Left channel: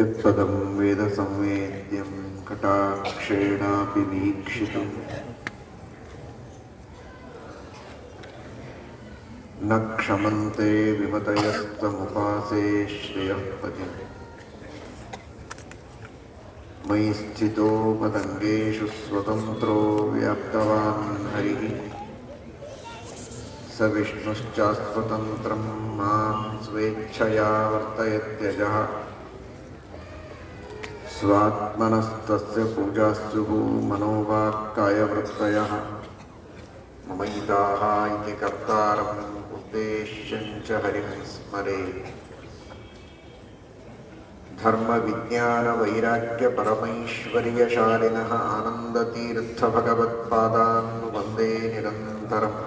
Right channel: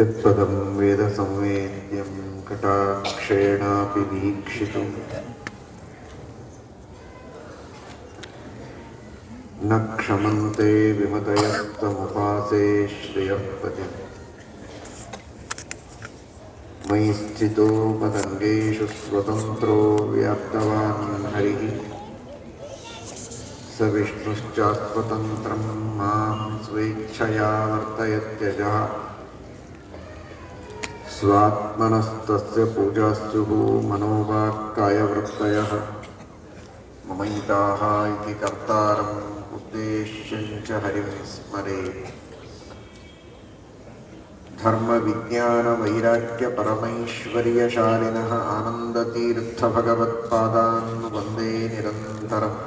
यत्पदं वेदसंवेद्यं कटाक्षेणापि वीक्षितुं न क्षमन्ते विमतयस्तमुपासे श्रियःपदम् मयि स्थितो पतङ्गेषु स्वतन्त्रो व्याप्तवान् हरिः स विष्णुश्चास्वतन्त्रं मां स्वेच्छया वर्तयत्यजः स्वात्मनस्तस्य पूजास्तुः मनोवाक्कायवृत्तयः ममैताः इति कर्तारम् उद्देश्यं च हरिं स्मरेत् धर्मविज्ञानवैराग्यपरमैश्वर्यशालिनः आनन्दतीर्थभगवत्पादान् वन्दे निरन्तरम्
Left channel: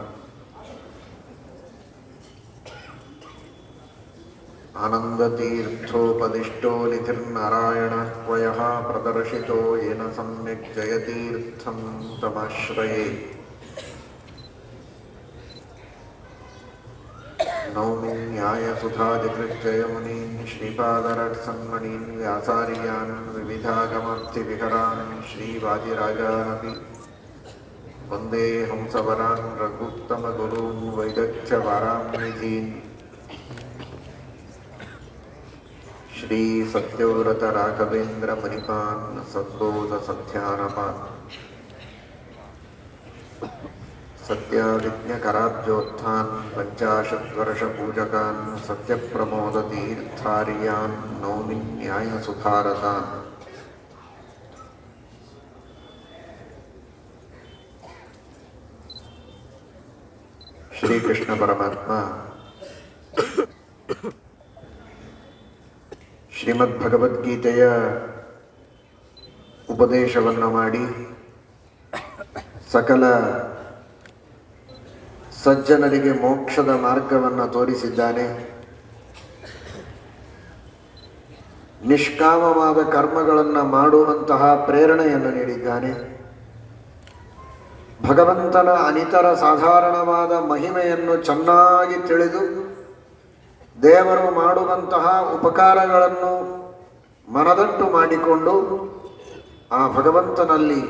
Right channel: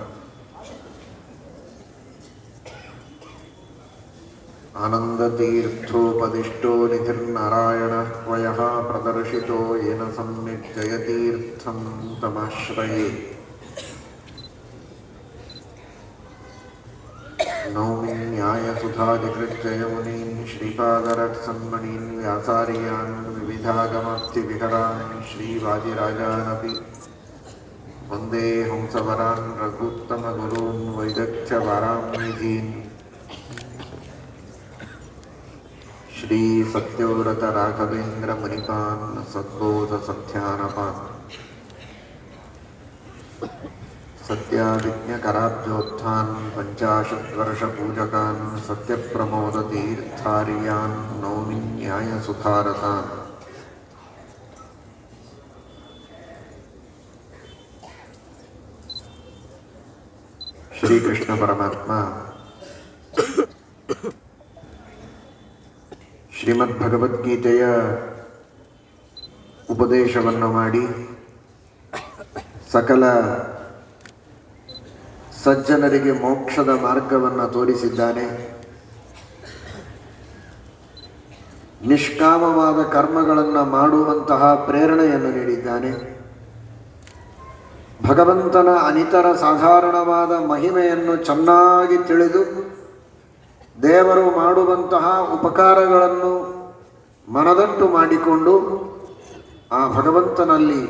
आनन्दतीर्थोपदिष्टो निधिर्नारायणः क्वयः प्रदर्शितो येन सम्यक् जयतीर्थं तमाश्रये नौमि न्यायसुधादिकृत्ययमुनीन् श्रीपादरत्सन्मणीन् व्यासार्यान् विविधागमर्थिविहरान् श्रीवादिराजानपि वन्दे हंसवरान् रघुत्तमगुरून् वैदग्ध्यवरान्निधीन् श्री सत्यव्रत राघवेन्द्र मुनिपान् सद्बोध सत्यानपान् सत्याविज्ञकराब्जोत्थान् पञ्चाशद्वर्षपूजकान् सत्यप्रमोदतीर्थार्यान् नौमि न्यायसुधारतान् श्रीकृष्ण परमात्मा ಶ್ರೀಮದ್ಭಗವದ್ಗೀತೆಯ ಉಪದೇಶವನ್ನು ಮಾಡಿ ಸಕಲ ಸಜ್ಜನರಿಗೆ ಮೋಕ್ಷದ ಮಾರ್ಗವನ್ನು ತೋರಿಸಿದ್ದಾನೆ. ನಿಷ್ಕಾಮವಾದ ಕರ್ಮಗಳನ್ನು ಮಾಡುವಂತಹ ಪ್ರೇರಣೆಯನ್ನು ನೀಡಿದ್ದಾನೆ. ಭಗವಂತನ ಅನಿತರ ಸಾಧಾರಣವಾದ ಮಹಿಮೆಯನ್ನು ಚೆನ್ನಾಗಿ ತಿಳಿದು ದೇವರು ಮಾಡುವಂತಹ ಉಪಕಾರಗಳನ್ನು ಮನದಟ್ಟು ಮಾಡಿಕೊಂಡು ಆ ಭಗವಂತನಲ್ಲಿ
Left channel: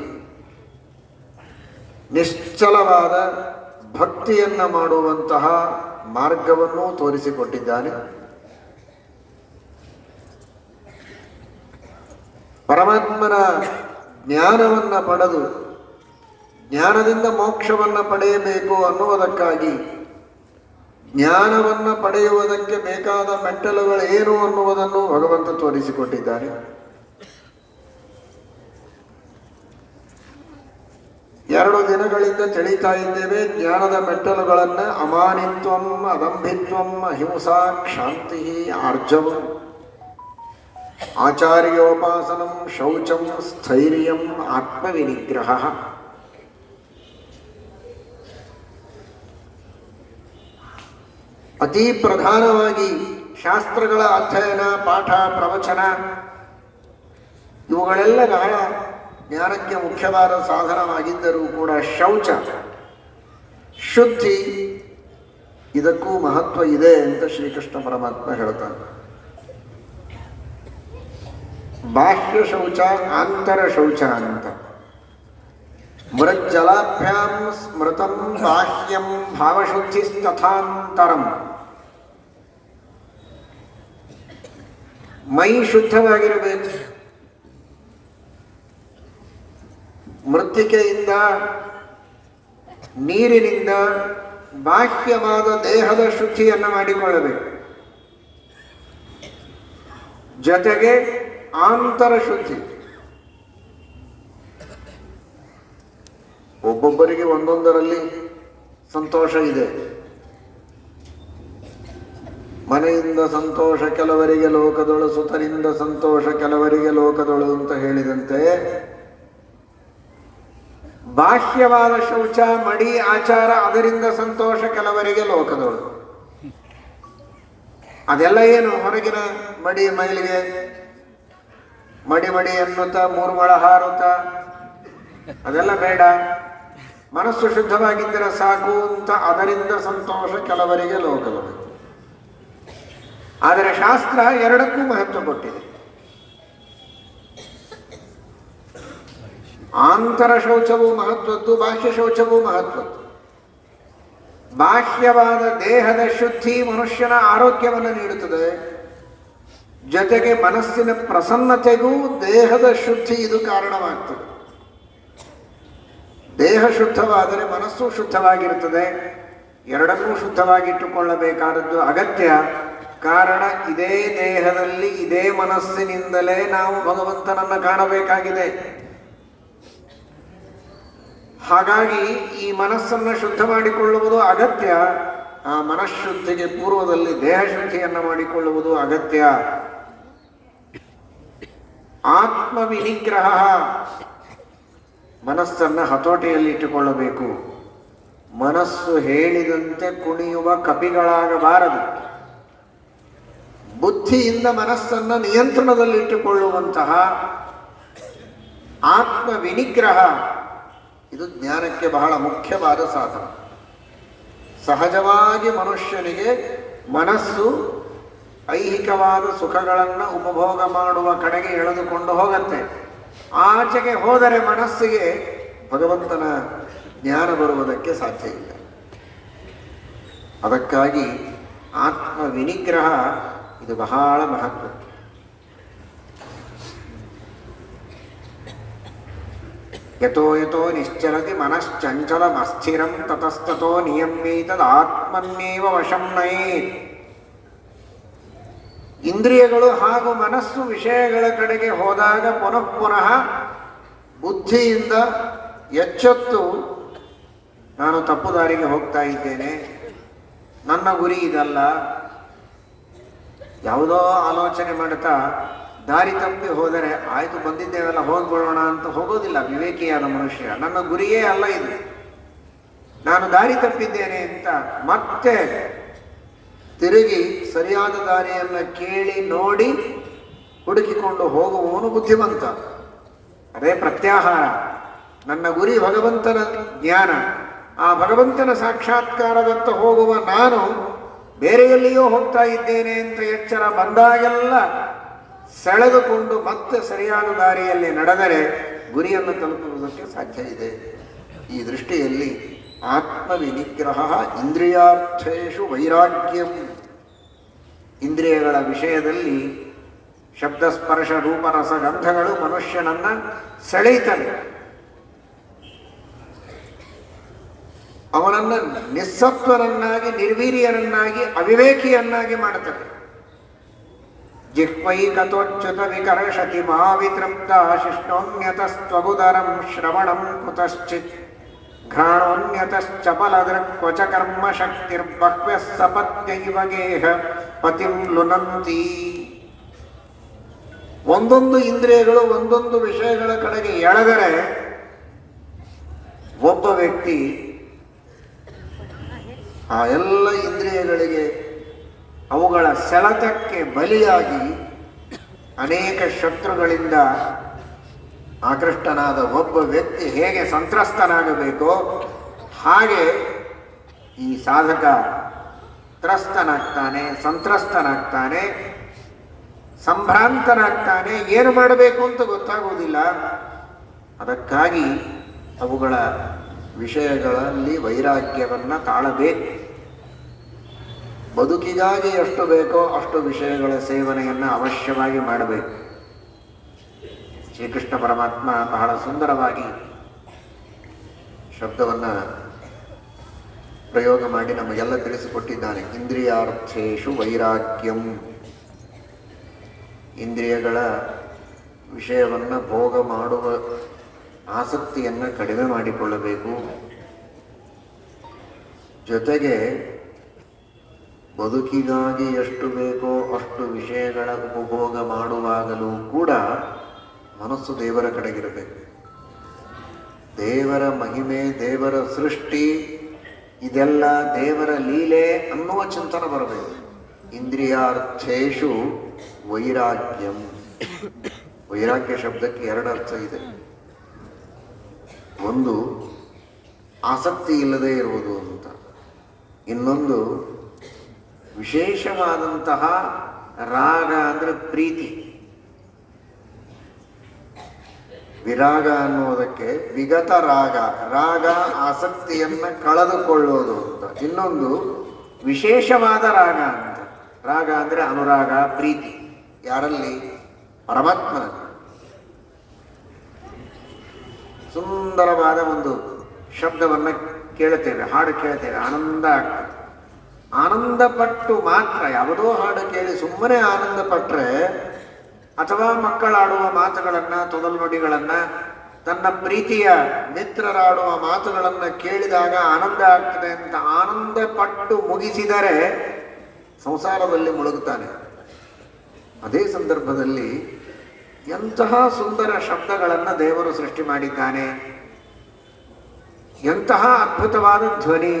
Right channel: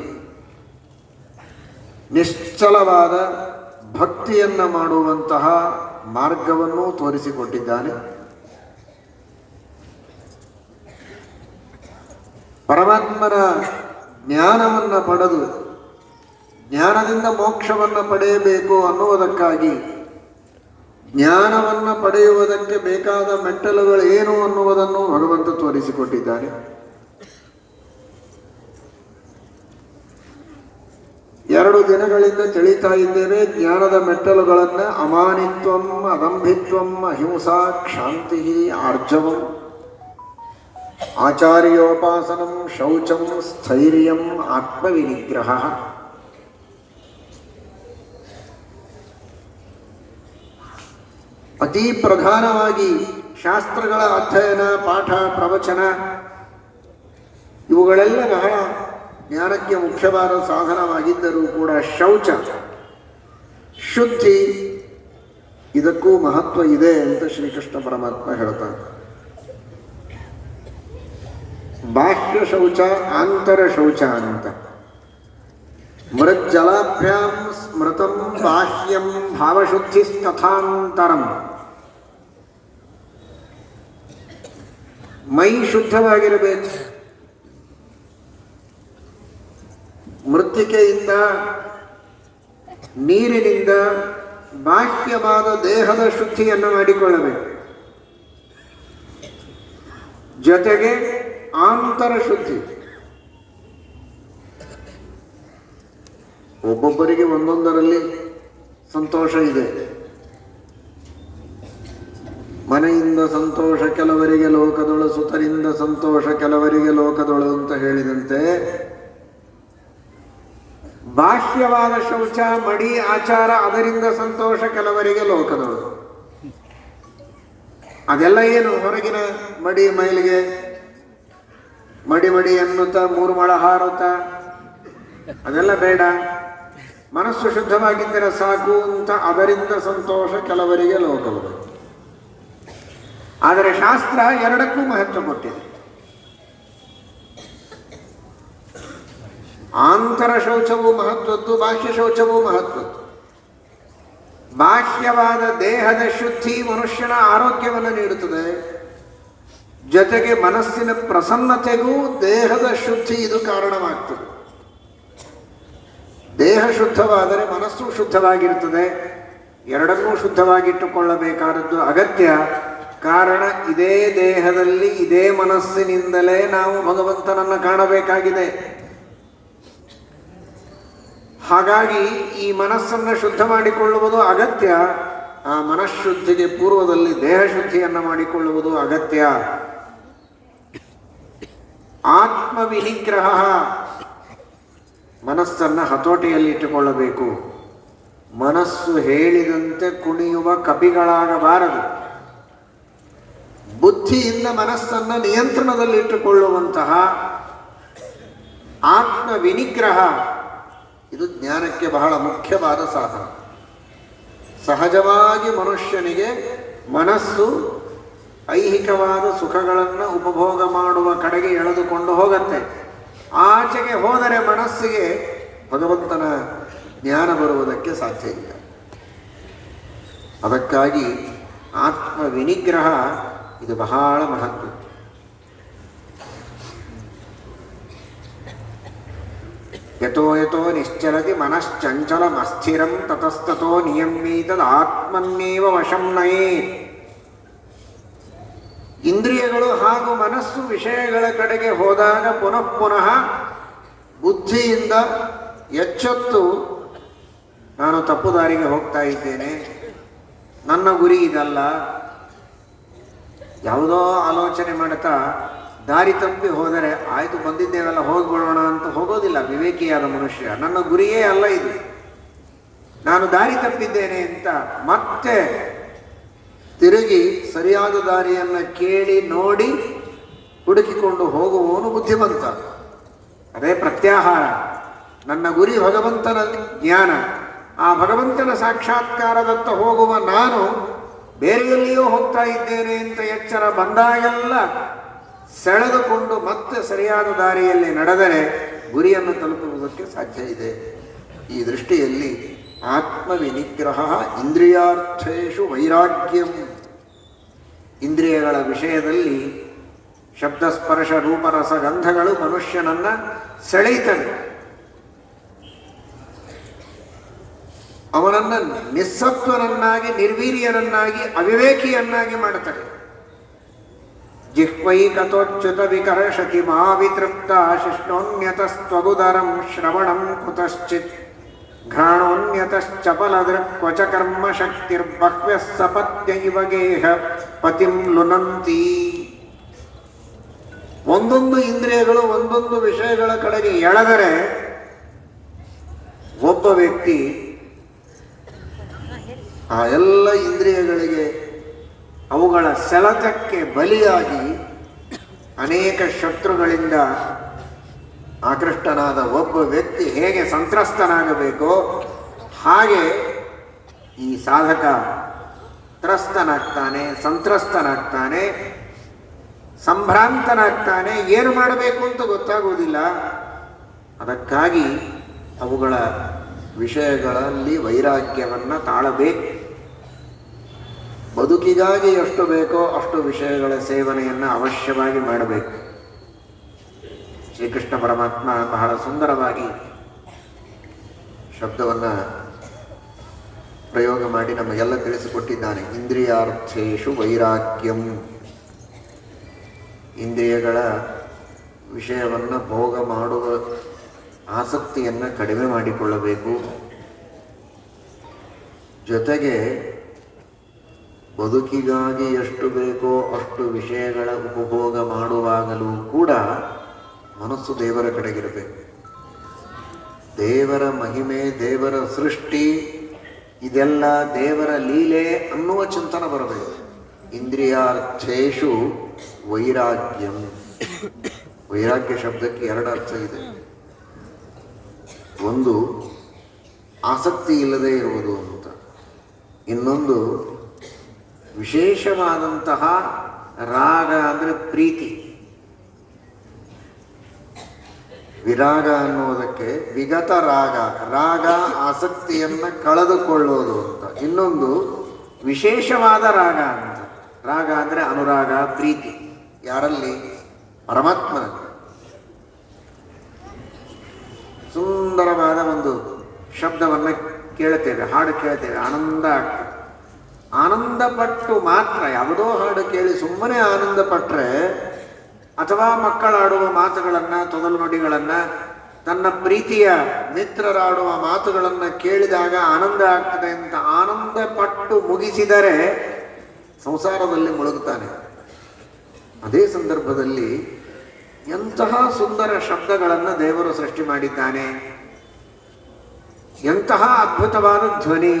ನಿಶ್ಚಲವಾದ ಭಕ್ತಿಯನ್ನು ಮಾಡುವಂತಹ ಮಾರ್ಗವನ್ನು ತೋರಿಸಿಕೊಟ್ಟಿದ್ದಾನೆ. ಪರಮಾತ್ಮನ ಜ್ಞಾನವನ್ನು ಪಡೆದು ಜ್ಞಾನದಿಂದ ಮೋಕ್ಷವನ್ನು ಪಡೆಯಬೇಕು ಅನ್ನುವುದಕ್ಕಾಗಿ ಜ್ಞಾನವನ್ನು ಪಡೆಯುವುದಕ್ಕೆ ಬೇಕಾದ ಮೆಟ್ಟಲುಗಳೇನು ಅನ್ನುವುದನ್ನು ಭಗವಂತ ತೋರಿಸಿಕೊಟ್ಟಿದ್ದಾನೆ. ಎರಡು ದಿನಗಳಿಂದ ತಿಳಿತಾ ಇದ್ದೇವೆ ಜ್ಞಾನದ ಮೆಟ್ಟಲುಗಳನ್ನು. ಅಮಾನಿತ್ವಂ, ಅದಂಭಿತ್ವಂ, ಅಹಿಂಸಾ, ಕ್ಷಾಂತಿ, ಆರ್ಜವಂ, ಆಚಾರ್ಯೋಪಾಸನಂ, ಶೌಚಂ, ಸ್ಥೈರ್ಯಂ, ಆತ್ಮವಿನಿಗ್ರಹ. ಅತಿ ಪ್ರಧಾನವಾಗಿ ಶಾಸ್ತ್ರಗಳ ಅಧ್ಯಯನ, ಪಾಠ, ಪ್ರವಚನ ಇವುಗಳೆಲ್ಲ ಬಹಳ ಜ್ಞಾನಕ್ಕೆ ಮುಖ್ಯವಾದ ಸಾಧನವಾಗಿದ್ದರೂ ಕೂಡ ಶೌಚ, ಶುದ್ಧಿ ಇದಕ್ಕೂ ಮಹತ್ವ ಇದೆ ಅಂತ ಶ್ರೀಕೃಷ್ಣ ಪರಮಾತ್ಮ ಹೇಳ್ತಾನೆ. ಬಾಹ್ಯ ಶೌಚ, ಆಂತರ ಶೌಚ ಅಂತ. ಮೃಜ್ಜಲಾಭ್ಯಾಂ ಸ್ಮೃತಂ ಬಾಹ್ಯಂ ಭಾವಶುದ್ಧಿ ತಥಾಂತರಂ. ಮೈ ಶುದ್ಧವಾಗಿರಬೇಕು. ಮೃತ್ತಿಕೆಯಿಂದ, ನೀರಿನಿಂದ ಬಾಹ್ಯವಾದ ದೇಹದ ಶುದ್ಧಿಯನ್ನು ಮಾಡಿಕೊಳ್ಳಬೇಕು. ಜೊತೆಗೆ ಆಂತರ ಶುದ್ಧಿ. ಒಬ್ಬೊಬ್ಬರಿಗೆ ಒಂದೊಂದರಲ್ಲಿ ಸಂತೋಷ ಇದೆ. ಮನೆಯಿಂದ ಸಂತೋಷ ಕೆಲವರಿಗೆ ಲೋಕದೊಳು, ಸುತನಿಂದ ಸಂತೋಷ ಕೆಲವರಿಗೆ ಲೋಕದೊಳು ಅಂತ ಹೇಳಿದಂತೆ ಬಾಹ್ಯವಾದ ಶೌಚ, ಮಡಿ, ಆಚಾರ ಅದರಿಂದ ಸಂತೋಷ ಕೆಲವರಿಗೆ ಲೋಕದೊಳು. ಅದೆಲ್ಲ ಏನು ಹೊರಗಿನ ಮಡಿ ಮೈಲಿಗೆ ಮಡಿ ಮಡಿ ಅನ್ನುತ್ತಾ ಮೂರು ಮೊಳ ಹಾರುತ್ತ ಅದೆಲ್ಲ ಬೇಡ. ಮನಸ್ಸು ಶುದ್ಧವಾಗಿದ್ದರೆ ಸಾಕು ಅಂತ ಅದರಿಂದ ಸಂತೋಷ ಕೆಲವರಿಗೆ ಲೋಕದೊಳು. ಆದರೆ ಶಾಸ್ತ್ರ ಎರಡಕ್ಕೂ ಮಹತ್ವ ಕೊಟ್ಟಿದೆ. ಆಂತರ ಶೌಚವೂ ಮಹತ್ವದ್ದು, ಬಾಹ್ಯ ಶೌಚವೂ ಮಹತ್ವದ್ದು. ಬಾಹ್ಯವಾದ ದೇಹದ ಶುದ್ಧಿ ಮನುಷ್ಯನ ಆರೋಗ್ಯವನ್ನು ನೀಡುತ್ತದೆ, ಜೊತೆಗೆ ಮನಸ್ಸಿನ ಪ್ರಸನ್ನತೆಗೂ ದೇಹದ ಶುದ್ಧಿ ಇದು ಕಾರಣವಾಗ್ತದೆ. ದೇಹ ಶುದ್ಧವಾದರೆ ಮನಸ್ಸು ಶುದ್ಧವಾಗಿರುತ್ತದೆ. ಎರಡನ್ನೂ ಶುದ್ಧವಾಗಿಟ್ಟುಕೊಳ್ಳಬೇಕಾದದ್ದು ಅಗತ್ಯ. ಕಾರಣ ಇದೇ ದೇಹದಲ್ಲಿ ಇದೇ ಮನಸ್ಸಿನಿಂದಲೇ ನಾವು ಭಗವಂತನನ್ನು ಕಾಣಬೇಕಾಗಿದೆ. ಹಾಗಾಗಿ ಈ ಮನಸ್ಸನ್ನು ಶುದ್ಧ ಮಾಡಿಕೊಳ್ಳುವುದು ಅಗತ್ಯ. ಆ ಮನಃಶುದ್ಧಿಗೆ ಪೂರ್ವದಲ್ಲಿ ದೇಹ ಶುದ್ಧಿಯನ್ನು ಮಾಡಿಕೊಳ್ಳುವುದು ಅಗತ್ಯ. ಆತ್ಮವಿನಿಗ್ರಹ, ಮನಸ್ಸನ್ನು ಹತೋಟಿಯಲ್ಲಿಟ್ಟುಕೊಳ್ಳಬೇಕು. ಮನಸ್ಸು ಹೇಳಿದಂತೆ ಕುಣಿಯುವ ಕಪಿಗಳಾಗಬಾರದು. ಬುದ್ಧಿಯಿಂದ ಮನಸ್ಸನ್ನು ನಿಯಂತ್ರಣದಲ್ಲಿಟ್ಟುಕೊಳ್ಳುವಂತಹ ಆತ್ಮವಿನಿಗ್ರಹ, ಇದು ಜ್ಞಾನಕ್ಕೆ ಬಹಳ ಮುಖ್ಯವಾದ ಸಾಧನ. ಸಹಜವಾಗಿ ಮನುಷ್ಯನಿಗೆ ಮನಸ್ಸು ಐಹಿಕವಾದ ಸುಖಗಳನ್ನು ಉಪಭೋಗ ಮಾಡುವ ಕಡೆಗೆ ಎಳೆದುಕೊಂಡು ಹೋಗುತ್ತೆ. ಆಚೆಗೆ ಹೋದರೆ ಮನಸ್ಸಿಗೆ ಭಗವಂತನ ಜ್ಞಾನ ಬರುವುದಕ್ಕೆ ಸಾಧ್ಯ ಇಲ್ಲ. ಅದಕ್ಕಾಗಿ ಆತ್ಮ ವಿನಿಗ್ರಹ ಇದು ಬಹಳ ಮಹತ್ವ. ಯತೋ ಯತೋ ನಿಶ್ಚಲತಿ ಮನಶ್ಚಂಚಲಮಸ್ಥಿರಂ ತತಸ್ತತೋ ನಿಯಮ್ಯೇತದ್ ಆತ್ಮನ್ನೇವ ವಶಂ ನಯೇತ್. ಇಂದ್ರಿಯಗಳು ಹಾಗೂ ಮನಸ್ಸು ವಿಷಯಗಳ ಕಡೆಗೆ ಹೋದಾಗ ಪುನಃ ಪುನಃ ಬುದ್ಧಿಯಿಂದ ಎಚ್ಚೆತ್ತು ನಾನು ತಪ್ಪು ದಾರಿಗೆ ಹೋಗ್ತಾ ಇದ್ದೇನೆ, ನನ್ನ ಗುರಿ ಇದಲ್ಲ, ಯಾವುದೋ ಆಲೋಚನೆ ಮಾಡುತ್ತಾ ದಾರಿ ತಪ್ಪಿ ಹೋದರೆ ಆಯಿತು ಬಂದಿದ್ದೇವಲ್ಲ ಹೋಗ್ಬಿಡೋಣ ಅಂತ ಹೋಗೋದಿಲ್ಲ ವಿವೇಕಿಯಾದ ಮನುಷ್ಯ. ನನ್ನ ಗುರಿಯೇ ಅಲ್ಲ ಇದು, ನಾನು ದಾರಿ ತಪ್ಪಿದ್ದೇನೆ ಅಂತ ಮತ್ತೆ ತಿರುಗಿ ಸರಿಯಾದ ದಾರಿಯನ್ನು ಕೇಳಿ ನೋಡಿ ಹುಡುಕಿಕೊಂಡು ಹೋಗುವವನು ಬುದ್ಧಿವಂತ. ಅದೇ ಪ್ರತ್ಯಾಹಾರ. ನನ್ನ ಗುರಿ ಭಗವಂತನ ಜ್ಞಾನ, ಆ ಭಗವಂತನ ಸಾಕ್ಷಾತ್ಕಾರದತ್ತ ಹೋಗುವ ನಾನು ಬೇರೆಯಲ್ಲಿಯೋ ಹೋಗ್ತಾ ಇದ್ದೇನೆ ಅಂತ ಎಚ್ಚರ ಬಂದಾಗೆಲ್ಲ ಸೆಳೆದುಕೊಂಡು ಮತ್ತೆ ಸರಿಯಾದ ದಾರಿಯಲ್ಲಿ ನಡೆದರೆ ಗುರಿಯನ್ನು ತಲುಪುವುದಕ್ಕೆ ಸಾಧ್ಯ ಇದೆ. ಈ ದೃಷ್ಟಿಯಲ್ಲಿ ಆತ್ಮವಿನಿಗ್ರಹ ಇಂದ್ರಿಯಾರ್ಥೇಷು ವೈರಾಗ್ಯಂ. ಇಂದ್ರಿಯಗಳ ವಿಷಯದಲ್ಲಿ ಶಬ್ದ ಸ್ಪರ್ಶ ರೂಪರಸ ಗಂಧಗಳು ಮನುಷ್ಯನನ್ನ ಸೆಳೆಯುತ್ತವೆ. ಅವನನ್ನು ನಿಸ್ಸತ್ವನನ್ನಾಗಿ, ನಿರ್ವೀರ್ಯನನ್ನಾಗಿ, ಅವಿವೇಕಿಯನ್ನಾಗಿ ಮಾಡುತ್ತದೆ. ಜಿಹ್ವೈಕತೋಚ್ಯುತ ವಿಕರ್ಷತಿ ಮಾವಿತೃಪ್ತ ಶಿಷ್ಣೋನ್ಯತಸ್ತ್ವಬುಧರಂ ಶ್ರವಣಂ ಕುತಶ್ಚಿತ್ ಘ್ರಾಣೋನ್ಯತಶ್ಚಪಲದೃಕ್ವಚ ಕರ್ಮ ಶಕ್ತಿರ್ಬಹ್ವ್ಯಃ ಸಪತ್ಯೈವ ಗೇಹ ಪತಿಂ ಲುನಂತಿ. ಒಂದೊಂದು ಇಂದ್ರಿಯಗಳು ಒಂದೊಂದು ವಿಷಯಗಳ ಕಡೆಗೆ ಎಳೆದರೆ ಒಬ್ಬ ವ್ಯಕ್ತಿ ಆ ಎಲ್ಲ ಇಂದ್ರಿಯಗಳಿಗೆ ಅವುಗಳ ಸೆಳೆತಕ್ಕೆ ಬಲಿಯಾಗಿ ಅನೇಕ ಶತ್ರುಗಳಿಂದ ಆಕೃಷ್ಟನಾದ ಒಬ್ಬ ವ್ಯಕ್ತಿ ಹೇಗೆ ಸಂತ್ರಸ್ತನಾಗಬೇಕೋ ಹಾಗೆ ಈ ಸಾಧಕ ತ್ರಸ್ತನಾಗ್ತಾನೆ, ಸಂತ್ರಸ್ತನಾಗ್ತಾನೆ, ಸಂಭ್ರಾಂತನಾಗ್ತಾನೆ. ಏನು ಮಾಡಬೇಕು ಅಂತ ಗೊತ್ತಾಗುವುದಿಲ್ಲ. ಅದಕ್ಕಾಗಿ ಅವುಗಳ ವಿಷಯಗಳಲ್ಲಿ ವೈರಾಗ್ಯವನ್ನು ತಾಳಬೇಕು. ಬದುಕಿಗಾಗಿ ಎಷ್ಟು ಬೇಕೋ ಅಷ್ಟು ವಿಷಯಗಳ ಸೇವನೆಯನ್ನು ಅವಶ್ಯವಾಗಿ ಮಾಡಬೇಕು. ಶ್ರೀಕೃಷ್ಣ ಪರಮಾತ್ಮ ಬಹಳ ಸುಂದರವಾಗಿ ಶಬ್ದವನ್ನು ಪ್ರಯೋಗ ಮಾಡಿ ನಮಗೆಲ್ಲ ತಿಳಿಸಿಕೊಟ್ಟಿದ್ದಾನೆ. ಇಂದ್ರಿಯಾರ್ಥೇಷು ವೈರಾಗ್ಯಂ. ಇಂದ್ರಿಯಗಳ ವಿಷಯವನ್ನು ಭೋಗ ಮಾಡುವ ಆಸಕ್ತಿಯನ್ನು ಕಡಿಮೆ ಮಾಡಿಕೊಳ್ಳಬೇಕು. ಜೊತೆಗೆ ಬದುಕಿಗಾಗಿ ಎಷ್ಟು ಬೇಕೋ ಅಷ್ಟು ವಿಷಯಗಳ ಉಪಭೋಗ ಮಾಡುವಾಗಲೂ ಕೂಡ ಮನಸ್ಸು ದೇವರ ಕಡೆಗಿರಬೇಕು. ದೇವರ ಮಹಿಮೆ, ದೇವರ ಸೃಷ್ಟಿ, ಇದೆಲ್ಲ ದೇವರ ಲೀಲೆ ಅನ್ನುವ ಚಿಂತನೆ ಬರಬೇಕು. ಇಂದ್ರಿಯಾರ್ಥೇಷು ವೈರಾಗ್ಯಂ. ವೈರಾಗ್ಯ ಶಬ್ದಕ್ಕೆ ಎರಡು ಅರ್ಥ ಇದೆ. ಒಂದು ಆಸಕ್ತಿ ಇಲ್ಲದೆ ಇರುವುದು ಅಂತ, ಇನ್ನೊಂದು ವಿಶೇಷವಾದಂತಹ ರಾಗ ಅಂದರೆ ಪ್ರೀತಿ. ವಿರಾಗ ಅನ್ನುವುದಕ್ಕೆ ವಿಗತ ರಾಗ, ರಾಗ ಆಸಕ್ತಿಯನ್ನು ಕಳೆದುಕೊಳ್ಳುವುದು ಅಂತ. ಇನ್ನೊಂದು ವಿಶೇಷವಾದ ರಾಗ ಅಂತ. ರಾಗ ಅಂದರೆ ಅನುರಾಗ, ಪ್ರೀತಿ. ಯಾರಲ್ಲಿ? ಪರಮಾತ್ಮನ. ಸುಂದರವಾದ ಒಂದು ಶಬ್ದವನ್ನು ಕೇಳ್ತೇವೆ, ಹಾಡು ಕೇಳ್ತೇವೆ, ಆನಂದ ಆಗ್ತದೆ. ಆನಂದ ಪಟ್ಟು ಮಾತ್ರ, ಯಾವುದೋ ಹಾಡು ಕೇಳಿ ಸುಮ್ಮನೆ ಆನಂದ ಪಟ್ಟರೆ, ಅಥವಾ ಮಕ್ಕಳಾಡುವ ಮಾತುಗಳನ್ನು, ತೊದಲುನುಡಿಗಳನ್ನು, ತನ್ನ ಪ್ರೀತಿಯ ಮಿತ್ರರಾಡುವ ಮಾತುಗಳನ್ನು ಕೇಳಿದಾಗ ಆನಂದ ಆಗ್ತದೆ ಅಂತ ಆನಂದ ಪಟ್ಟು ಮುಗಿಸಿದರೆ ಸಂಸಾರದಲ್ಲಿ ಮುಳುಗುತ್ತಾನೆ. ಅದೇ ಸಂದರ್ಭದಲ್ಲಿ ಎಂತಹ ಸುಂದರ ಶಬ್ದಗಳನ್ನು ದೇವರು ಸೃಷ್ಟಿ ಮಾಡಿದ್ದಾನೆ, ಎಂತಹ ಅದ್ಭುತವಾದ ಧ್ವನಿ.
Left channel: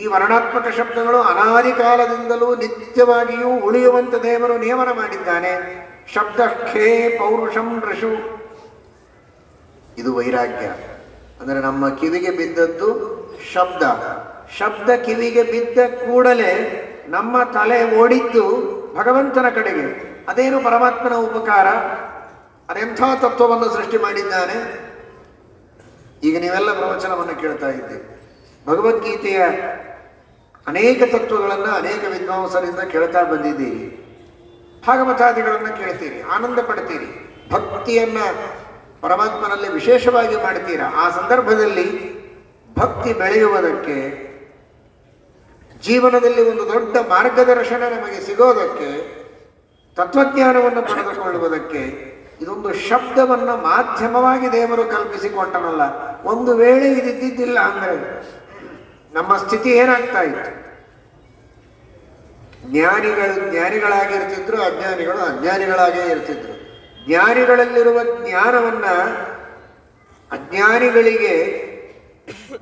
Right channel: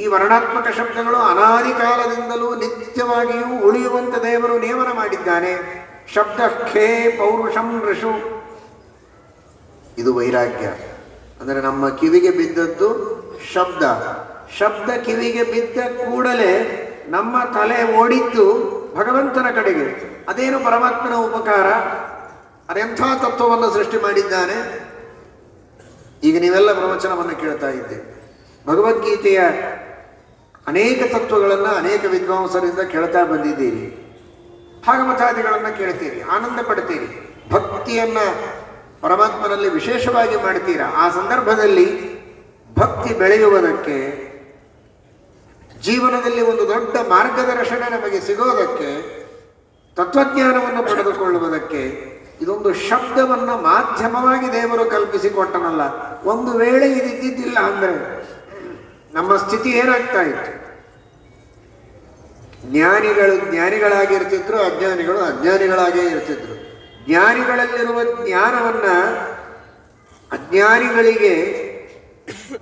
ಈ ವರ್ಣಾತ್ಮಕ ಶಬ್ದಗಳು ಅನಾದಿ ಕಾಲದಿಂದಲೂ ನಿತ್ಯವಾಗಿಯೂ ಉಳಿಯುವಂತೆ ದೇವರು ನಿಯಮನ ಮಾಡಿದ್ದಾನೆ. ಶಬ್ದ ಖೇ ಪೌರುಷಂ ಋಷು. ಇದು ವೈರಾಗ್ಯ. ಅಂದರೆ ನಮ್ಮ ಕಿವಿಗೆ ಬಿದ್ದದ್ದು ಶಬ್ದ. ಶಬ್ದ ಕಿವಿಗೆ ಬಿದ್ದ ಕೂಡಲೇ ನಮ್ಮ ತಲೆ ಓಡಿದ್ದು ಭಗವಂತನ ಕಡೆಗೆ. ಅದೇನು ಪರಮಾತ್ಮನ ಉಪಕಾರ, ಅದೆಂಥ ತತ್ವವನ್ನು ಸೃಷ್ಟಿ ಮಾಡಿದ್ದಾನೆ. ಈಗ ನೀವೆಲ್ಲ ಪ್ರವಚನವನ್ನು ಕೇಳ್ತಾ ಇದ್ದೇವೆ. ಭಗವದ್ಗೀತೆಯ ಅನೇಕ ತತ್ವಗಳನ್ನು ಅನೇಕ ವಿದ್ವಾಂಸರಿಂದ ಕೇಳ್ತಾ ಬಂದಿದ್ದೀರಿ. ಭಾಗವತಾದಿಗಳನ್ನು ಕೇಳ್ತೀರಿ, ಆನಂದ ಪಡ್ತೀರಿ, ಭಕ್ತಿಯನ್ನ ಪರಮಾತ್ಮನಲ್ಲಿ ವಿಶೇಷವಾಗಿ ಮಾಡ್ತೀರಾ. ಆ ಸಂದರ್ಭದಲ್ಲಿ ಭಕ್ತಿ ಬೆಳೆಯುವುದಕ್ಕೆ, ಜೀವನದಲ್ಲಿ ಒಂದು ದೊಡ್ಡ ಮಾರ್ಗದರ್ಶನ ನಮಗೆ ಸಿಗೋದಕ್ಕೆ, ತತ್ವಜ್ಞಾನವನ್ನು ಪಡೆದುಕೊಳ್ಳುವುದಕ್ಕೆ ಇದೊಂದು ಶಬ್ದವನ್ನು ಮಾಧ್ಯಮವಾಗಿ ದೇವರು ಕಲ್ಪಿಸಿಕೊಟ್ಟನಲ್ಲ. ಒಂದು ವೇಳೆ ಇದಿದ್ದಿದ್ದಿಲ್ಲ ಅಂದರೆ ನಮ್ಮ ಸ್ಥಿತಿ ಏನಾಗ್ತಾ ಇತ್ತು? ಜ್ಞಾನಿಗಳು ಜ್ಞಾನಿಗಳಾಗಿರ್ತಿದ್ರು, ಅಜ್ಞಾನಿಗಳು ಅಜ್ಞಾನಿಗಳಾಗೇ ಇರ್ತಿದ್ರು. ಜ್ಞಾನಿಗಳಲ್ಲಿರುವ ಜ್ಞಾನವನ್ನ ಅಜ್ಞಾನಿಗಳಿಗೆ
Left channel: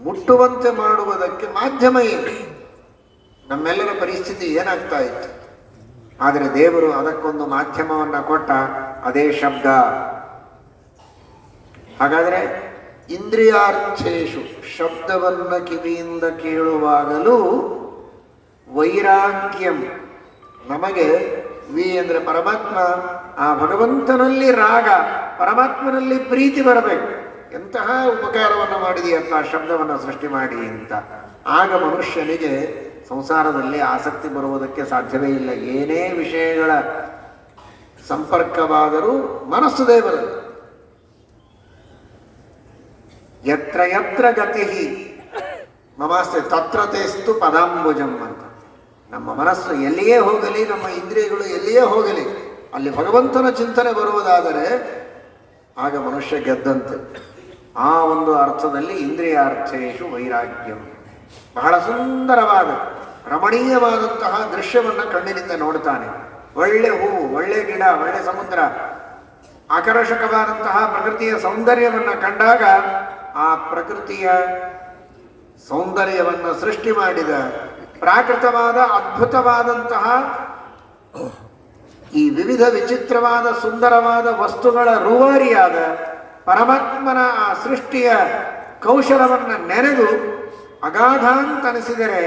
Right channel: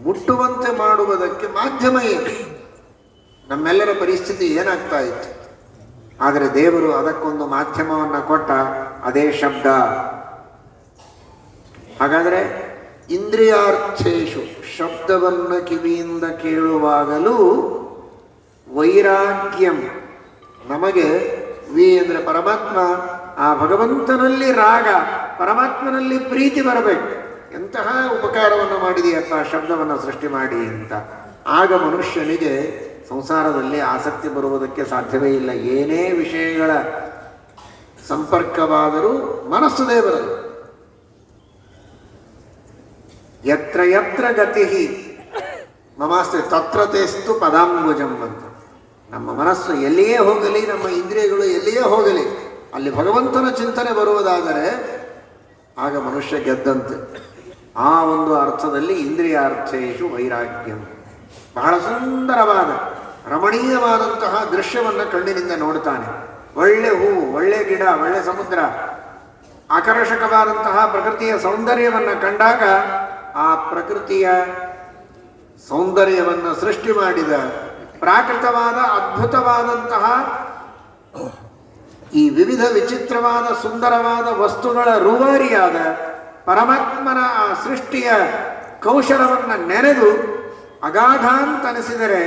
ಮುಟ್ಟುವಂತೆ ಮಾಡುವುದಕ್ಕೆ ಮಾಧ್ಯಮ ಏನು? ನಮ್ಮೆಲ್ಲರ ಪರಿಸ್ಥಿತಿ ಏನಾಗ್ತಾ ಇತ್ತು? ಆದರೆ ದೇವರು ಅದಕ್ಕೊಂದು ಮಾಧ್ಯಮವನ್ನು ಕೊಟ್ಟ, ಅದೇ ಶಬ್ದ. ಹಾಗಾದರೆ ಇಂದ್ರಿಯಾರ್ಥೇಶು, ಶಬ್ದವನ್ನು ಕಿವಿಯಿಂದ ಕೇಳುವಾಗಲೂ ವೈರಾಗ್ಯಂ, ನಮಗೆ ವಿ ಅಂದರೆ ಪರಮಾತ್ಮ, ಆ ಭಗವಂತನಲ್ಲಿ ರಾಗ, ಪರಮಾತ್ಮನಲ್ಲಿ ಪ್ರೀತಿ ಬರಬೇಕು. ಎಂತಹ ಉಪಕಾರವನ್ನು ಮಾಡಿದೆಯಪ್ಪ ಶಬ್ದವನ್ನು ಸೃಷ್ಟಿ ಮಾಡಿ ಅಂತ. ಆಗ ಮನುಷ್ಯನಿಗೆ ಸಂಸಾರದಲ್ಲಿ ಆಸಕ್ತಿ ಬರುವುದಕ್ಕೆ ಸಾಧ್ಯವೇ ಇಲ್ಲ. ಏನೇ ವಿಷಯಗಳ ಸಂಪರ್ಕವಾದರೂ ಮನಸ್ಸು ದೇವರು. ಯತ್ರ ಯತ್ರ ಗತಿ ಮಮಾಸ್ತೆ ತತ್ರ ತೇಸ್ತು ಪದಾಂಬುಜಂ ಅಂತ. ನಮ್ಮ ಮನಸ್ಸು ಎಲ್ಲಿಯೇ ಹೋಗಲಿ, ನಮ್ಮ ಇಂದ್ರಿಯಗಳು ಎಲ್ಲಿಯೇ ಹೋಗಲಿ, ಅಲ್ಲಿ ಭಗವಂತನ ಚಿಂತನೆ ಬರುವುದಾದರೆ ಆಗ ಮನುಷ್ಯ ಗೆದ್ದಂತೆ. ಆ ಒಂದು ಅರ್ಥದಲ್ಲಿ ಇಂದ್ರಿಯಾರ್ಥೇಶು ವೈರಾಗ್ಯಂ. ಬಹಳ ಸುಂದರವಾದ ರಮಣೀಯವಾದಂತಹ ದೃಶ್ಯವನ್ನು ಕಣ್ಣಿನಿಂದ ನೋಡ್ತಾನೆ. ಒಳ್ಳೆ ಹೂವು, ಒಳ್ಳೆ ಗಿಡ, ಒಳ್ಳೆ ಸಮುದ್ರ, ಆಕರ್ಷಕವಾದಂತಹ ಪ್ರಕೃತಿಯ ಸೌಂದರ್ಯವನ್ನು ಕಂಡಾಗ ಆ ಪ್ರಕೃತಿಯ ಸೌಂದರ್ಯವನ್ನು ಸೃಷ್ಟಿ ಮಾಡಿದ ಪ್ರಾಕೃತವಾದ ಅದ್ಭುತವಾದಂತಹ ಈ ವಿವಿಧ ವಿಚಿತ್ರವಾದ ಸುಂದರವಾದ ವಸ್ತುಗಳ ರೂವಾರಿಯಾದ ಪರಮಾತ್ಮನ ಆ ಸೃಷ್ಟಿಯ ಕೌಶಲವನ್ನು ನೆನೆದು ಅಗಾಧ ಅಂತನಿಸಿದರೆ,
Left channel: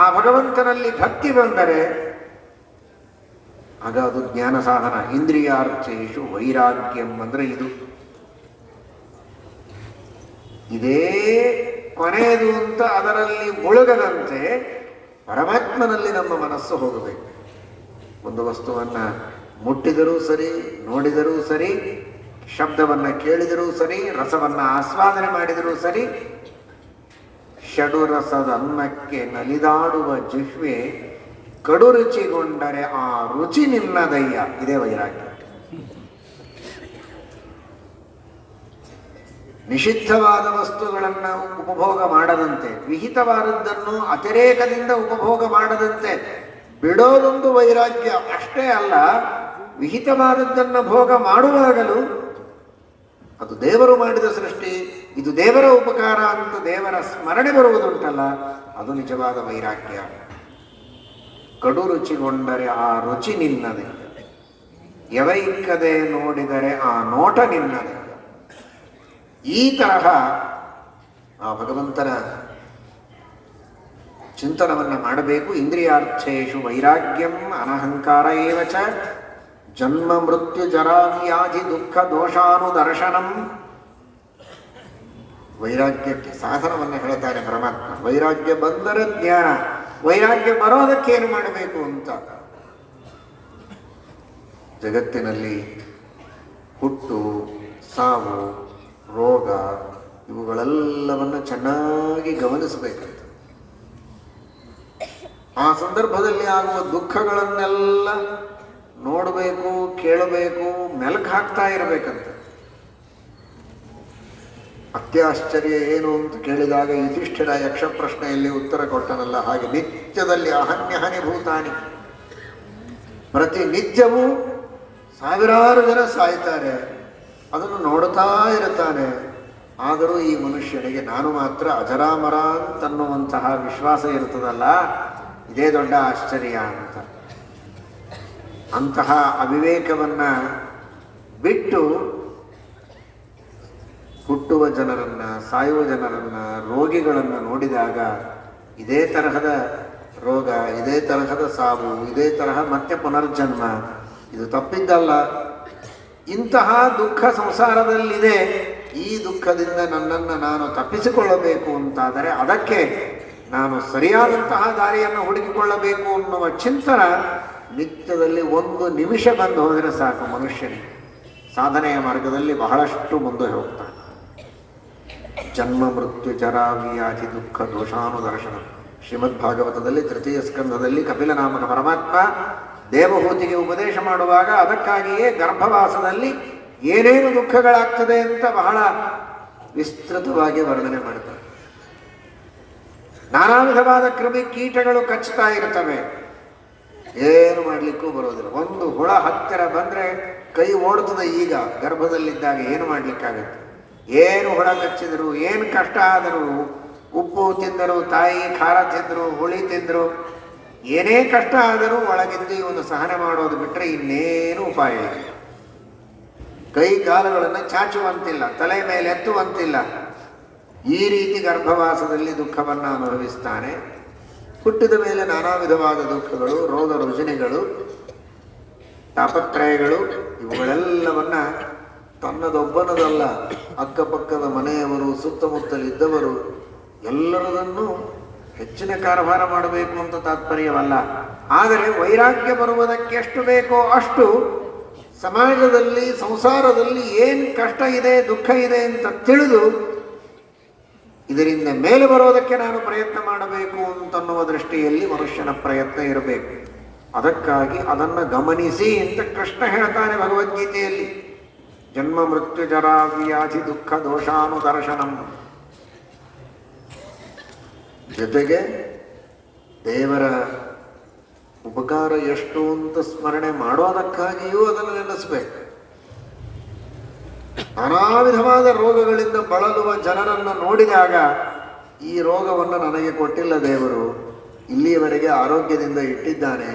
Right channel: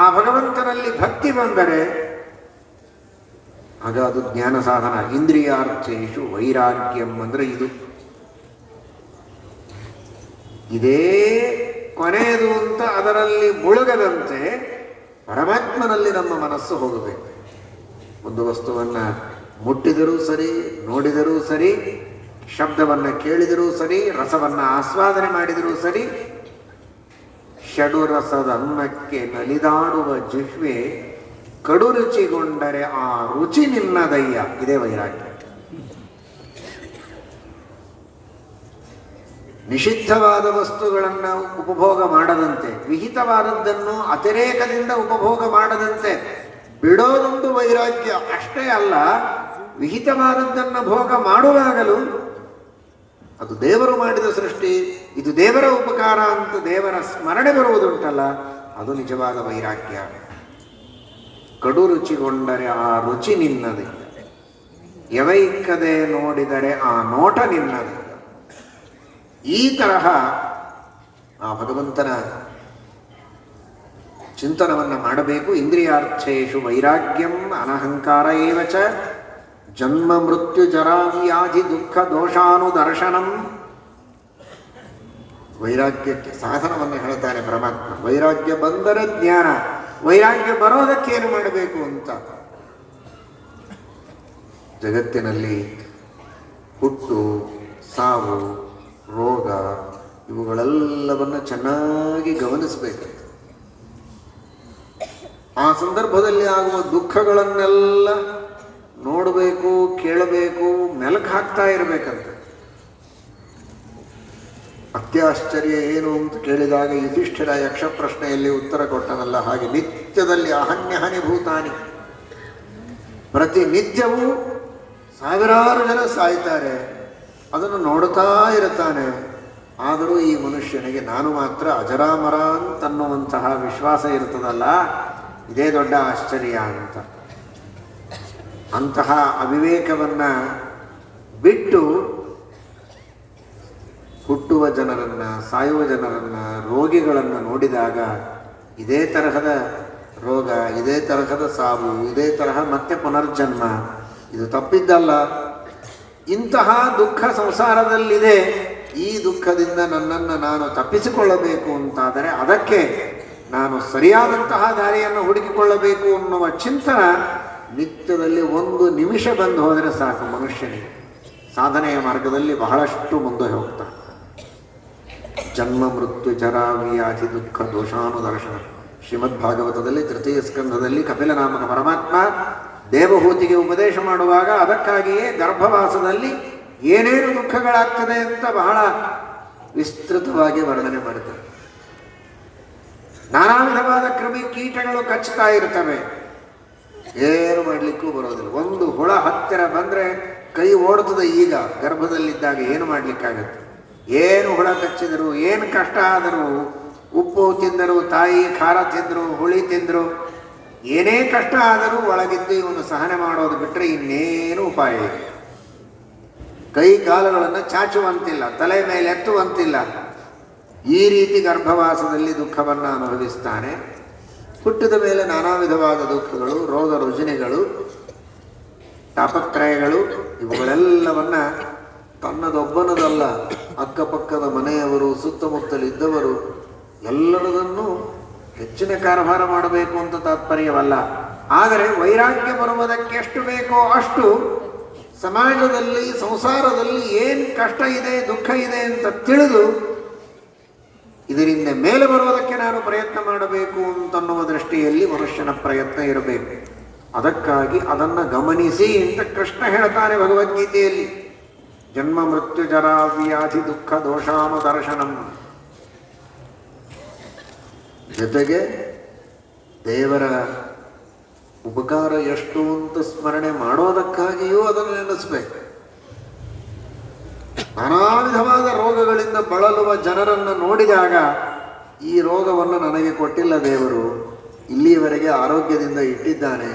ಆ ಭಗವಂತನಲ್ಲಿ ಭಕ್ತಿ ಬಂದರೆ ಆಗ ಅದು ಜ್ಞಾನ ಸಾಧನ. ಇಂದ್ರಿಯಾರ್ಥೇಶು ವೈರಾಗ್ಯಂ ಅಂದರೆ ಇದು. ಇದೇ ಕೊನೆಯದು ಅಂತ ಅದರಲ್ಲಿ ಮುಳುಗದಂತೆ ಪರಮಾತ್ಮನಲ್ಲಿ ನಮ್ಮ ಮನಸ್ಸು ಹೋಗಬೇಕು. ಒಂದು ವಸ್ತುವನ್ನು ಮುಟ್ಟಿದರೂ ಸರಿ, ನೋಡಿದರೂ ಸರಿ, ಶಬ್ದವನ್ನು ಕೇಳಿದರೂ ಸರಿ, ರಸವನ್ನು ಆಸ್ವಾದನೆ ಮಾಡಿದರೂ ಸರಿ, ಷಡು ರಸದ ಅನ್ನಕ್ಕೆ ನಲಿದಾಡುವ ಜಿಹ್ವೆ ಕಡು ರುಚಿಗೊಂಡರೆ ಆ ರುಚಿ ನಿನ್ನದಯ್ಯ. ಇದೇ ವೈರಾಗ್ಯ. ನಿಷಿದ್ಧವಾದ ವಸ್ತುಗಳನ್ನು ಉಪಭೋಗ ಮಾಡದಂತೆ, ವಿಹಿತವಾದದ್ದನ್ನು ಅತಿರೇಕದಿಂದ ಉಪಭೋಗ ಮಾಡದಂತೆ ಬಿಡೋದೊಂದು ವೈರಾಗ್ಯ. ಅಷ್ಟೇ ಅಲ್ಲ, ವಿಹಿತವಾದದ್ದನ್ನು ಭೋಗ ಮಾಡುವಾಗಲೂ ಅದು ದೇವರು ಮಾಡಿದ ಸೃಷ್ಟಿ, ಇದು ದೇವರ ಉಪಕಾರ ಅಂತ ದೇವರ ಸ್ಮರಣೆ ಬರುವುದುಂಟಲ್ಲ, ಅದು ನಿಜವಾದ ವೈರಾಗ್ಯ. ಕಡು ರುಚಿಗೊಂಡರೆ ಆ ರುಚಿ ನಿನ್ನದೆ, ಯವೈಕ್ಕದೆ ನೋಡಿದರೆ ಆ ನೋಟ ನಿನ್ನದೆ. ಈ ತರಹ ಆ ಭಗವಂತನ ಚಿಂತನವನ್ನು ಮಾಡಬೇಕು. ಇಂದ್ರಿಯಾರ್ಥೇಶು ವೈರಾಗ್ಯಂ ಅನಹಂಕಾರ ಏವಚ ಜನ್ಮ ಮೃತ್ಯು ಜರಾ ವ್ಯಾಧಿ ದುಃಖ ದೋಷಾನುದರ್ಶನಂ. ವೈರಾಗ್ಯಕ್ಕೆ ಸಾಧನವನ್ನು ಹೇಳ್ತಾರೆ ಪರಮಾತ್ಮ. ವೈರಾಗ್ಯ ಬಂದರೆ ಜ್ಞಾನ, ವೈರಾಗ್ಯ ಬರೋದಕ್ಕೇನು ಮಾಡಬೇಕು ಅಂತ. ಜಗತ್ತಿನಲ್ಲಿ ಹುಟ್ಟು, ಸಾವು, ರೋಗ ಇವುಗಳೆಲ್ಲವನ್ನು ಚೆನ್ನಾಗಿ ಗಮನಿಸಬೇಕು. ಆ ಸಂದರ್ಭದಲ್ಲಿ ಆಗುವ ದುಃಖಗಳನ್ನೆಲ್ಲ ನೋಡಬೇಕು, ಕೇಳಬೇಕು, ಮೆಲುಕು ಹಾಕ್ತಾ ಇರಬೇಕಂತ. ಅತ್ಯಾಶ್ಚರ್ಯ ಏನು ಅಂತ ಕೇಳಿದಾಗ ಯುಧಿಷ್ಠಿರ ಯಕ್ಷ ಪ್ರಶ್ನೆಯಲ್ಲಿ ಉತ್ತರ ಕೊಟ್ಟನಲ್ಲ, ಹಾಗೆ ನಿತ್ಯದಲ್ಲಿ ಅಹನ್ಯಹನಿ ಭೂತಾನಿ, ಪ್ರತಿನಿತ್ಯವೂ ಸಾವಿರಾರು ಜನ ಸಾಯ್ತಾರೆ, ಅದನ್ನು ನೋಡ್ತಾ ಇರುತ್ತಾನೆ. ಆದರೂ ಈ ಮನುಷ್ಯನಿಗೆ ನಾನು ಮಾತ್ರ ಅಜರಾಮರ ಅಂತನ್ನುವಂತಹ ವಿಶ್ವಾಸ ಇರ್ತದಲ್ಲ, ಇದೇ ದೊಡ್ಡ ಆಶ್ಚರ್ಯ ಅಂತ. ಅಂತಹ ಅವಿವೇಕವನ್ನು ಬಿಟ್ಟು ಹುಟ್ಟುವ ಜನರನ್ನು, ಸಾಯುವ ಜನರನ್ನು, ರೋಗಿಗಳನ್ನು ನೋಡಿದಾಗ ಇದೇ ತರಹದ ರೋಗ, ಇದೇ ತರಹದ ಸಾವು, ಇದೇ ತರಹ ಮತ್ತೆ ಪುನರ್ಜನ್ಮ, ಇದು ತಪ್ಪಿದ್ದಲ್ಲ. ಇಂತಹ ದುಃಖ ಸಂಸಾರದಲ್ಲಿದೆ. ಈ ದುಃಖದಿಂದ ನನ್ನನ್ನು ನಾನು ತಪ್ಪಿಸಿಕೊಳ್ಳಬೇಕು ಅಂತಾದರೆ ಅದಕ್ಕೆ ನಾನು ಸರಿಯಾದಂತಹ ದಾರಿಯನ್ನು ಹುಡುಕಿಕೊಳ್ಳಬೇಕು ಅನ್ನುವ ಚಿಂತನ ನಿತ್ಯದಲ್ಲಿ ಒಂದು ನಿಮಿಷ ಬಂದು ಹೋದರೆ ಸಾಕು, ಮನುಷ್ಯನಿಗೆ ಸಾಧನೆಯ ಮಾರ್ಗದಲ್ಲಿ ಬಹಳಷ್ಟು ಮುಂದೆ ಹೋಗ್ತಾನೆ. ಜನ್ಮ ಮೃತ್ಯು ಜರಾ ವ್ಯಾಧಿ ದುಃಖ ದೋಷಾನುದರ್ಶನ. ಶ್ರೀಮದ್ ಭಾಗವತದಲ್ಲಿ ತೃತೀಯ ಸ್ಕಂದದಲ್ಲಿ ಕಪಿಲನಾಮಕ ಪರಮಾತ್ಮ ದೇವಹೂತಿಗೆ ಉಪದೇಶ ಮಾಡುವಾಗ ಅದಕ್ಕಾಗಿಯೇ ಗರ್ಭವಾಸದಲ್ಲಿ ಏನೇನು ದುಃಖಗಳಾಗ್ತದೆ ಅಂತ ಬಹಳ ವಿಸ್ತೃತವಾಗಿ ವರ್ಣನೆ ಮಾಡ್ತಾರೆ. ನಾನಾ ವಿಧವಾದ ಕ್ರಿಮಿ ಕೀಟಗಳು ಕಚ್ಚುತ್ತಾ ಇರ್ತವೆ, ಏನು ಮಾಡಲಿಕ್ಕೂ ಬರೋದಿಲ್ಲ. ಒಂದು ಹುಳ ಹತ್ತಿರ ಬಂದರೆ ಕೈ ಓಡುತ್ತದೆ. ಈಗ ಗರ್ಭದಲ್ಲಿದ್ದಾಗ ಏನು ಮಾಡಲಿಕ್ಕಾಗತ್ತೆ? ಏನು ಹುಳ ಕಚ್ಚಿದರು, ಏನು ಕಷ್ಟ ಆದರೂ, ಉಪ್ಪು ತಿಂದರು, ತಾಯಿ ಖಾರ ತಿಂದರು, ಹುಳಿ ತಿಂದರು, ಏನೇ ಕಷ್ಟ ಆದರೂ ಒಳಗಿದ್ದು ಇವನು ಸಹನೆ ಮಾಡೋದು ಬಿಟ್ಟರೆ ಇನ್ನೇನು ಉಪಾಯ ಇಲ್ಲ. ಕೈ ಕಾಲುಗಳನ್ನು ಚಾಚುವಂತಿಲ್ಲ, ತಲೆ ಮೇಲೆ ಎತ್ತುವಂತಿಲ್ಲ. ಈ ರೀತಿ ಗರ್ಭವಾಸದಲ್ಲಿ ದುಃಖವನ್ನು ಅನುಭವಿಸ್ತಾನೆ. ಹುಟ್ಟಿದ ಮೇಲೆ ನಾನಾ ವಿಧವಾದ ದುಃಖಗಳು, ರೋಗ ರುಜಿನಗಳು, ತಾಪತ್ರಯಗಳು, ಇವುಗಳೆಲ್ಲವನ್ನ ತನ್ನದೊಬ್ಬನದಲ್ಲ, ಅಕ್ಕಪಕ್ಕದ ಮನೆಯವರು, ಸುತ್ತಮುತ್ತಲಿದ್ದವರು ಎಲ್ಲರದನ್ನು ಹೆಚ್ಚಿನ ಕಾರ್ಯಭಾರ ಮಾಡಬೇಕು ಅಂತ ತಾತ್ಪರ್ಯವಲ್ಲ. ಆದರೆ ವೈರಾಗ್ಯ ಬರುವುದಕ್ಕೆ ಎಷ್ಟು ಬೇಕೋ ಅಷ್ಟು ಸಮಾಜದಲ್ಲಿ, ಸಂಸಾರದಲ್ಲಿ ಏನು ಕಷ್ಟ ಇದೆ, ದುಃಖ ಇದೆ ಅಂತ ತಿಳಿದು ಇದರಿಂದ ಮೇಲೆ ಬರೋದಕ್ಕೆ ನಾನು ಪ್ರಯತ್ನ ಮಾಡಬೇಕು ಅಂತನ್ನುವ ದೃಷ್ಟಿಯಲ್ಲಿ ಮನುಷ್ಯನ ಪ್ರಯತ್ನ ಇರಬೇಕು. ಅದಕ್ಕಾಗಿ ಅದನ್ನು ಗಮನಿಸಿ ಅಂತ ಕೃಷ್ಣ ಹೇಳ್ತಾನೆ ಭಗವದ್ಗೀತೆಯಲ್ಲಿ. ಜನ್ಮ ಮೃತ್ಯು ಜರಾ ವ್ಯಾಧಿ ದುಃಖ ದೋಷಾನುದರ್ಶನಂ. ಜೊತೆಗೆ ದೇವರ ಉಪಕಾರ ಎಷ್ಟು ಅಂತ ಸ್ಮರಣೆ ಮಾಡೋದಕ್ಕಾಗಿಯೂ ಅದನ್ನು ನೆನೆಸಬೇಕು. ನಾನಾ ವಿಧವಾದ ರೋಗಗಳಿಂದ ಬಳಲುವ ಜನರನ್ನು ನೋಡಿದಾಗ ಈ ರೋಗವನ್ನು ನನಗೆ ಕೊಟ್ಟಿಲ್ಲ ದೇವರು, ಇಲ್ಲಿಯವರೆಗೆ ಆರೋಗ್ಯದಿಂದ ಇಟ್ಟಿದ್ದಾನೆ,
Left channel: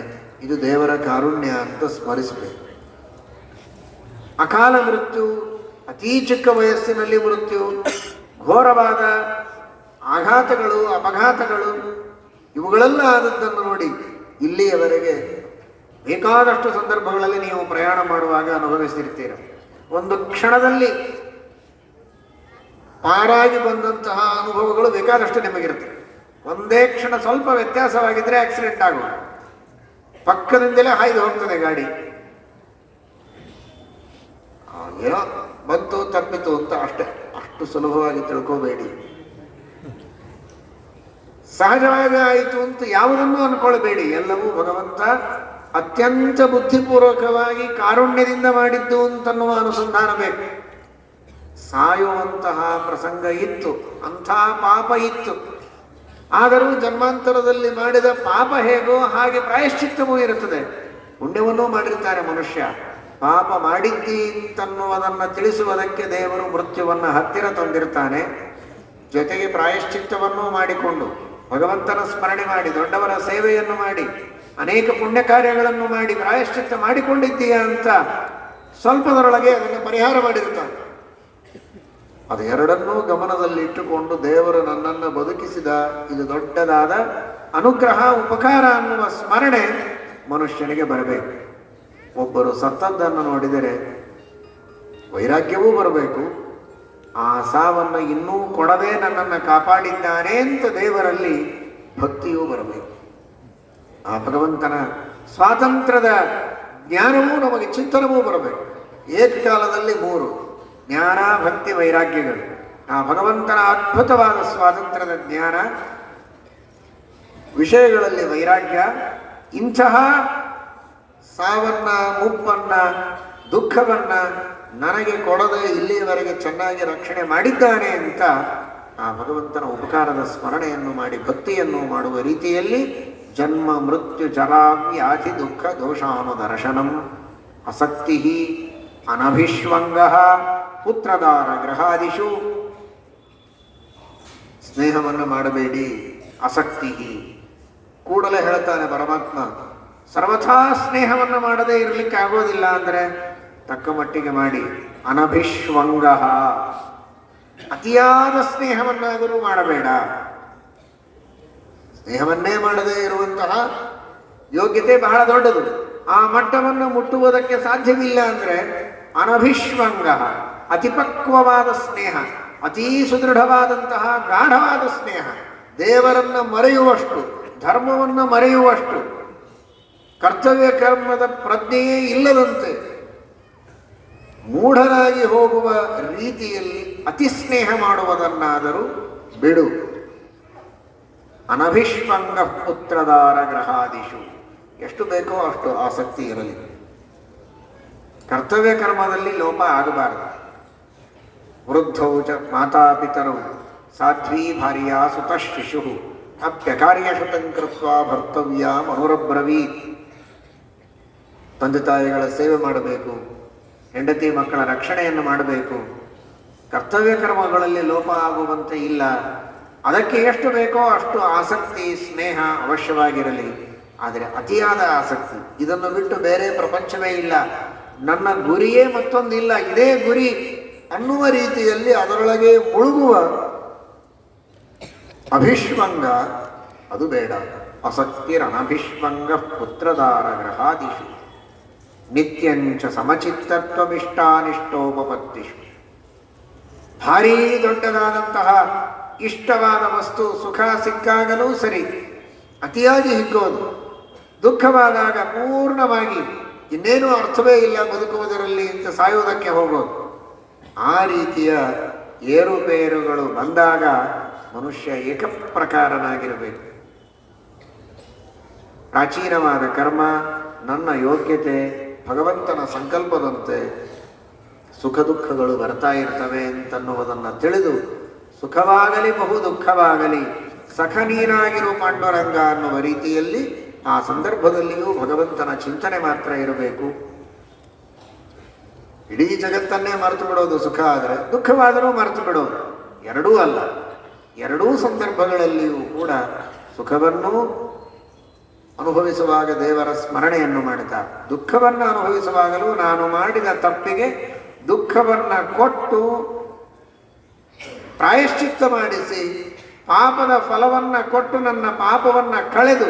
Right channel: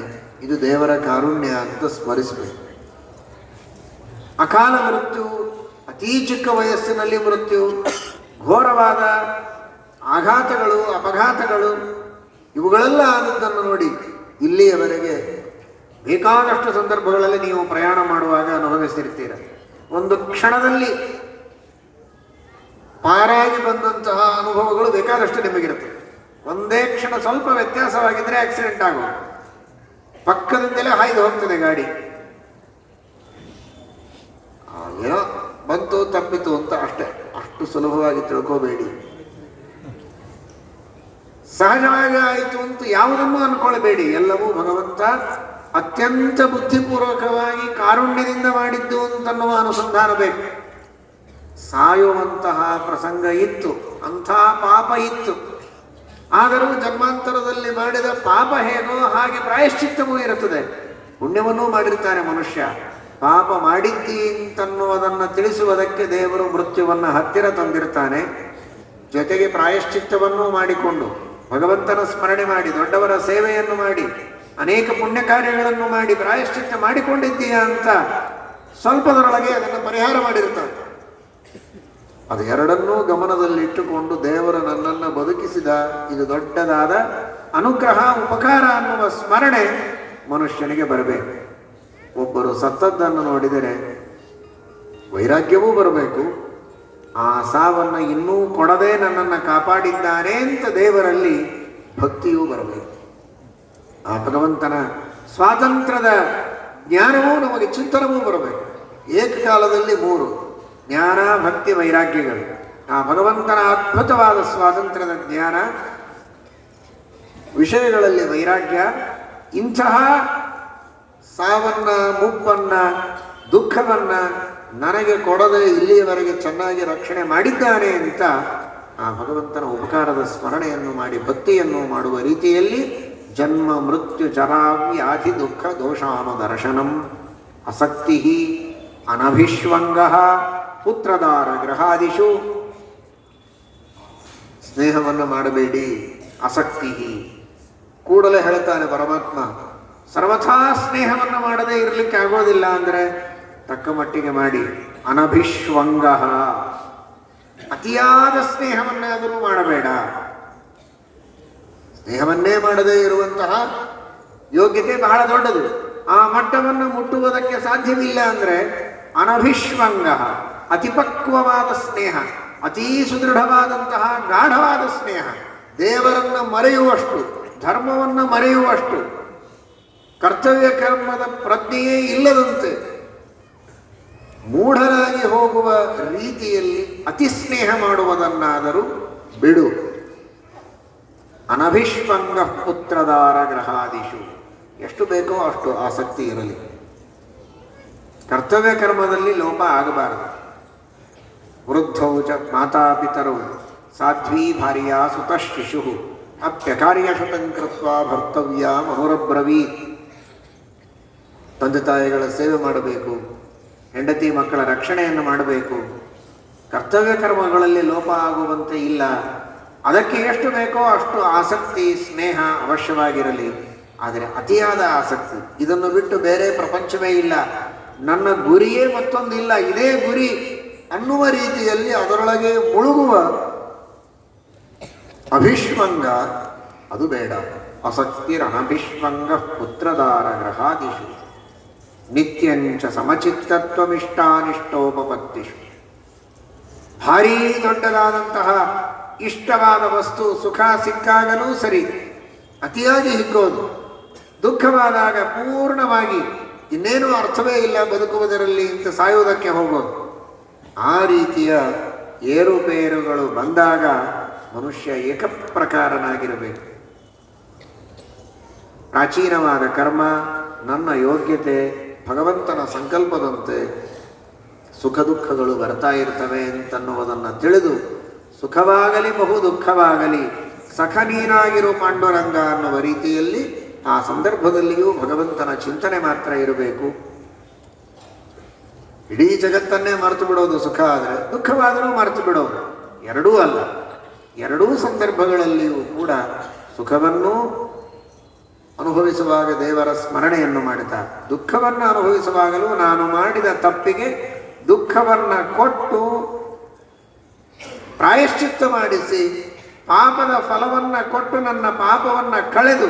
ಇದು ದೇವರ ಕಾರುಣ್ಯ ಅಂತ ಸ್ಮರಿಸಬೇಕು. ಅಕಾಲ ಮೃತ್ಯು, ಅತೀ ಚಿಕ್ಕ ವಯಸ್ಸಿನಲ್ಲಿ ಮೃತ್ಯು, ಘೋರವಾದ ಆಘಾತಗಳು, ಅಪಘಾತಗಳು, ಇವುಗಳೆಲ್ಲ ಅನ್ನೋದನ್ನು ನೋಡಿ ಇಲ್ಲಿಯವರೆಗೆ ಬೇಕಾದಷ್ಟು ಸಂದರ್ಭಗಳಲ್ಲಿ ನೀವು ಪ್ರಯಾಣ ಮಾಡುವಾಗ ಅನುಭವಿಸಿರ್ತೀರ. ಒಂದು ಕ್ಷಣದಲ್ಲಿ ಪಾರಾಗಿ ಬಂದಂತಹ ಅನುಭವಗಳು ಬೇಕಾದಷ್ಟು ನಿಮಗಿರುತ್ತೆ. ಒಂದೇ ಕ್ಷಣ ಸ್ವಲ್ಪ ವ್ಯತ್ಯಾಸವಾಗಿದ್ದರೆ ಆಕ್ಸಿಡೆಂಟ್ ಆಗೋದು, ಪಕ್ಕದಿಂದಲೇ ಹಾಯ್ದು ಹೋಗ್ತದೆ ಗಾಡಿ. ಏನೋ ಬಂತು ತಪ್ಪಿತು ಅಂತ ಅಷ್ಟೇ, ಅಷ್ಟು ಸುಲಭವಾಗಿ ತಿಳ್ಕೋಬೇಡಿ. ಸಹಜವಾಗಿ ಆಯಿತು ಅಂತ ಯಾವುದನ್ನು ಅನ್ಕೊಳ್ಬೇಡಿ. ಎಲ್ಲವೂ ಭಗವಂತ ಅತ್ಯಂತ ಬುದ್ಧಿಪೂರ್ವಕವಾಗಿ ಕಾರುಣ್ಯದಿಂದ ಮಾಡಿದ್ದು ಅಂತನ್ನುವ ಅನುಸಂಧಾನ ಬೇಕು. ಸಾಯುವಂತಹ ಪ್ರಸಂಗ ಇತ್ತು, ಅಂಥ ಪಾಪ ಇತ್ತು. ಆದರೂ ಜನ್ಮಾಂತರದಲ್ಲಿ ಮಾಡಿದ ಪಾಪ ಹೇಗೋ ಹಾಗೆ ಪ್ರಾಯಶ್ಚಿತ್ತವೂ ಇರುತ್ತದೆ. ಪುಣ್ಯವನ್ನೂ ಮಾಡಿರ್ತಾರೆ ಮನುಷ್ಯ. ಪಾಪ ಮಾಡಿದ್ದಿ ಅಂತನ್ನುವುದನ್ನು ತಿಳಿಸುವುದಕ್ಕೆ ದೇವರು ಮೃತ್ಯುವನ್ನು ಹತ್ತಿರ ತಂದಿರ್ತಾನೆ. ಜೊತೆಗೆ ಪ್ರಾಯಶ್ಚಿತ್ತವನ್ನೂ ಮಾಡಿಕೊಂಡು ಭಗವಂತನ ಸ್ಮರಣೆ ಮಾಡಿ, ದೊಡ್ಡವರ ಸೇವೆಯನ್ನು ಮಾಡಿ, ಅನೇಕ ಪುಣ್ಯ ಕಾರ್ಯಗಳನ್ನು ಮಾಡಿ ಪ್ರಾಯಶ್ಚಿತ್ತ ಮಾಡಿಕೊಂಡಿದ್ದೀಯಾ ಅಂತ ಸ್ವಲ್ಪದರೊಳಗೆ ಅದನ್ನು ಪರಿಹಾರ ಮಾಡಿರ್ತಾರೆ. ಅದು ಎರಡನ್ನೂ ಗಮನದಲ್ಲಿಟ್ಟುಕೊಂಡು ದೇವರು ನನ್ನನ್ನು ಬದುಕಿಸಿದ, ಇದು ದೊಡ್ಡದಾದ ಅನುಗ್ರಹ, ಉಪಕಾರ ಅನ್ನುವ ಸ್ಮರಣೆ ಮನುಷ್ಯನಿಗೆ ಬರಬೇಕು. ಒಬ್ಬರು ಸತ್ತದ್ದನ್ನು ನೋಡಿದರೆ ವೈರಾಗ್ಯವೂ ಬರಬೇಕು, ಆ ಸಾವನ್ನು ಇನ್ನೂ ಕೊಡದೆ ನನ್ನನ್ನು ಕಾಪಾಡಿದ್ದಾನೆ ಅಂತ ದೇವರಲ್ಲಿ ಭಕ್ತಿಯೂ ಬರಬೇಕು. ಆ ಭಗವಂತನ ಸ್ವಾತಂತ್ರ್ಯದ ಜ್ಞಾನವೂ ನಮಗೆ ಚಿಂತನವೂ ಬರಬೇಕು. ಏಕಕಾಲದಲ್ಲಿ 3 ಜ್ಞಾನ, ಭಕ್ತಿ, ವೈರಾಗ್ಯಗಳು. ಆ ಭಗವಂತನ ಅದ್ಭುತವಾದ ಸ್ವಾತಂತ್ರ್ಯದ ಜ್ಞಾನ, ವಿಷಯಗಳಲ್ಲಿ ವೈರಾಗ್ಯ, ಇಂತಹ ಸಾವನ್ನ, ಮುಪ್ಪನ್ನ, ದುಃಖವನ್ನ ನನಗೆ ಕೊಡದೆ ಇಲ್ಲಿಯವರೆಗೆ ಚೆನ್ನಾಗಿ ರಕ್ಷಣೆ ಮಾಡಿದ್ದಾನೆ ಅಂತ ಆ ಭಗವಂತನ ಉಪಕಾರದ ಸ್ಮರಣೆಯನ್ನು ಮಾಡಿ ಭಕ್ತಿಯನ್ನು ಮಾಡುವ ರೀತಿಯಲ್ಲಿ ಜನ್ಮ ಮೃತ್ಯು ಜರಾವ್ಯಾಧಿ ದುಃಖ ದೋಷಾಮ ದರ್ಶನಂ ಅಸಕ್ತಿ ಅನಭಿಷ್ವಂಗ ಪುತ್ರದಾರ ಗೃಹಾದಿಷು. ಸ್ನೇಹವನ್ನು ಮಾಡಬೇಡಿ, ಅಸಕ್ತಿ. ಕೂಡಲೇ ಹೇಳ್ತಾನೆ ಪರಮಾತ್ಮ, ಸರ್ವಥಾ ಸ್ನೇಹವನ್ನು ಮಾಡದೇ ಇರಲಿಕ್ಕೆ ಆಗೋದಿಲ್ಲ ಅಂದರೆ ತಕ್ಕ ಮಟ್ಟಿಗೆ ಮಾಡಿ. ಅನಭಿಷ್ವಂಗ, ಅತಿಯಾದ ಸ್ನೇಹವನ್ನಾದರೂ ಮಾಡಬೇಡ. ಸ್ನೇಹವನ್ನೇ ಮಾಡದೇ ಇರುವಂತಹ ಯೋಗ್ಯತೆ ಬಹಳ ದೊಡ್ಡದು. ಆ ಮಟ್ಟವನ್ನು ಮುಟ್ಟುವುದಕ್ಕೆ ಸಾಧ್ಯವಿಲ್ಲ ಅಂದರೆ ಅನಭಿಷ್ವಂಗ, ಅತಿಪಕ್ವವಾದ ಸ್ನೇಹ, ಅತೀ ಸುದೃಢವಾದಂತಹ ಗಾಢವಾದ ಸ್ನೇಹ, ದೇವರನ್ನು ಮರೆಯುವಷ್ಟು, ಧರ್ಮವನ್ನು ಮರೆಯುವಷ್ಟು, ಕರ್ತವ್ಯ ಕರ್ಮದ ಪ್ರಜ್ಞೆಯೇ ಇಲ್ಲದಂತೆ ಮೂಢರಾಗಿ ಹೋಗುವ ರೀತಿಯಲ್ಲಿ ಅತಿ ಸ್ನೇಹ ಮಾಡುವುದನ್ನಾದರೂ ಬಿಡು. ಅನಭಿಷ್ವಂಗ ಪುತ್ರದಾರ ಗೃಹಾದಿಷು. ಎಷ್ಟು ಬೇಕೋ ಅಷ್ಟು ಆಸಕ್ತಿ ಇರಲಿ. ಕರ್ತವ್ಯ ಕರ್ಮದಲ್ಲಿ ಲೋಪ ಆಗಬಾರದು. ವೃದ್ಧೌ ಚ ಮಾತಾಪಿತರೌ ಸಾಧ್ವೀ ಭಾರ್ಯ ಸುತ ಶಿಶು ಅಪ್ಯಕಾರ್ಯಶತಂ ಕೃತ್ವಾ ಭರ್ತವ್ಯ ಮನುರಬ್ರವೀತ್. ತಂದೆ ತಾಯಿಗಳ ಸೇವೆ ಮಾಡಬೇಕು, ಹೆಂಡತಿ ಮಕ್ಕಳ ರಕ್ಷಣೆಯನ್ನು ಮಾಡಬೇಕು. ಕರ್ತವ್ಯ ಕರ್ಮಗಳಲ್ಲಿ ಲೋಪ ಆಗುವಂತೆ ಇಲ್ಲ. ಅದಕ್ಕೆ ಎಷ್ಟು ಬೇಕೋ ಅಷ್ಟು ಆಸಕ್ತಿ, ಸ್ನೇಹ ಅವಶ್ಯವಾಗಿರಲಿ. ಆದರೆ ಅತಿಯಾದ ಆಸಕ್ತಿ, ಇದನ್ನು ಬಿಟ್ಟು ಬೇರೆ ಪ್ರಪಂಚವೇ ಇಲ್ಲ, ನನ್ನ ಗುರಿಯೇ ಮತ್ತೊಂದಿಲ್ಲ, ಇದೇ ಗುರಿ ಅನ್ನುವ ರೀತಿಯಲ್ಲಿ ಅದರೊಳಗೆ ಮುಳುಗುವ ಅಭಿಷ್ವಂಗ, ಅದು ಬೇಡ. ಅಸಕ್ತಿರನಭಿಷ್ವಂಗ ಪುತ್ರದಾರ ಗೃಹಾದಿಷು ನಿತ್ಯಂಚ ಸಮಚಿತ್ತತ್ವಮಿಷ್ಟಾನಿಷ್ಟೋಪಪತ್ತಿಷು. ಭಾರೀ ದೊಡ್ಡದಾದಂತಹ ಇಷ್ಟವಾದ ವಸ್ತು ಸುಖ ಸಿಕ್ಕಾಗಲೂ ಸರಿ, ಅತಿಯಾಗಿ ಹಿಗ್ಗೋದು, ದುಃಖವಾದಾಗ ಪೂರ್ಣವಾಗಿ ಇನ್ನೇನೂ ಅರ್ಥವೇ ಇಲ್ಲ ಬದುಕುವುದರಲ್ಲಿ ಅಂತ ಸಾಯುವುದಕ್ಕೆ ಹೋಗೋದು. ಆ ರೀತಿಯ ಏರುಪೇರುಗಳು ಬಂದಾಗ ಮನುಷ್ಯ ಏಕಪ್ರಕಾರನಾಗಿರಬೇಕು. ಪ್ರಾಚೀನವಾದ ಕರ್ಮ, ನನ್ನ ಯೋಗ್ಯತೆ, ಭಗವಂತನ ಸಂಕಲ್ಪದಂತೆ ಸುಖ ದುಃಖಗಳು ಬರ್ತಾ ಇರ್ತವೆ ಅಂತನ್ನುವುದನ್ನು ತಿಳಿದು ಸುಖವಾಗಲಿ ಬಹು ದುಃಖವಾಗಲಿ ಸಖ ನೀನಾಗಿರೋ ಪಾಂಡುರಂಗ ಅನ್ನುವ ರೀತಿಯಲ್ಲಿ ಆ ಸಂದರ್ಭದಲ್ಲಿಯೂ ಭಗವಂತನ ಚಿಂತನೆ ಮಾತ್ರ ಇರಬೇಕು. ಇಡೀ ಜಗತ್ತನ್ನೇ ಮರೆತು ಬಿಡೋದು ಸುಖ ಆದರೆ, ದುಃಖವಾದರೂ ಮರೆತು ಬಿಡೋದು, ಎರಡೂ ಅಲ್ಲ. ಎರಡೂ ಸಂದರ್ಭಗಳಲ್ಲಿಯೂ ಕೂಡ ಸುಖವನ್ನು ಅನುಭವಿಸುವಾಗ ದೇವರ ಸ್ಮರಣೆಯನ್ನು ಮಾಡುತ್ತಾರೆ, ದುಃಖವನ್ನು ಅನುಭವಿಸುವಾಗಲೂ ನಾನು ಮಾಡಿದ ತಪ್ಪಿಗೆ ದುಃಖವನ್ನು ಕೊಟ್ಟು ಪ್ರಾಯಶ್ಚಿತ್ತ ಮಾಡಿಸಿ ಪಾಪದ ಫಲವನ್ನು ಕೊಟ್ಟು ನನ್ನ ಪಾಪವನ್ನು ಕಳೆದು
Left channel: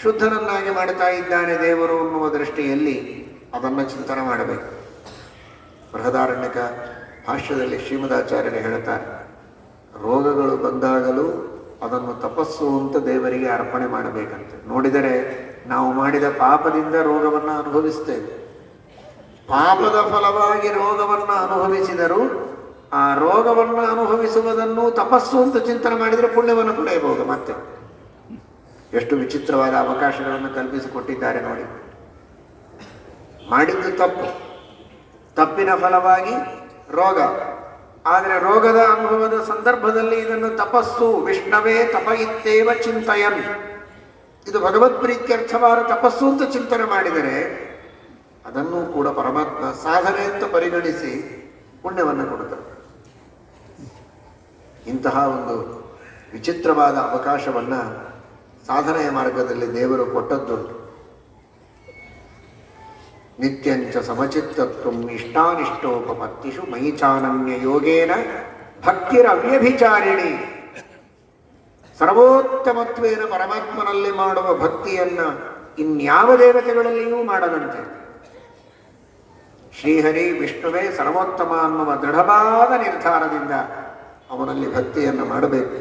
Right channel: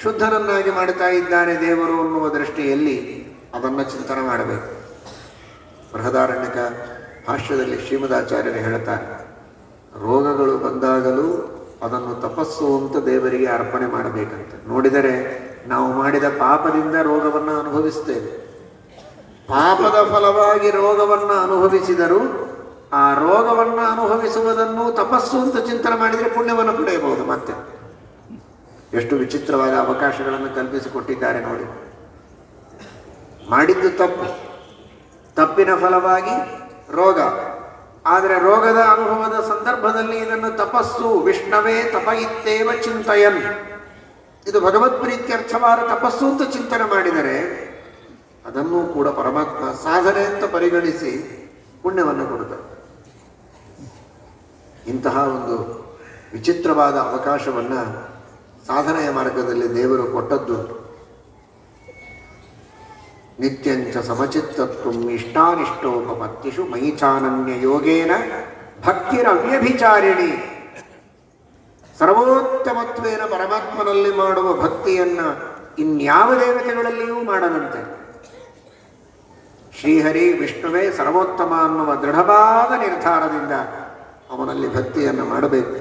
ಶುದ್ಧನನ್ನಾಗಿ ಮಾಡುತ್ತಾ ಇದ್ದಾನೆ ದೇವರು ಅನ್ನುವ ದೃಷ್ಟಿಯಲ್ಲಿ ಅದನ್ನು ಚಿಂತನೆ ಮಾಡಬೇಕು. ಬೃಹದಾರಣ್ಯಕ ಭಾಷ್ಯದಲ್ಲಿ ಶ್ರೀಮದಾಚಾರ್ಯರು ಹೇಳುತ್ತಾರೆ, ರೋಗಗಳು ಬಂದಾಗಲೂ ಅದನ್ನು ತಪಸ್ಸು ಅಂತ ದೇವರಿಗೆ ಅರ್ಪಣೆ ಮಾಡಬೇಕಂತ. ನೋಡಿದರೆ ನಾವು ಮಾಡಿದ ಪಾಪದಿಂದ ರೋಗವನ್ನು ಅನುಭವಿಸ್ತೇವೆ. ಪಾಪದ ಫಲವಾಗಿ ರೋಗವನ್ನು ಅನುಭವಿಸಿದರೂ ಆ ರೋಗವನ್ನು ಅನುಭವಿಸುವುದನ್ನು ತಪಸ್ಸು ಅಂತ ಚಿಂತನೆ ಮಾಡಿದರೆ ಪುಣ್ಯವನ್ನು ಪಡೆಯಬಹುದು. ಮತ್ತೆ ಎಷ್ಟು ವಿಚಿತ್ರವಾದ ಅವಕಾಶಗಳನ್ನು ಕಲ್ಪಿಸಿಕೊಟ್ಟಿದ್ದಾರೆ ನೋಡಿ. ಮಾಡಿದ್ದು ತಪ್ಪು, ತಪ್ಪಿನ ಫಲವಾಗಿ ರೋಗ, ಆದರೆ ರೋಗದ ಅನುಭವದ ಸಂದರ್ಭದಲ್ಲಿ ಇದನ್ನು ತಪಸ್ಸು, ವಿಷ್ಣವೇ ತಪ ಇತ್ತೇವ ಚಿಂತಯನ್, ಇದು ಭಗವತ್ ಪ್ರೀತ್ಯರ್ಥವಾದ ತಪಸ್ಸು ಅಂತ ಚಿಂತನೆ ಮಾಡಿದರೆ ಅದನ್ನು ಕೂಡ ಪರಮಾತ್ಮ ಸಾಧನೆ ಅಂತ ಪರಿಗಣಿಸಿ ಪುಣ್ಯವನ್ನು ಕೊಡುತ್ತಾರೆ. ಇಂತಹ ಒಂದು ವಿಚಿತ್ರವಾದ ಅವಕಾಶವನ್ನು ಸಾಧನೆಯ ಮಾರ್ಗದಲ್ಲಿ ದೇವರು ಕೊಟ್ಟದ್ದು. ನಿತ್ಯಂಚ ಸಮಚಿತ್ತತ್ವಂ ಇಷ್ಟಾನಿಷ್ಟೋಪಪತ್ತಿಷು ಮಯಿ ಚಾನನ್ಯ ಯೋಗೇನ ಭಕ್ತಿರವ್ಯಭಿಚಾರಿಣಿ. ಸರ್ವೋತ್ತಮತ್ವೇನ ಪರಮಾತ್ಮನಲ್ಲಿ ಮಾಡುವ ಭಕ್ತಿಯನ್ನು ಇನ್ಯಾವ ದೇವತೆಗಳಲ್ಲಿಯೂ ಮಾಡದಂತೆ. ಶ್ರೀಹರಿ ವಿಷ್ಣುವೇ ಸರ್ವೋತ್ತಮ ಅನ್ನುವ ದೃಢವಾದ ನಿರ್ಧಾರದಿಂದ ಅವನಲ್ಲಿ ಭಕ್ತಿಯನ್ನು ಮಾಡಬೇಕು.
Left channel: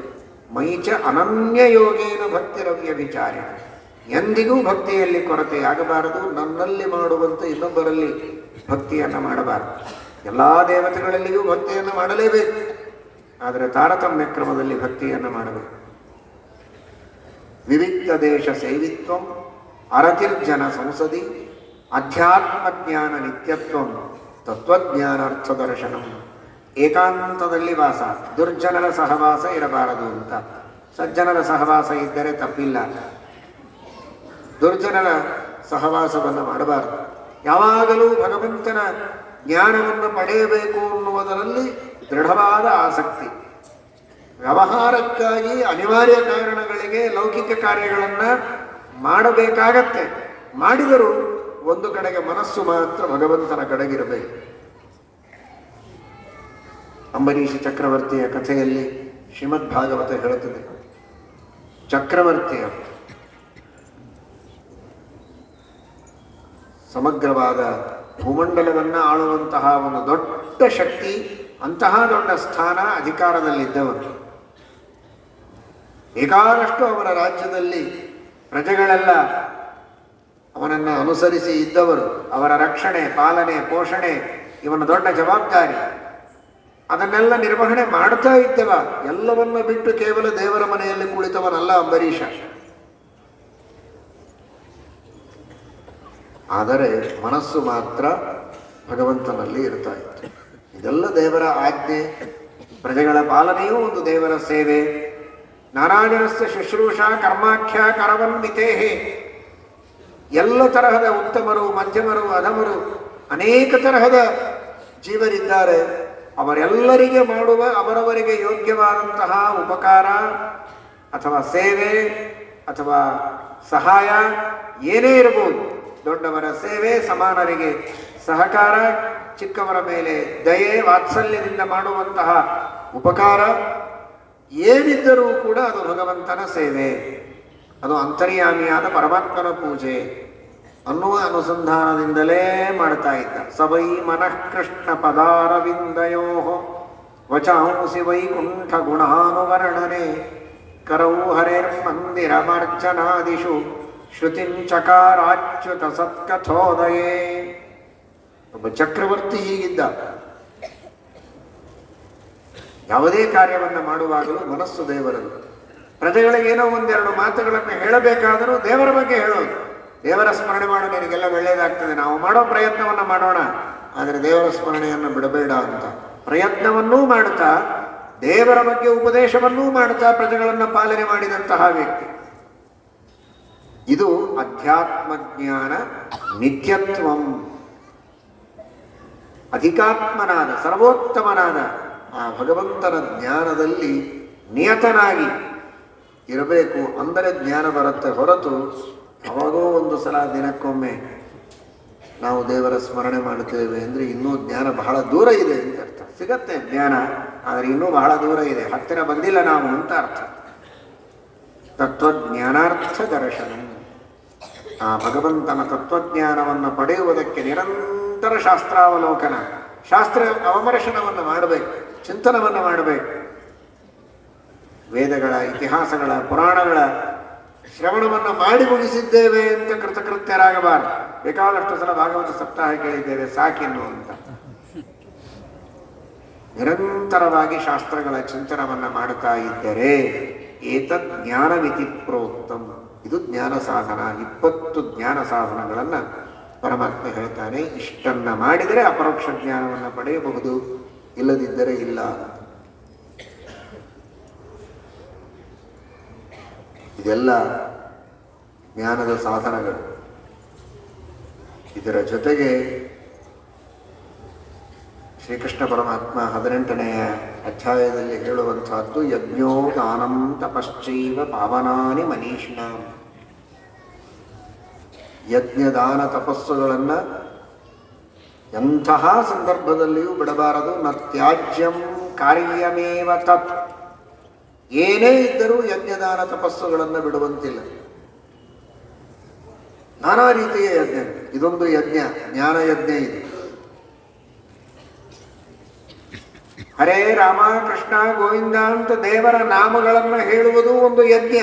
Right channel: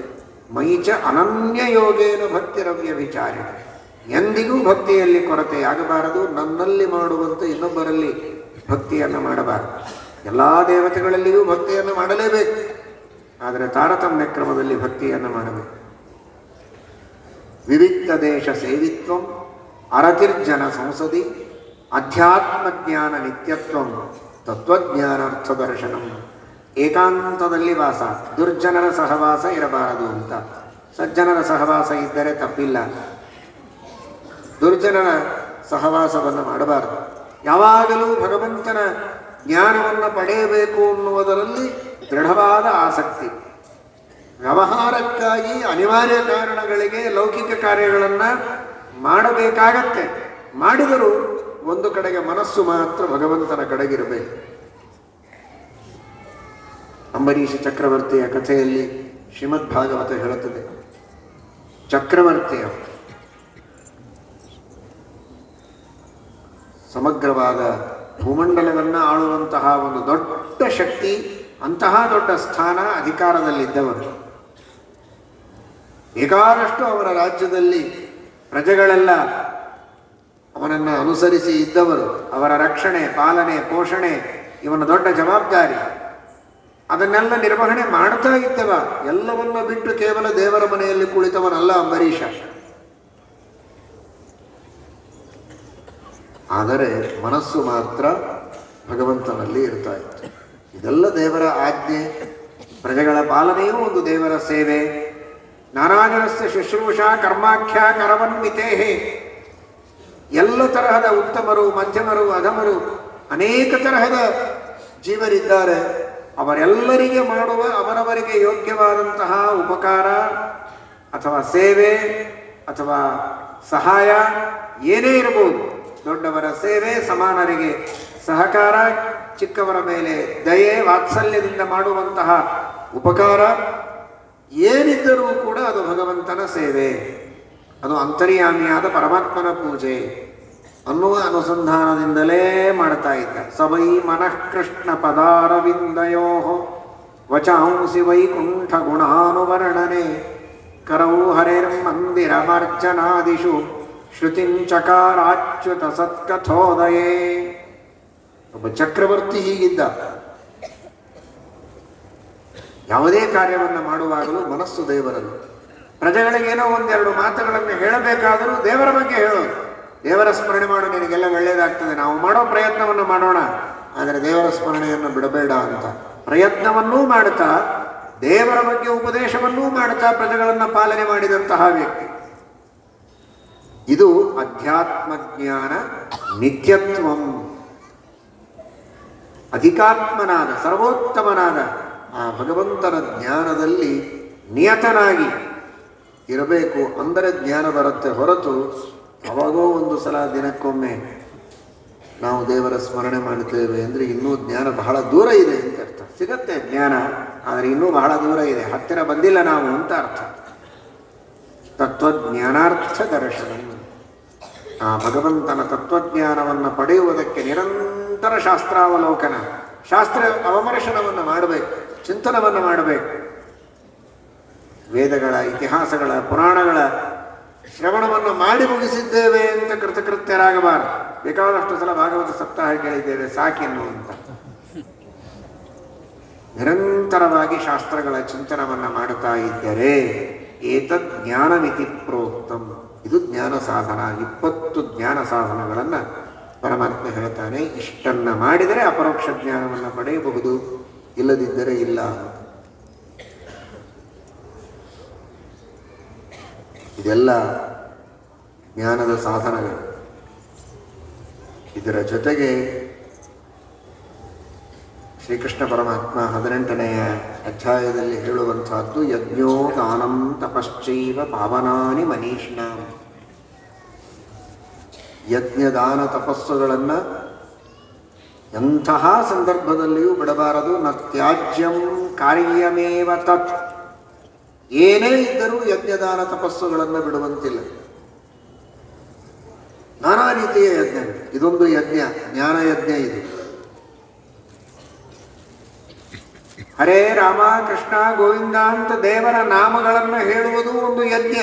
ಮೈಚ ಅನನ್ಯ ಯೋಗೇನ ಭಕ್ತಿರವ್ಯ ವಿಚಾರ, ಎಂದಿಗೂ ಭಕ್ತಿಯಲ್ಲಿ ಕೊರತೆಯಾಗಬಾರದು. ನನ್ನಲ್ಲಿ ಮಾಡುವಂತೆ ಇನ್ನೊಬ್ಬರಲ್ಲಿ ಭಕ್ತಿಯನ್ನು ಮಾಡಬಾರದು. ಎಲ್ಲ ದೇವತೆಗಳಲ್ಲಿಯೂ ಭಕ್ತಿಯನ್ನು ಮಾಡಲೇಬೇಕು, ಆದರೆ ತಾರತಮ್ಯ ಕ್ರಮದಲ್ಲಿ ಭಕ್ತಿಯನ್ನು ಮಾಡಬೇಕು. ವಿವಿಧ ದೇಶ ಸೇವಿತ್ವಂ ಅರತಿರ್ಜನ ಸಂಸದಿ ಅಧ್ಯಾತ್ಮ ಜ್ಞಾನ ನಿತ್ಯತ್ವ ತತ್ವಜ್ಞಾನಾರ್ಥ ದರ್ಶನ. ಏಕಾಂತದಲ್ಲಿ ವಾಸ, ದುರ್ಜನರ ಸಹವಾಸ ಇರಬಾರದು ಅಂತ. ಸಜ್ಜನರ ಸಹವಾಸ ಇದ್ದರೆ ತಪ್ಪಿಲ್ಲ, ದುರ್ಜನರ ಸಹವಾಸವನ್ನು ಮಾಡಬಾರದು. ಯಾವಾಗಲೂ ಭಗವಂತನ ಜ್ಞಾನವನ್ನು ಪಡೆಯಬೇಕು ಅನ್ನುವುದರಲ್ಲಿ ದೃಢವಾದ ಆಸಕ್ತಿ. ವ್ಯವಹಾರಕ್ಕಾಗಿ ಅನಿವಾರ್ಯ ಕಾರಣಗಳಿಗೆ ಲೌಕಿಕ ಕಾರ್ಯಗಳನ್ನು ಮಾಡಬೇಕಾಗತ್ತೆ. ಮಾಡಿದರೂ ಒಂದು ಕಡೆಗೆ ಮನಸ್ಸು ಮಾತ್ರ ಭಗವಂತನ ಕಡೆಗಿರಬೇಕು. ಅಂಬರೀಷ ಚಕ್ರವರ್ತಿಯ ಕಥೆಯಲ್ಲಿ ಶ್ರೀಮದ್ ಭಾಗವತ ಹೇಳುತ್ತದೆ, ಚಕ್ರವರ್ತಿಯ ಸಮಗ್ರವಾದ ಭೂಮಂಡಲವನ್ನು ಆಳುವಂತಹ ಒಂದು ದೊಡ್ಡ ಶಕ್ತಿ, ಅಂತಹ ದೊಡ್ಡ ಸ್ಥಾನ, ಅಧಿಕಾರದಲ್ಲಿದ್ದವರು. ಬೇಕಾದಷ್ಟು ಅವರ ರಾಜ್ಯದಲ್ಲಿ ಪ್ರಜೆಗಳೆಲ್ಲ ಅವನನ್ನು ಅನುಸರಿಸಿ ಇದ್ದವರು. ಅವರ ರಕ್ಷಣೆ, ಪಾಲನೆ, ಪೋಷಣೆ ಇವನ ದೊಡ್ಡ ಜವಾಬ್ದಾರಿ. ಅದನ್ನೆಲ್ಲ ನಿರ್ವಹಣೆ ಮಾಡ್ತಾ ಇದ್ದವ. ಎಲ್ಲವನ್ನ ಬಿಟ್ಟು ಕೇವಲ ದೇವರ ಮನೆಯಲ್ಲಿ ಕುಳಿತವನಲ್ಲ ಅಂಬರೀಷ. ಆದರೆ ಮನಸ್ಸು ಮಾತ್ರ ಭಗವಂತನಲ್ಲಿ ಇರ್ತಾ ಇತ್ತು. ಇದೆಲ್ಲ ದೇವರ ಆಜ್ಞೆ. ಪ್ರಜೆಗಳ ಪಾಲನೆಯೂ ಒಂದು ದೇವರ ಸೇವೆ. ನಾರಾಯಣಸ್ಯ ಶುಶ್ರೂಷಾ ಕರ್ಮಾಖ್ಯ ಕರವನ್ವಿತೇಹೇ. ಎಲ್ಲ ತರಹದ ಉತ್ತಮರು, ಮಧ್ಯಮರು, ಅಧಮರು, ಅನೇಕ ತರಹದ ಜೀವರಿದ್ದಾರೆ. ಅವರೆಲ್ಲರಿಗೆ ಮಾಡುವ ಅವರವರಿಗೆ ಯೋಗ್ಯವಾದಂತಹ ಉಪಕಾರ ಅಥವಾ ಸೇವೆ ಅಥವಾ ಸಹಾಯ ಏನೇ ಇರಬಹುದು. ದೊಡ್ಡವರ ಸೇವೆ, ಸಮಾನರಿಗೆ ಸಹಕಾರ, ಚಿಕ್ಕವರ ಮೇಲೆ ದಯೆ, ವಾತ್ಸಲ್ಯದಿಂದ ಮಾಡುವಂತಹ ಉಪಕಾರ ಏನಿದ್ದರೂ ಕೂಡ ಅದು ಭಗವಂತನ ಸೇವೆ. ಅದು ಅಂತರ್ಯಾಮಿಯಾದ ಪರಮಾತ್ಮನ ಪೂಜೆ ಅನ್ನುವ ಅನುಸಂಧಾನದಿಂದಲೇ ಮಾಡ್ತಾ ಇದ್ದ. ಸವೈ ಮನಃ ಕೃಷ್ಣ ಪದಾರವಿಂದಯೋ ವಚಾಂಸಿ ವೈಕುಂಠ ಗುಣಾನುವರ್ಣನೆ ಕರೌ ಹರೇರ್ ಮಂದಿರಮರ್ಚನಾದಿಷು ಶ್ರುತಿಂಚಕಾರಾಚ್ಯುತ ಸತ್ಕಥೋದಯೇ. ಒಬ್ಬ ಚಕ್ರವರ್ತಿ ಹೀಗಿದ್ದ. ಯಾವುದೇ ಕಾರ್ಯವನ್ನು ಮಾಡುವಾಗಲೂ ಮನಸ್ಸು ದೇವರದು. ಪ್ರಜೆಗಳಿಗೇನೋ ಒಂದೆರಡು ಮಾತುಗಳನ್ನು ಹೇಳಬೇಕಾದರೂ ದೇವರ ಬಗ್ಗೆ ಹೇಳೋದು. ದೇವರ ಸ್ಮರಣೆ ಮಾಡು, ನಿನಗೆಲ್ಲ ಒಳ್ಳೆಯದಾಗ್ತದೆ, ನಾವು ಮಾಡೋ ಪ್ರಯತ್ನವನ್ನು ಮಾಡೋಣ, ಆದರೆ ದೇವರ ಸ್ಮರಣೆಯನ್ನು ಬಿಡಬೇಡ ಅಂತ ಪ್ರಯತ್ನವನ್ನೂ ಮಾಡುತ್ತಾ ದೇವರ ಬಗ್ಗೆ ಉಪದೇಶವನ್ನೂ ಮಾಡುತ್ತಾ ಪ್ರಜೆಗಳನ್ನು ಪಾಲನೆ ಮಾಡಿದಂತಹ ವ್ಯಕ್ತಿ. ಇದು ಅಧ್ಯಾತ್ಮ ಜ್ಞಾನ ನಿತ್ಯತ್ವಂ. ಅಧಿಕಾತ್ಮನಾದ ಸರ್ವೋತ್ತಮನಾದ ಆ ಭಗವಂತನ ಜ್ಞಾನದಲ್ಲಿ ನಿಯತನಾಗಿ ಇರಬೇಕು. ಅಂದರೆ ಜ್ಞಾನ ಬರುತ್ತೆ. ಹೊರತು ಯಾವಾಗೋ ಒಂದು ಸಲ ದಿನಕ್ಕೊಮ್ಮೆ ನಾವು ದೇವರ ಸ್ಮರಣೆ ಮಾಡುತ್ತೇವೆ ಅಂದರೆ ಇನ್ನೂ ಜ್ಞಾನ ಬಹಳ ದೂರ ಇದೆ ಅಂತ ಅರ್ಥ. ಸಿಗತ್ತೆ ಜ್ಞಾನ, ಆದರೆ ಇನ್ನೂ ಬಹಳ ದೂರ ಇದೆ, ಹತ್ತಿರ ಬಂದಿಲ್ಲ ನಾವು ಅಂತ ಅರ್ಥ. ತತ್ವಜ್ಞಾನಾರ್ಥ ದರ್ಶನ. ಆ ಭಗವಂತನ ತತ್ವಜ್ಞಾನವನ್ನು ಪಡೆಯುವುದಕ್ಕೆ ನಿರಂತರ ಶಾಸ್ತ್ರಾವಲೋಕನ, ಶಾಸ್ತ್ರ ಅವಮರ್ಶನವನ್ನು ಮಾಡಬೇಕು, ಚಿಂತನವನ್ನು ಮಾಡಬೇಕು. ವೇದಗಳ, ಇತಿಹಾಸಗಳ, ಪುರಾಣಗಳ ಶ್ರವಣವನ್ನು ಮಾಡಿ ಮುಗಿಸಿದ್ದೇವೆ ಅಂತ ಕೃತಕೃತ್ಯರಾಗಬಾರದು. ಬೇಕಾದಷ್ಟು ಸಲ ಭಾಗವತ ಸಪ್ತಾಹ ಕೇಳಿದ್ದೇವೆ ಸಾಕೆನ್ನು ಅಂತ. ನಿರಂತರವಾಗಿ ಶಾಸ್ತ್ರಗಳ ಚಿಂತನವನ್ನು ಮಾಡುತ್ತಾ ಇದ್ದರೆ ಏತದ್ ಜ್ಞಾನಮಿತಿ ಪ್ರೋಕ್ತಂ. ಇದು ಜ್ಞಾನ ಸಾಧನ. 20 ಜ್ಞಾನ ಸಾಧನಗಳನ್ನು ಪರಮಾತ್ಮ ಹೇಳ್ತಾನೆ. ಇಷ್ಟನ್ನ ಮಾಡಿದರೆ ಅಪರೋಕ್ಷ ಜ್ಞಾನವನ್ನು ಪಡೆಯಬಹುದು, ಇಲ್ಲದಿದ್ದರೆ ಇಲ್ಲ. ಇದೆಲ್ಲ ಜ್ಞಾನದ ಸಾಧನಗಳು. ಇದರ ಜೊತೆಗೆ ಶ್ರೀಕೃಷ್ಣ ಪರಮಾತ್ಮ 18ನೆಯ ಅಧ್ಯಾಯದಲ್ಲಿ ಹೇಳುವಂತಹದ್ದು ಯಜ್ಞೋ ದಾನಂ ತಪಶ್ಚೈವ ಪಾವನಾನಿ ಮನೀಷಿಣ. ಯಜ್ಞದಾನ ತಪಸ್ಸುಗಳನ್ನು ಎಂತಹ ಸಂದರ್ಭದಲ್ಲಿಯೂ ಬಿಡಬಾರದು. ನ ತ್ಯಾಜ್ಯಂ ಕಾರ್ಯಮೇವ ತತ್. ಏನೇ ಇದ್ದರೂ ಯಜ್ಞದಾನ ತಪಸ್ಸುಗಳನ್ನು ಬಿಡುವಂತಿಲ್ಲ. ನಾನಾ ರೀತಿಯ ಯಜ್ಞ. ಇದೊಂದು ಯಜ್ಞ, ಜ್ಞಾನ ಯಜ್ಞ. ಇದು ಹರೇ ರಾಮ ಕೃಷ್ಣ ಗೋವಿಂದ ಅಂತ ದೇವರ ನಾಮಗಳನ್ನು ಹೇಳುವುದು ಒಂದು ಯಜ್ಞ.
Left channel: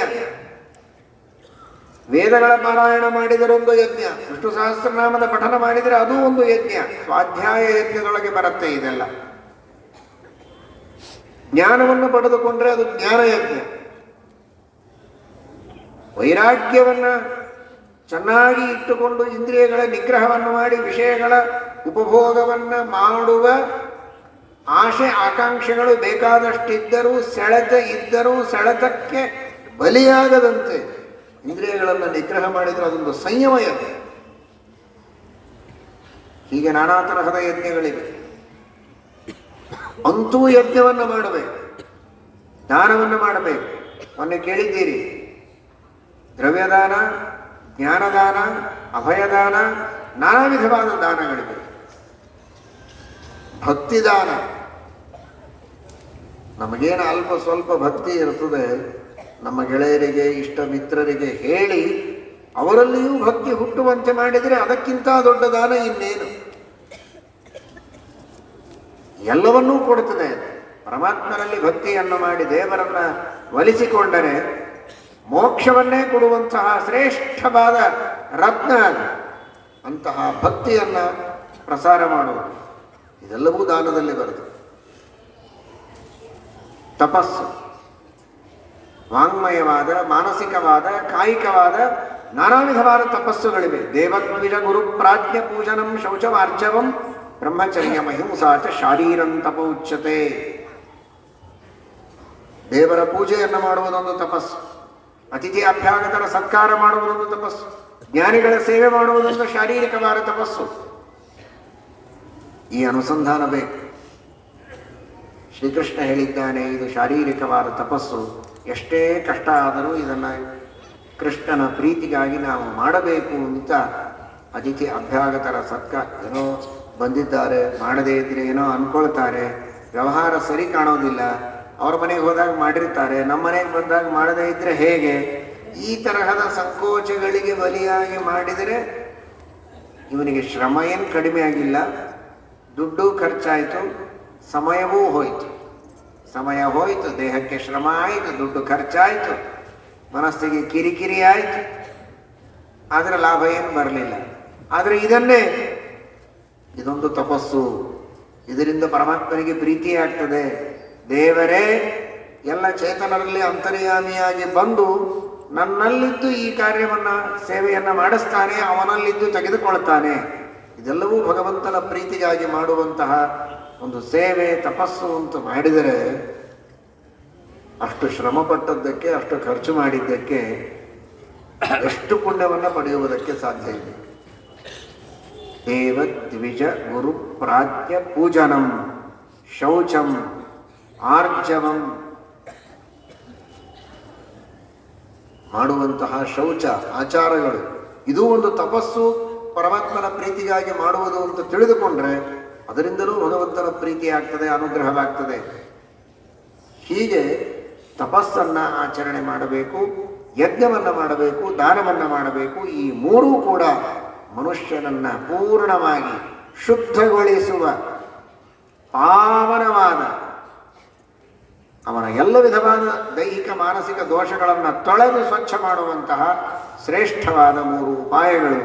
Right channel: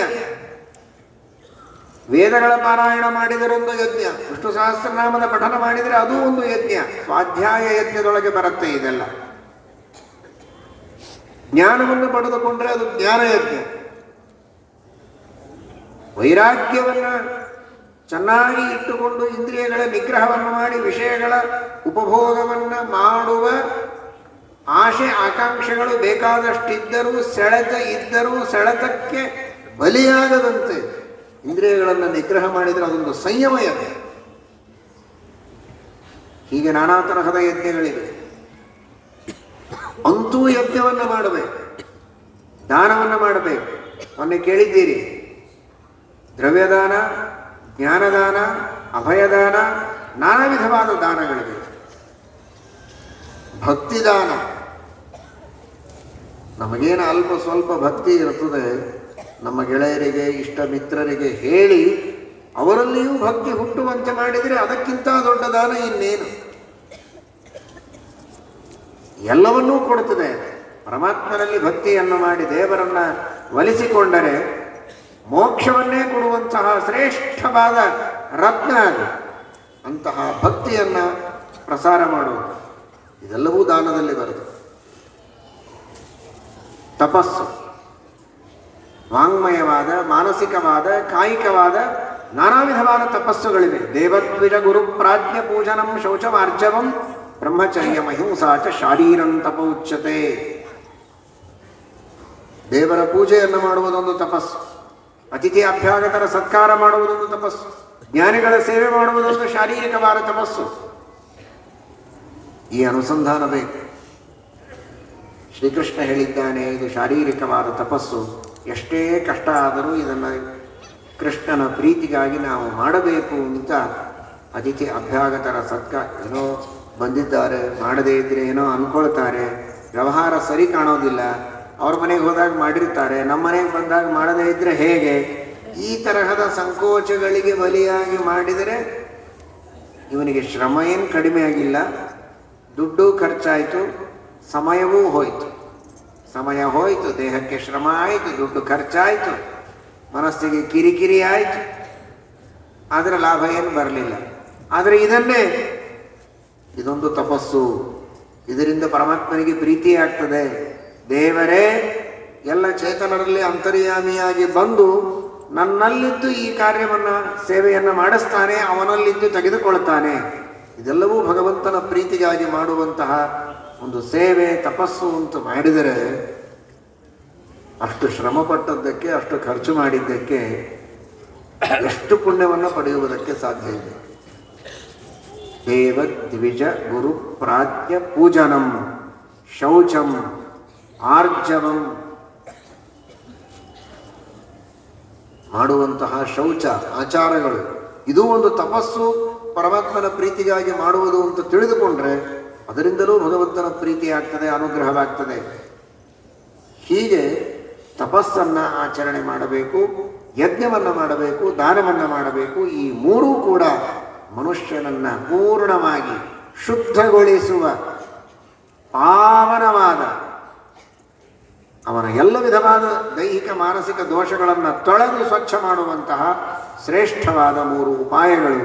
ವೇದಗಳ ಪಾರಾಯಣ ಮಾಡಿದರೆ ಒಂದು ಯಜ್ಞ, ವಿಷ್ಣು ಸಹಸ್ರನಾಮದ ಪಠನ ಮಾಡಿದರೆ ಅದು ಒಂದು ಯಜ್ಞ. ಸ್ವಾಧ್ಯಾಯ ಯಜ್ಞದೊಳಗೆ ಬರುತ್ತೆ ಇದೆಲ್ಲ. ಜ್ಞಾನವನ್ನು ಪಡೆದುಕೊಂಡ್ರೆ ಅದು ಜ್ಞಾನಯಜ್ಞ. ವೈರಾಗ್ಯವನ್ನು ಚೆನ್ನಾಗಿ ಇಟ್ಟುಕೊಂಡು ಇಂದ್ರಿಯಗಳ ನಿಗ್ರಹವನ್ನು ಮಾಡಿ ವಿಷಯಗಳ ಉಪಭೋಗವನ್ನು ಮಾಡುವ ಆಶೆ ಆಕಾಂಕ್ಷೆಗಳು ಬೇಕಾದಷ್ಟಿದ್ದರೂ ಸೆಳೆತಕ್ಕೆ ಬಲಿಯಾಗದಂತೆ ಇಂದ್ರಿಯಗಳನ್ನು ನಿಗ್ರಹ ಮಾಡಿದರೆ ಅದೊಂದು ಸಂಯಮ ಯಜ್ಞ. ಹೀಗೆ ನಾನಾ ತರಹದ ಯಜ್ಞಗಳಿವೆ. ಅಂತೂ ಯಜ್ಞವನ್ನು ಮಾಡಬೇಕು, ದಾನವನ್ನು ಮಾಡಬೇಕು. ಮೊನ್ನೆ ಕೇಳಿದ್ದೀರಿ, ದ್ರವ್ಯದಾನ, ಜ್ಞಾನದಾನ, ಅಭಯದಾನ, ನಾನಾ ವಿಧವಾದ ದಾನಗಳಿವೆ. ಭಕ್ತಿದಾನ, ನಮಗೇನು ಅಲ್ಪ ಸ್ವಲ್ಪ ಭಕ್ತಿ ಇರ್ತದೆ, ನಮ್ಮ ಗೆಳೆಯರಿಗೆ ಇಷ್ಟ ಮಿತ್ರರಿಗೆ ಹೇಳಿ ಅವರಲ್ಲಿಯೂ ಭಕ್ತಿ ಹುಟ್ಟುವಂತೆ ಮಾಡಿದರೆ ಅದಕ್ಕಿಂತ ದೊಡ್ಡ ದಾನ ಇನ್ನೇನು. ಎಲ್ಲವನ್ನೂ ಕೊಡುತ್ತದೆ. ಪರಮಾತ್ಮನಲ್ಲಿ ಭಕ್ತಿಯನ್ನು ಮಾಡಿ ದೇವರನ್ನ ಒಲಿಸಿಕೊಂಡರೆ ಮೋಕ್ಷವನ್ನೇ ಕೊಡುವಂತಹ ಶ್ರೇಷ್ಠವಾದ ರತ್ನ ಅದು. ಅಂತಹ ಭಕ್ತಿಯನ್ನು ಪ್ರಸಾರ ಮಾಡುವುದು ಇದೆಲ್ಲವೂ ದಾನದಲ್ಲಿ ಬರುತ್ತದೆ. ತಪಸ್ಸು, ವಾಂಗ್ಮಯವಾದ, ಮಾನಸಿಕವಾದ, ಕಾಯಿಕವಾದ ನಾನಾ ವಿಧವಾದ ತಪಸ್ಸುಗಳಿವೆ. ದೇವದ್ವಿಜ ಗುರು ಪ್ರಾಜ್ಞ ಪೂಜನಂ ಶೌಚಮಾರ್ಜವಂ ಬ್ರಹ್ಮಚರ್ಯ ಮಹಿಂಸಾಚ ಶಾರೀರಂ ತಪ ಉಚ್ಯತೆ. ದೇವರ ಪೂಜೆಯನ್ನು ಮಾಡುವುದೊಂದು ತಪಸ್ಸು, ಅತಿಥಿ ಅಭ್ಯಾಗತರ ಸತ್ಕಾರ ಮಾಡುವುದೊಂದು ತಪಸ್ಸು, ಜ್ಞಾನಿಗಳ ಸೇವೆ ಮಾಡುವುದೊಂದು ಶಾರೀರಿಕವಾದ ತಪಸ್ಸು. ಈ ಅನುಸಂಧಾನ ಬೇಕು. ಶ್ರೀಕೃಷ್ಣ ಹೇಳಿದ್ದಾನೆ, ಇದು ಶಾರೀರಿಕವಾದ ತಪಸ್ಸು. ಎಷ್ಟೇ ಕಷ್ಟ ಆದರೂ ಇದನ್ನು ಕೃಷ್ಣನ ಪ್ರೀತಿಗಾಗಿ ನಾವು ಮಾಡಬೇಕು ಅಂತ. ಅತಿಥಿ ಅಭ್ಯಾಗತರ ಸತ್ಕಾರ, ಏನೋ ಬಂದಿದ್ದಾರೆ, ಮಾಡದೇ ಇದ್ದರೆ ಏನೋ ಅಂದ್ಕೊಳ್ತಾರೆ, ವ್ಯವಹಾರ ಸರಿ ಕಾಣೋದಿಲ್ಲ, ಅವ್ರ ಮನೆಗೆ ಹೋದಾಗ ಮಾಡಿರ್ತಾರೆ, ನಮ್ಮ ಮನೆಗೆ ಬಂದಾಗ ಮಾಡದೇ ಇದ್ದರೆ ಹೇಗೆ, ಈ ತರಹದ ಸಂಕೋಚಗಳಿಗೆ ಬಲಿಯಾಗಿ ಮಾಡಿದರೆ ಇವನಿಗೆ ಶ್ರಮ ಏನು ಕಡಿಮೆ ಆಗಿಲ್ಲ, ದುಡ್ಡು ಖರ್ಚಾಯಿತು, ಸಮಯವೂ ಹೋಯಿತು. ಸಮಯ ಹೋಯಿತು, ದೇಹಕ್ಕೆ ಶ್ರಮ ಆಯಿತು, ದುಡ್ಡು ಖರ್ಚಾಯಿತು, ಮನಸ್ಸಿಗೆ ಕಿರಿಕಿರಿ ಆಯಿತು, ಆದರೆ ಲಾಭ ಏನು ಬರಲಿಲ್ಲ. ಆದರೆ ಇದೊಂದು ತಪಸ್ಸು. ಇದರಿಂದ ಪರಮಾತ್ಮನಿಗೆ ಪ್ರೀತಿ ಆಗ್ತದೆ. ದೇವರೇ ಎಲ್ಲ ಚೇತನರಲ್ಲಿ ಅಂತರ್ಯಾಮಿಯಾಗಿ ಬಂದು ನನ್ನಲ್ಲಿದ್ದು ಈ ಕಾರ್ಯವನ್ನು ಸೇವೆಯನ್ನು ಮಾಡಿಸ್ತಾನೆ, ಅವನಲ್ಲಿದ್ದು ತೆಗೆದುಕೊಳ್ತಾನೆ. ಇದೆಲ್ಲವೂ ಭಗವಂತನ ಪ್ರೀತಿಗಾಗಿ ಮಾಡುವಂತಹ ಒಂದು ಸೇವೆ, ತಪಸ್ಸು ಅಂತ ಮಾಡಿದರೆ ಅಷ್ಟು ಶ್ರಮ ಪಟ್ಟದ್ದಕ್ಕೆ, ಅಷ್ಟು ಖರ್ಚು ಮಾಡಿದ್ದಕ್ಕೆ ಎಷ್ಟು ಪುಣ್ಯವನ್ನು ಪಡೆಯುವುದಕ್ಕೆ ಸಾಧ್ಯ ಇದೆ. ದೇವ ದ್ವಿಜ ಗುರು ಪ್ರಾಜ್ಞ ಪೂಜನಂ ಶೌಚಂ ಆರ್ಜವಂ. ಮಾಡುವಂತಹ ಶೌಚ ಆಚಾರಗಳು ಇದು ಒಂದು ತಪಸ್ಸು, ಪರಮಾತ್ಮನ ಪ್ರೀತಿಗಾಗಿ ಮಾಡುವುದು ಅಂತ ತಿಳಿದುಕೊಂಡ್ರೆ ಅದರಿಂದಲೂ ಭಗವಂತನ ಪ್ರೀತಿ ಆಗ್ತದೆ, ಅನುಗ್ರಹವಾಗ್ತದೆ. ಹೀಗೆ ತಪಸ್ಸನ್ನು ಆಚರಣೆ ಮಾಡಬೇಕು, ಯಜ್ಞವನ್ನು ಮಾಡಬೇಕು, ದಾನವನ್ನು ಮಾಡಬೇಕು. ಈ ಮೂರೂ ಕೂಡ ಮನುಷ್ಯನನ್ನು ಪೂರ್ಣವಾಗಿ ಶುದ್ಧಗೊಳಿಸುವ, ಪಾವನವಾದ, ಅವನ ಎಲ್ಲ ವಿಧವಾದ ದೈಹಿಕ ಮಾನಸಿಕ ದೋಷಗಳನ್ನು ತೊಳೆದು ಸ್ವಚ್ಛ ಮಾಡುವಂತಹ ಶ್ರೇಷ್ಠವಾದ ಮೂರು ಉಪಾಯಗಳು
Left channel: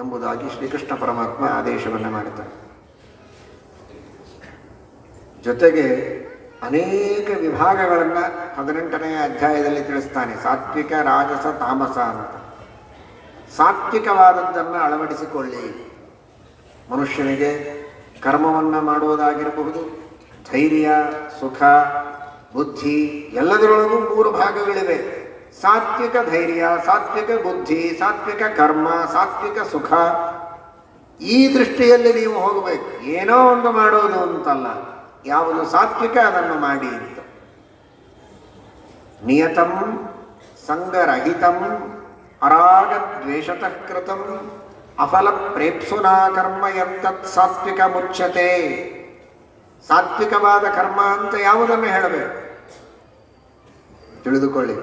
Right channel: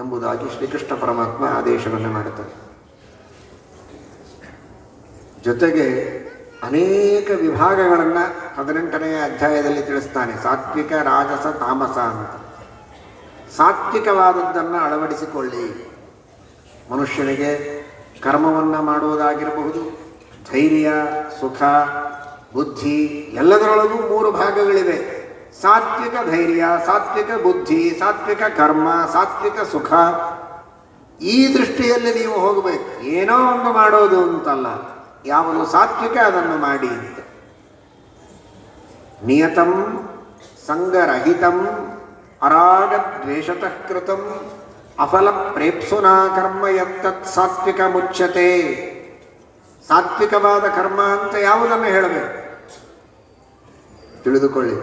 ಎಂಬುದಾಗಿ ಶ್ರೀಕೃಷ್ಣ ಪರಮಾತ್ಮ ಆದೇಶವನ್ನು ಮಾಡುತ್ತಾರೆ. ಜೊತೆಗೆ ಅನೇಕ ವಿಭಾಗಗಳನ್ನು 18ನೇ ಅಧ್ಯಾಯದಲ್ಲಿ ತಿಳಿಸ್ತಾನೆ. ಸಾತ್ವಿಕ, ರಾಜಸ, ತಾಮಸ ಅಂತ. ಸಾತ್ವಿಕವಾದದ್ದನ್ನು ಅಳವಡಿಸಿಕೊಳ್ಳಿ. ಮನುಷ್ಯನಿಗೆ ಕರ್ಮವನ್ನು ಮಾಡುವುದಾಗಿರಬಹುದು, ಧೈರ್ಯ, ಸುಖ, ಬುದ್ಧಿ ಎಲ್ಲದರೊಳಗೂ 3 ಭಾಗಗಳಿವೆ. ಸಾತ್ವಿಕ ಧೈರ್ಯ, ಸಾತ್ವಿಕ ಬುದ್ಧಿ, ಸಾತ್ವಿಕ ಕರ್ಮ, ಸಾತ್ವಿಕ ಸುಖ. ಈ ದೃಷ್ಟಿಯಲ್ಲಿ ನೀವು ಹೋಗಬೇಕು. ಏನೋ ಒಂದು ಮಾಡೋದು ಅಂತಲ್ಲ, ಯಾವುದು ಸಾತ್ವಿಕ ಅದನ್ನು ಮಾಡಿ. ನಿಯತಂ ಸಂಗರಹಿತಂ ಅರಾಗ ದ್ವೇಷತಃ ಕೃತಂ ಅಫಲ ಪ್ರೇಪ್ಸುನಾ ಕರ್ಮ ಯತ್ತತ್ ಸಾತ್ವಿಕ ಮುಚ್ಯತೆ. ಸಾತ್ವಿಕವಾದ ಕರ್ಮ ಅಂತ ಯಾವುದನ್ನು ಹೇಳಬೇಕು ತಿಳಿದುಕೊಳ್ಳಿ.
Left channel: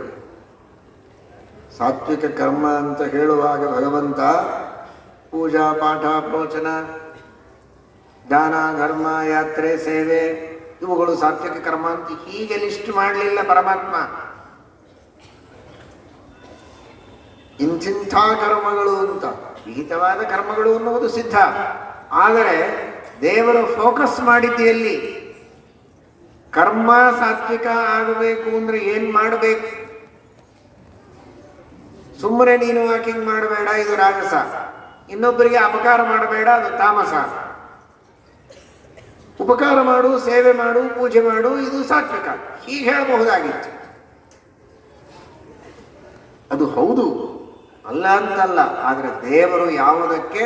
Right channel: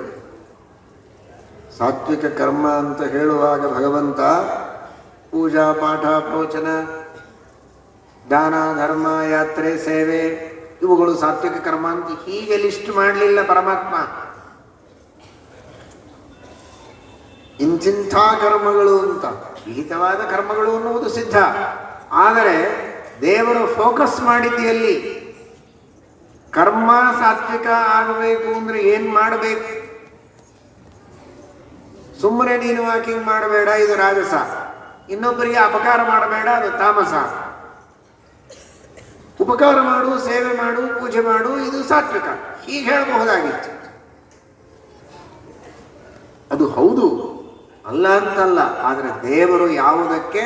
ಸಾತ್ವಿಕ ಕರ್ಮ ಅಂತ ಹೇಳುವಾಗ ಭಗವಂತ ಪೂಜಾ, ಪಾಠ, ಪ್ರವಚನ, ದಾನ, ಧರ್ಮ, ಯಾತ್ರೆ, ಸೇವೆ ಇವುಗಳು ಸಾತ್ವಿಕ ಕರ್ಮ ಅಂತ ಹೀಗೆ ಲಿಸ್ಟ್ ಮಾಡಲಿಲ್ಲ ಪರಮಾತ್ಮ. ಇಂತಿಂಥ ಕರ್ಮಗಳು ಅಂತ, ವಿಹಿತವಾದ ಕರ್ಮಗಳು ಅನ್ನುವುದು ಸಿದ್ಧ. ಆದರೆ ದೇವರು ಫೋಕಸ್ ಮಾಡಿದ್ದೆಯಲ್ಲಿ ಕರ್ಮ ಸಾತ್ವಿಕ ಆಗಬೇಕು ಅಂದ್ರೆ ಏನ್ ಮಾಡಬೇಕು? ಸುಮ್ಮನೆ ನೀನು ವಾಕಿಂಗ್ ಮಾಡಬೇಡ, ಇದು ರಾಜಸ. ಇನ್ನೊಬ್ಬರಿಗೆ ಅಪಕಾರ ಮಾಡಬೇಡ, ಅದು ತಾಮಸ. ಉಪಕಾರ ಮಾಡು, ಸೇವೆ ಮಾಡು, ಪೂಜೆ ಮಾಡು, ಇದು ಸಾತ್ವಿಕ. ಹೀಗೆ ಹೇಳಬಹುದಾಗಿತ್ತು. ಅದು ಹೌದು, ಅಲ್ಲ ಅಂತಲ್ಲ. ಆದರೆ ದೇವರು ಯಾವುದಕ್ಕೆ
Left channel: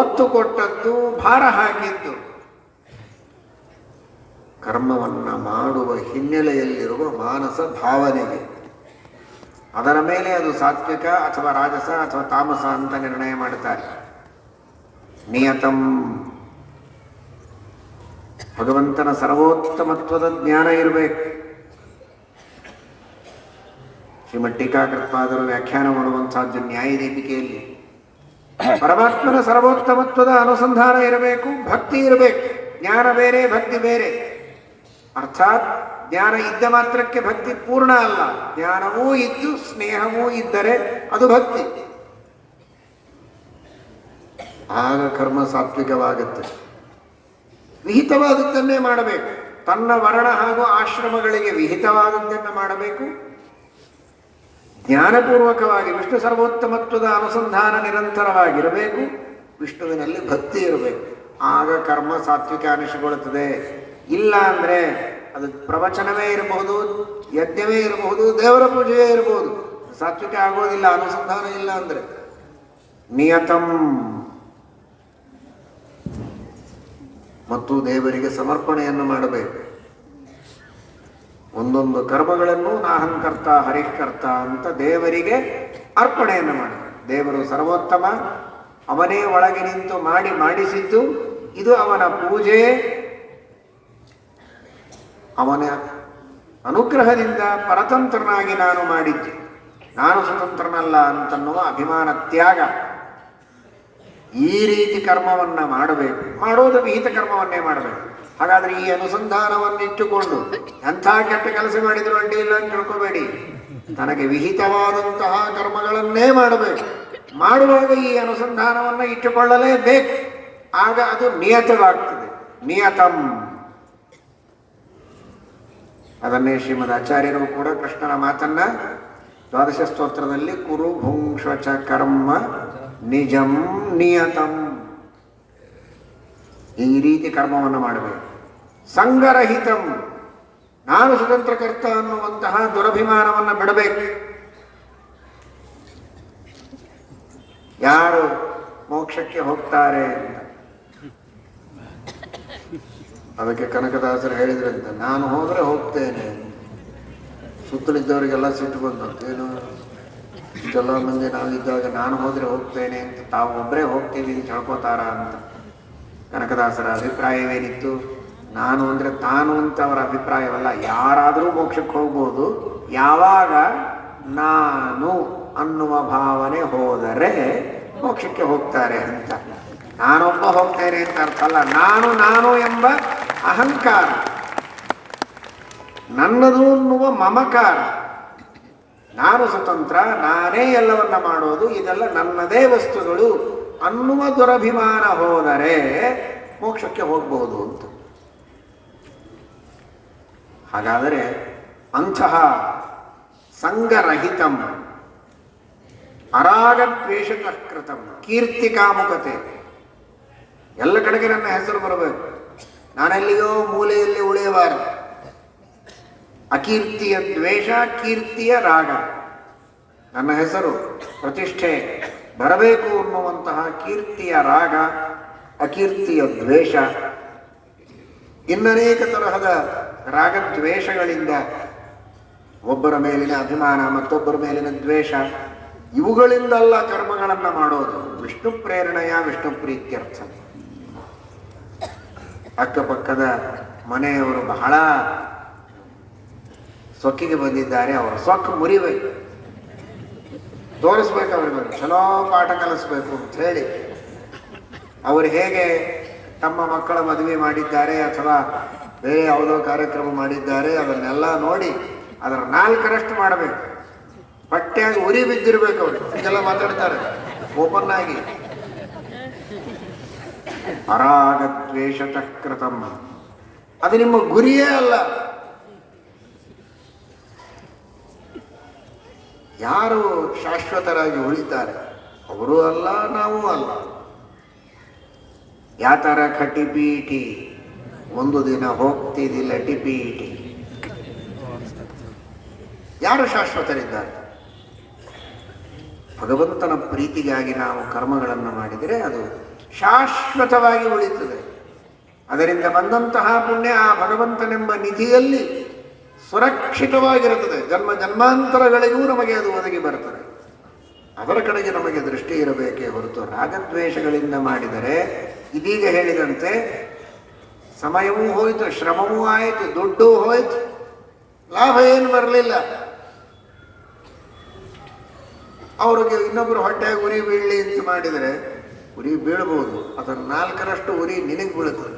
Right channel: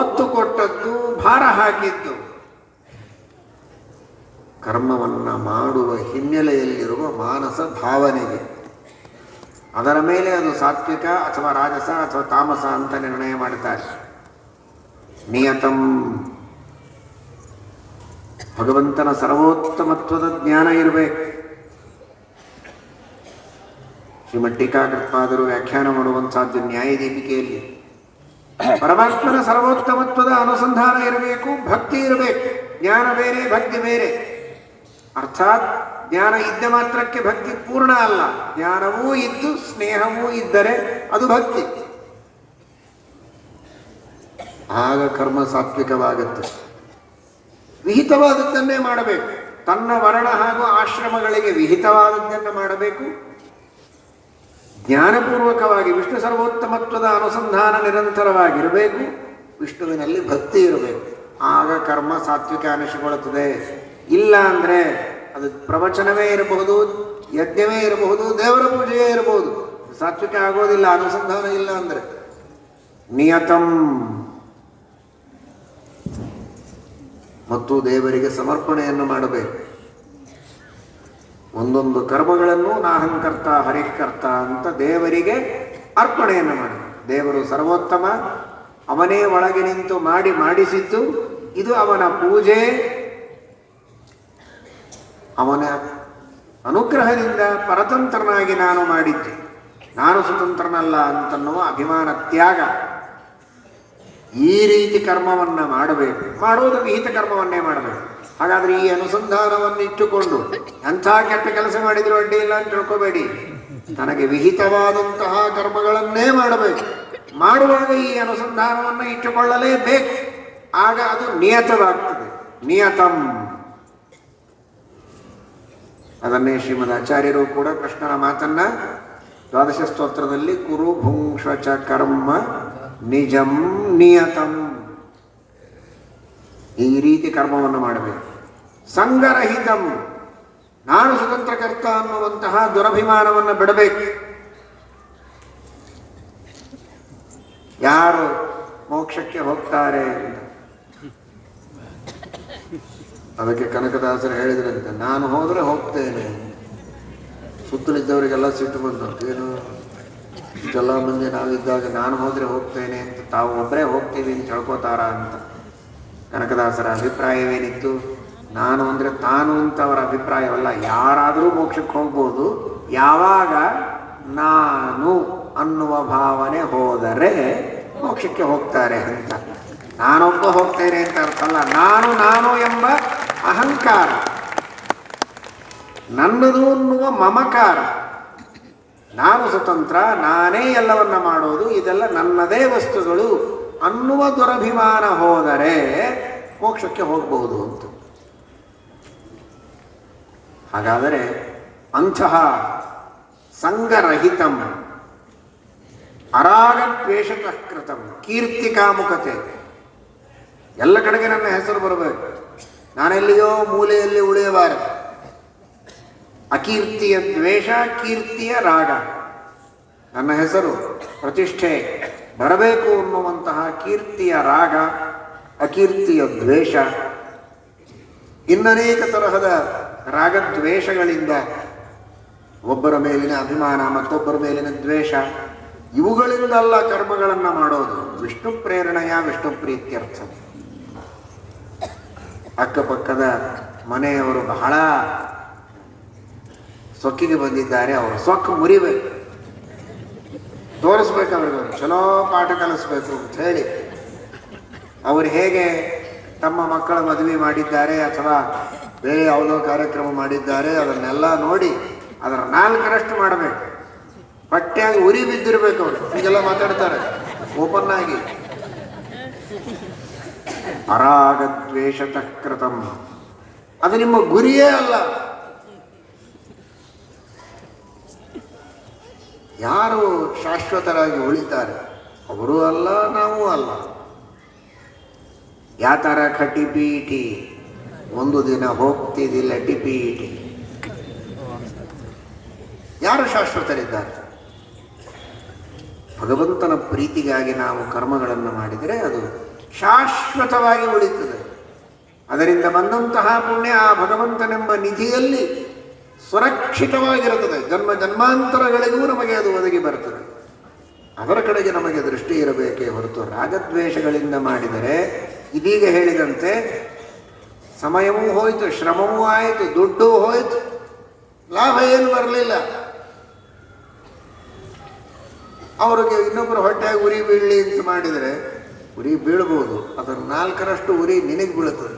ಒತ್ತು ಕೊಟ್ಟದ್ದು, ಭಾರ ಹಾಕಿದ್ದು, ಕರ್ಮವನ್ನು ಮಾಡುವ ಹಿನ್ನೆಲೆಯಲ್ಲಿರುವ ಮಾನಸ ಭಾವನೆಗೆ. ಅದರ ಮೇಲೆ ಅದು ಸಾತ್ವಿಕ ಅಥವಾ ರಾಜಸ ಅಥವಾ ತಾಮಸ ಅಂತ ನಿರ್ಣಯ ಮಾಡ್ತಾರೆ. ನಿಯತಂ, ಭಗವಂತನ ಸರ್ವೋತ್ತಮತ್ವದ ಜ್ಞಾನ ಇರಬೇಕು. ಶ್ರೀಮದ್ ಟೀಕಾಕೃತ್ಪಾದರು ವ್ಯಾಖ್ಯಾನ ಮಾಡುವಂತಹದ್ದು ನ್ಯಾಯದೀಪಿಕೆಯಲ್ಲಿ ಪರಮಾತ್ಮನ ಸರ್ವೋತ್ತಮತ್ವದ ಅನುಸಂಧಾನ ಇರಬೇಕು, ಭಕ್ತಿ ಇರಬೇಕು. ಜ್ಞಾನ ಬೇರೆ, ಭಕ್ತಿ ಬೇರೆ. ಅರ್ಥಾತ್ ಜ್ಞಾನ ಇದ್ದ ಮಾತ್ರಕ್ಕೆ ಭಕ್ತಿ ಪೂರ್ಣ ಅಲ್ಲ. ಜ್ಞಾನವೂ ಇದ್ದು ಸ್ನೇಹವೂ ಇದ್ದರೆ ಅದು ಭಕ್ತಿ. ಆಗ ಕರ್ಮ ಸಾತ್ವಿಕವಾಗುತ್ತೆ. ವಿಹಿತವಾದದ್ದನ್ನೇ ಮಾಡಬೇಕು. ತನ್ನ ವರ್ಣ ಹಾಗೂ ಆಶ್ರಮಗಳಿಗೆ ವಿಹಿತವಾದದ್ದನ್ನು ಮಾಡಬೇಕು. ಜ್ಞಾನಪೂರ್ವಕವಾಗಿ ವಿಷ್ಣು ಸರ್ವೋತ್ತಮತ್ವದ ಅನುಸಂಧಾನ ನಿರಂತರವಾಗಿರಬೇಕು. ವಿಷ್ಣುವಿನಲ್ಲಿ ಭಕ್ತಿ ಇರಬೇಕು. ಆಗ ಕರ್ಮ ಸಾತ್ವಿಕ ಅನಿಸಿಕೊಳ್ಳುತ್ತದೆ. ಇಲ್ಲ ಅಂದ್ರೆ ಅದು ಪ್ರವಚನವೇ ಇರಬಹುದು, ಯಜ್ಞವೇ ಇರಬಹುದು, ದೇವರ ಪೂಜೆಯೇ ಇರಬಹುದು, ಸಾತ್ವಿಕ ಆಗೋದಿಲ್ಲ ಅನುಸಂಧಾನ ಇಲ್ಲ ಅಂದ್ರೆ. ನಿಯತಂ, ಮತ್ತು ದೇವರಿಗೆ ಸಮರ್ಪಣೆಯನ್ನು ಮಾಡಬೇಕು. ಒಂದೊಂದು ಕರ್ಮಗಳನ್ನು ನಾಹಂಕರ್ತ ಹರಿಕರ್ತ ಅಂತ ದೇವರಿಗೆ ಅರ್ಪಣೆಯನ್ನು ಮಾಡಬೇಕು. ದೇವರು ಸರ್ವೋತ್ತಮ, ಅವನೇ ಒಳಗೆ ನಿಂತು ಮಾಡಿಸಿದ್ದು. ಇದು ಅವನ ಪೂಜೆ. ಅವನ ಅನುಗ್ರಹದಿಂದ ಪರತಂತ್ರನಾಗಿ ನಾನು ಮಾಡಿದ್ದೆ, ನಾನು ಸ್ವತಂತ್ರನಲ್ಲ ಅಂತನ್ನುವ ಅಭಿಮಾನ ತ್ಯಾಗ. ಈ ರೀತಿ ಕರ್ಮವನ್ನ ಮಾಡಬೇಕು. ಮಾಡೋದು ವಿಹಿತ ಕರ್ಮವನ್ನೇ ಮಾಡಬೇಕು. ಹಾಗಾದ್ರೆ ಈ ಅನುಸಂಧಾನವನ್ನು ಇಟ್ಟುಕೊಂಡು ಎಂಥ ಕೆಟ್ಟ ಕೆಲಸ ಮಾಡಿದ್ರು ಅಡ್ಡಿ ಇಲ್ಲ ಅಂತ ತಿಳ್ಕೋಬೇಡಿ. ನನಗೆ ವಿಹಿತವಾದಂತಹ ಕರ್ಮಗಳನ್ನೇ ಮಾಡಬೇಕು. ಮಾಡುವಾಗ ಈ ಅನುಸಂಧಾನವನ್ನು ಇಟ್ಟುಕೊಳ್ಳಲೇಬೇಕು. ಆಗ ಅದು ನಿಯತವಾಗ್ತದೆ. ನಿಯತಂ. ಅದನ್ನೇ ಶ್ರೀಮದ್ ಆಚಾರ್ಯರು ಕೂಡ ಕೃಷ್ಣನ ಮಾತನ್ನ ದ್ವಾದಶ ಸ್ತೋತ್ರದಲ್ಲಿ ಕುರು ಭುಂಕ್ಷ ಚ ಕರ್ಮ ನಿಜಂ ನಿಯತಂ, ಈ ರೀತಿ ಕರ್ಮವನ್ನು ಮಾಡಬೇಕು. ಸಂಗರಹಿತಂ, ನಾನು ಸ್ವತಂತ್ರಕರ್ತ ಅನ್ನುವಂತಹ ದುರಭಿಮಾನವನ್ನು ಬಿಡಬೇಕು. ಯಾರು ಮೋಕ್ಷಕ್ಕೆ ಹೋಗ್ತಾರೆ, ಅದಕ್ಕೆ ಕನಕದಾಸರು ಹೇಳಿದ್ರಂತೆ, ನಾನು ಹೋದ್ರೆ ಹೋಗ್ತೇನೆ. ಸುತ್ತಲಿದ್ದವರಿಗೆಲ್ಲ ಸಿಟ್ಟು ಬಂತು. ಏನು ಇಷ್ಟೆಲ್ಲ ಮಂದಿ ನಾವಿದ್ದಾಗ ನಾನು ಹೋದ್ರೆ ಹೋಗ್ತೇನೆ ಅಂತ, ತಾವು ಒಬ್ಬರೇ ಹೋಗ್ತೀವಿ ಅಂತ ಹೇಳ್ಕೋತಾರ ಅಂತ. ಕನಕದಾಸರ ಅಭಿಪ್ರಾಯವೇನಿತ್ತು? ನಾನು ಅಂದ್ರೆ ತಾನು ಅಂತ ಅವರ ಅಭಿಪ್ರಾಯವಲ್ಲ. ಯಾರಾದರೂ ಮೋಕ್ಷಕ್ಕೆ ಹೋಗ್ಬೋದು, ಯಾವಾಗ ನಾನು ಅನ್ನುವ ಭಾವನೆ ಹೋದರೆ ಮೋಕ್ಷಕ್ಕೆ ಹೋಗ್ತಾರೆ ಅಂತ. ನಾನೊಬ್ಬ ಹೋಗ್ತೇನೆ ಅಂತ ಅರ್ಥ ಅಲ್ಲ. ನಾನು ಎಂಬ ಅಹಂಕಾರ, ನನ್ನದು ಅನ್ನುವ ಮಮಕಾರ, ನಾನು ಸ್ವತಂತ್ರ, ನಾನೇ ಎಲ್ಲವನ್ನ ಮಾಡೋದು, ಇದೆಲ್ಲ ನನ್ನದೇ ವಸ್ತುಗಳು ಅನ್ನುವ ದುರಭಿಮಾನ ಹೋದರೆ ಮೋಕ್ಷಕ್ಕೆ ಹೋಗಬಹುದು ಅಂತ. ಹಾಗಾದರೆ ಅಂತಹ ಸಂಗರಹಿತಂ ಅರಾಗದ್ವೇಷತಃ ಕೃತಂ ಕೀರ್ತಿ ಕಾಮುಕತೆ. ಎಲ್ಲ ಕಡೆಗೆ ನನ್ನ ಹೆಸರು ಬರಬೇಕು, ನಾನೆಲ್ಲಿಯೋ ಮೂಲೆಯಲ್ಲಿ ಉಳಿಯಬಾರದು. ಅಕೀರ್ತಿಯ ದ್ವೇಷ, ಕೀರ್ತಿಯ ರಾಗ. ನನ್ನ ಹೆಸರು ಪ್ರತಿಷ್ಠೆ ಬರಬೇಕು ಅನ್ನುವಂತಹ ಕೀರ್ತಿಯ ರಾಗ, ಅಕೀರ್ತಿಯ ದ್ವೇಷ. ಇನ್ನನೇಕ ತರಹದ ರಾಗದ್ವೇಷಗಳಿಂದ ಒಬ್ಬರ ಮೇಲಿನ ಅಭಿಮಾನ, ಮತ್ತೊಬ್ಬರ ಮೇಲಿನ ದ್ವೇಷ, ಇವುಗಳಿಂದಲ್ಲ ಕರ್ಮಗಳನ್ನು ಮಾಡೋದು. ವಿಷ್ಣು ಪ್ರೇರಣೆಯ ವಿಷ್ಣು ಪ್ರೀತ್ಯರ್ಥ. ಅಕ್ಕಪಕ್ಕದ ಮನೆಯವರು ಬಹಳ ಸೊಕ್ಕಿಗೆ ಬಂದಿದ್ದಾರೆ, ಅವರು ಸೊಕ್ಕು ಮುರಿಬೇಕು, ತೋರಿಸ್ಬೇಕು ಅವ್ರಿಗೆ, ಅವರು ಚಲೋ ಪಾಠ ಕಲಿಸ್ಬೇಕು ಅಂತ ಹೇಳಿ ಅವರು ಹೇಗೆ ತಮ್ಮ ಮಕ್ಕಳ ಮದುವೆ ಮಾಡಿದ್ದಾರೆ ಅಥವಾ ಬೇರೆ ಯಾವುದೋ ಕಾರ್ಯಕ್ರಮ ಮಾಡಿದ್ದಾರೆ, ಅದನ್ನೆಲ್ಲ ನೋಡಿ ಅದರ 4ರಷ್ಟು ಮಾಡಬೇಕು. ಹೊಟ್ಟೆಯಾಗಿ ಉರಿ ಬಿದ್ದಿರಬೇಕು ಅವರು, ಹೀಗೆಲ್ಲ ಮಾತಾಡ್ತಾರೆ ಓಪನ್ ಆಗಿ. ಅರಾಗದ್ವೇಷತಃ ಕೃತಂ, ಅದು ನಿಮ್ಮ ಗುರಿಯೇ ಅಲ್ಲ. ಯಾರು ಶಾಶ್ವತರಾಗಿ ಉಳಿತಾರೆ ಅವರು ಅಲ್ಲ, ನಾವು ಅಲ್ಲ. ಯಾತರ ಖಟಿಪೀಟಿ, ಒಂದು ದಿನ ಹೋಗ್ತಿದ್ದಿಲ್ಲ ಟಿಪೀಟಿ. ಯಾರು ಶಾಶ್ವತರಿದ್ದಾರೆ? ಭಗವಂತನ ಪ್ರೀತಿಗಾಗಿ ನಾವು ಕರ್ಮಗಳನ್ನು ಮಾಡಿದರೆ ಅದು ಶಾಶ್ವತವಾಗಿ ಉಳಿಯುತ್ತದೆ. ಅದರಿಂದ ಬಂದಂತಹ ಪುಣ್ಯ ಆ ಭಗವಂತನೆಂಬ ನಿಧಿಯಲ್ಲಿ ಸುರಕ್ಷಿತವಾಗಿರುತ್ತದೆ. ಜನ್ಮ ಜನ್ಮಾಂತರಗಳಿಗೂ ನಮಗೆ ಅದು ಒದಗಿ ಬರುತ್ತದೆ. ಅದರ ಕಡೆಗೆ ನಮಗೆ ದೃಷ್ಟಿ ಇರಬೇಕೇ ಹೊರತು ರಾಗದ್ವೇಷಗಳಿಂದ ಮಾಡಿದರೆ ಇದೀಗ ಹೇಳಿದಂತೆ ಸಮಯವೂ ಹೋಯಿತು, ಶ್ರಮವೂ ಆಯಿತು, ದುಡ್ಡು ಹೋಯಿತು, ಲಾಭ ಏನು ಬರಲಿಲ್ಲ. ಅವರಿಗೆ ಇನ್ನೊಬ್ಬರು ಹೊಟ್ಟೆಗೆ ಉರಿ ಬೀಳಲಿ ಅಂತ ಮಾಡಿದರೆ ಉರಿ ಬೀಳಬಹುದು, ಅದರ 4ರಷ್ಟು ಉರಿ ನಿನಗೆ ಬೀಳುತ್ತದೆ.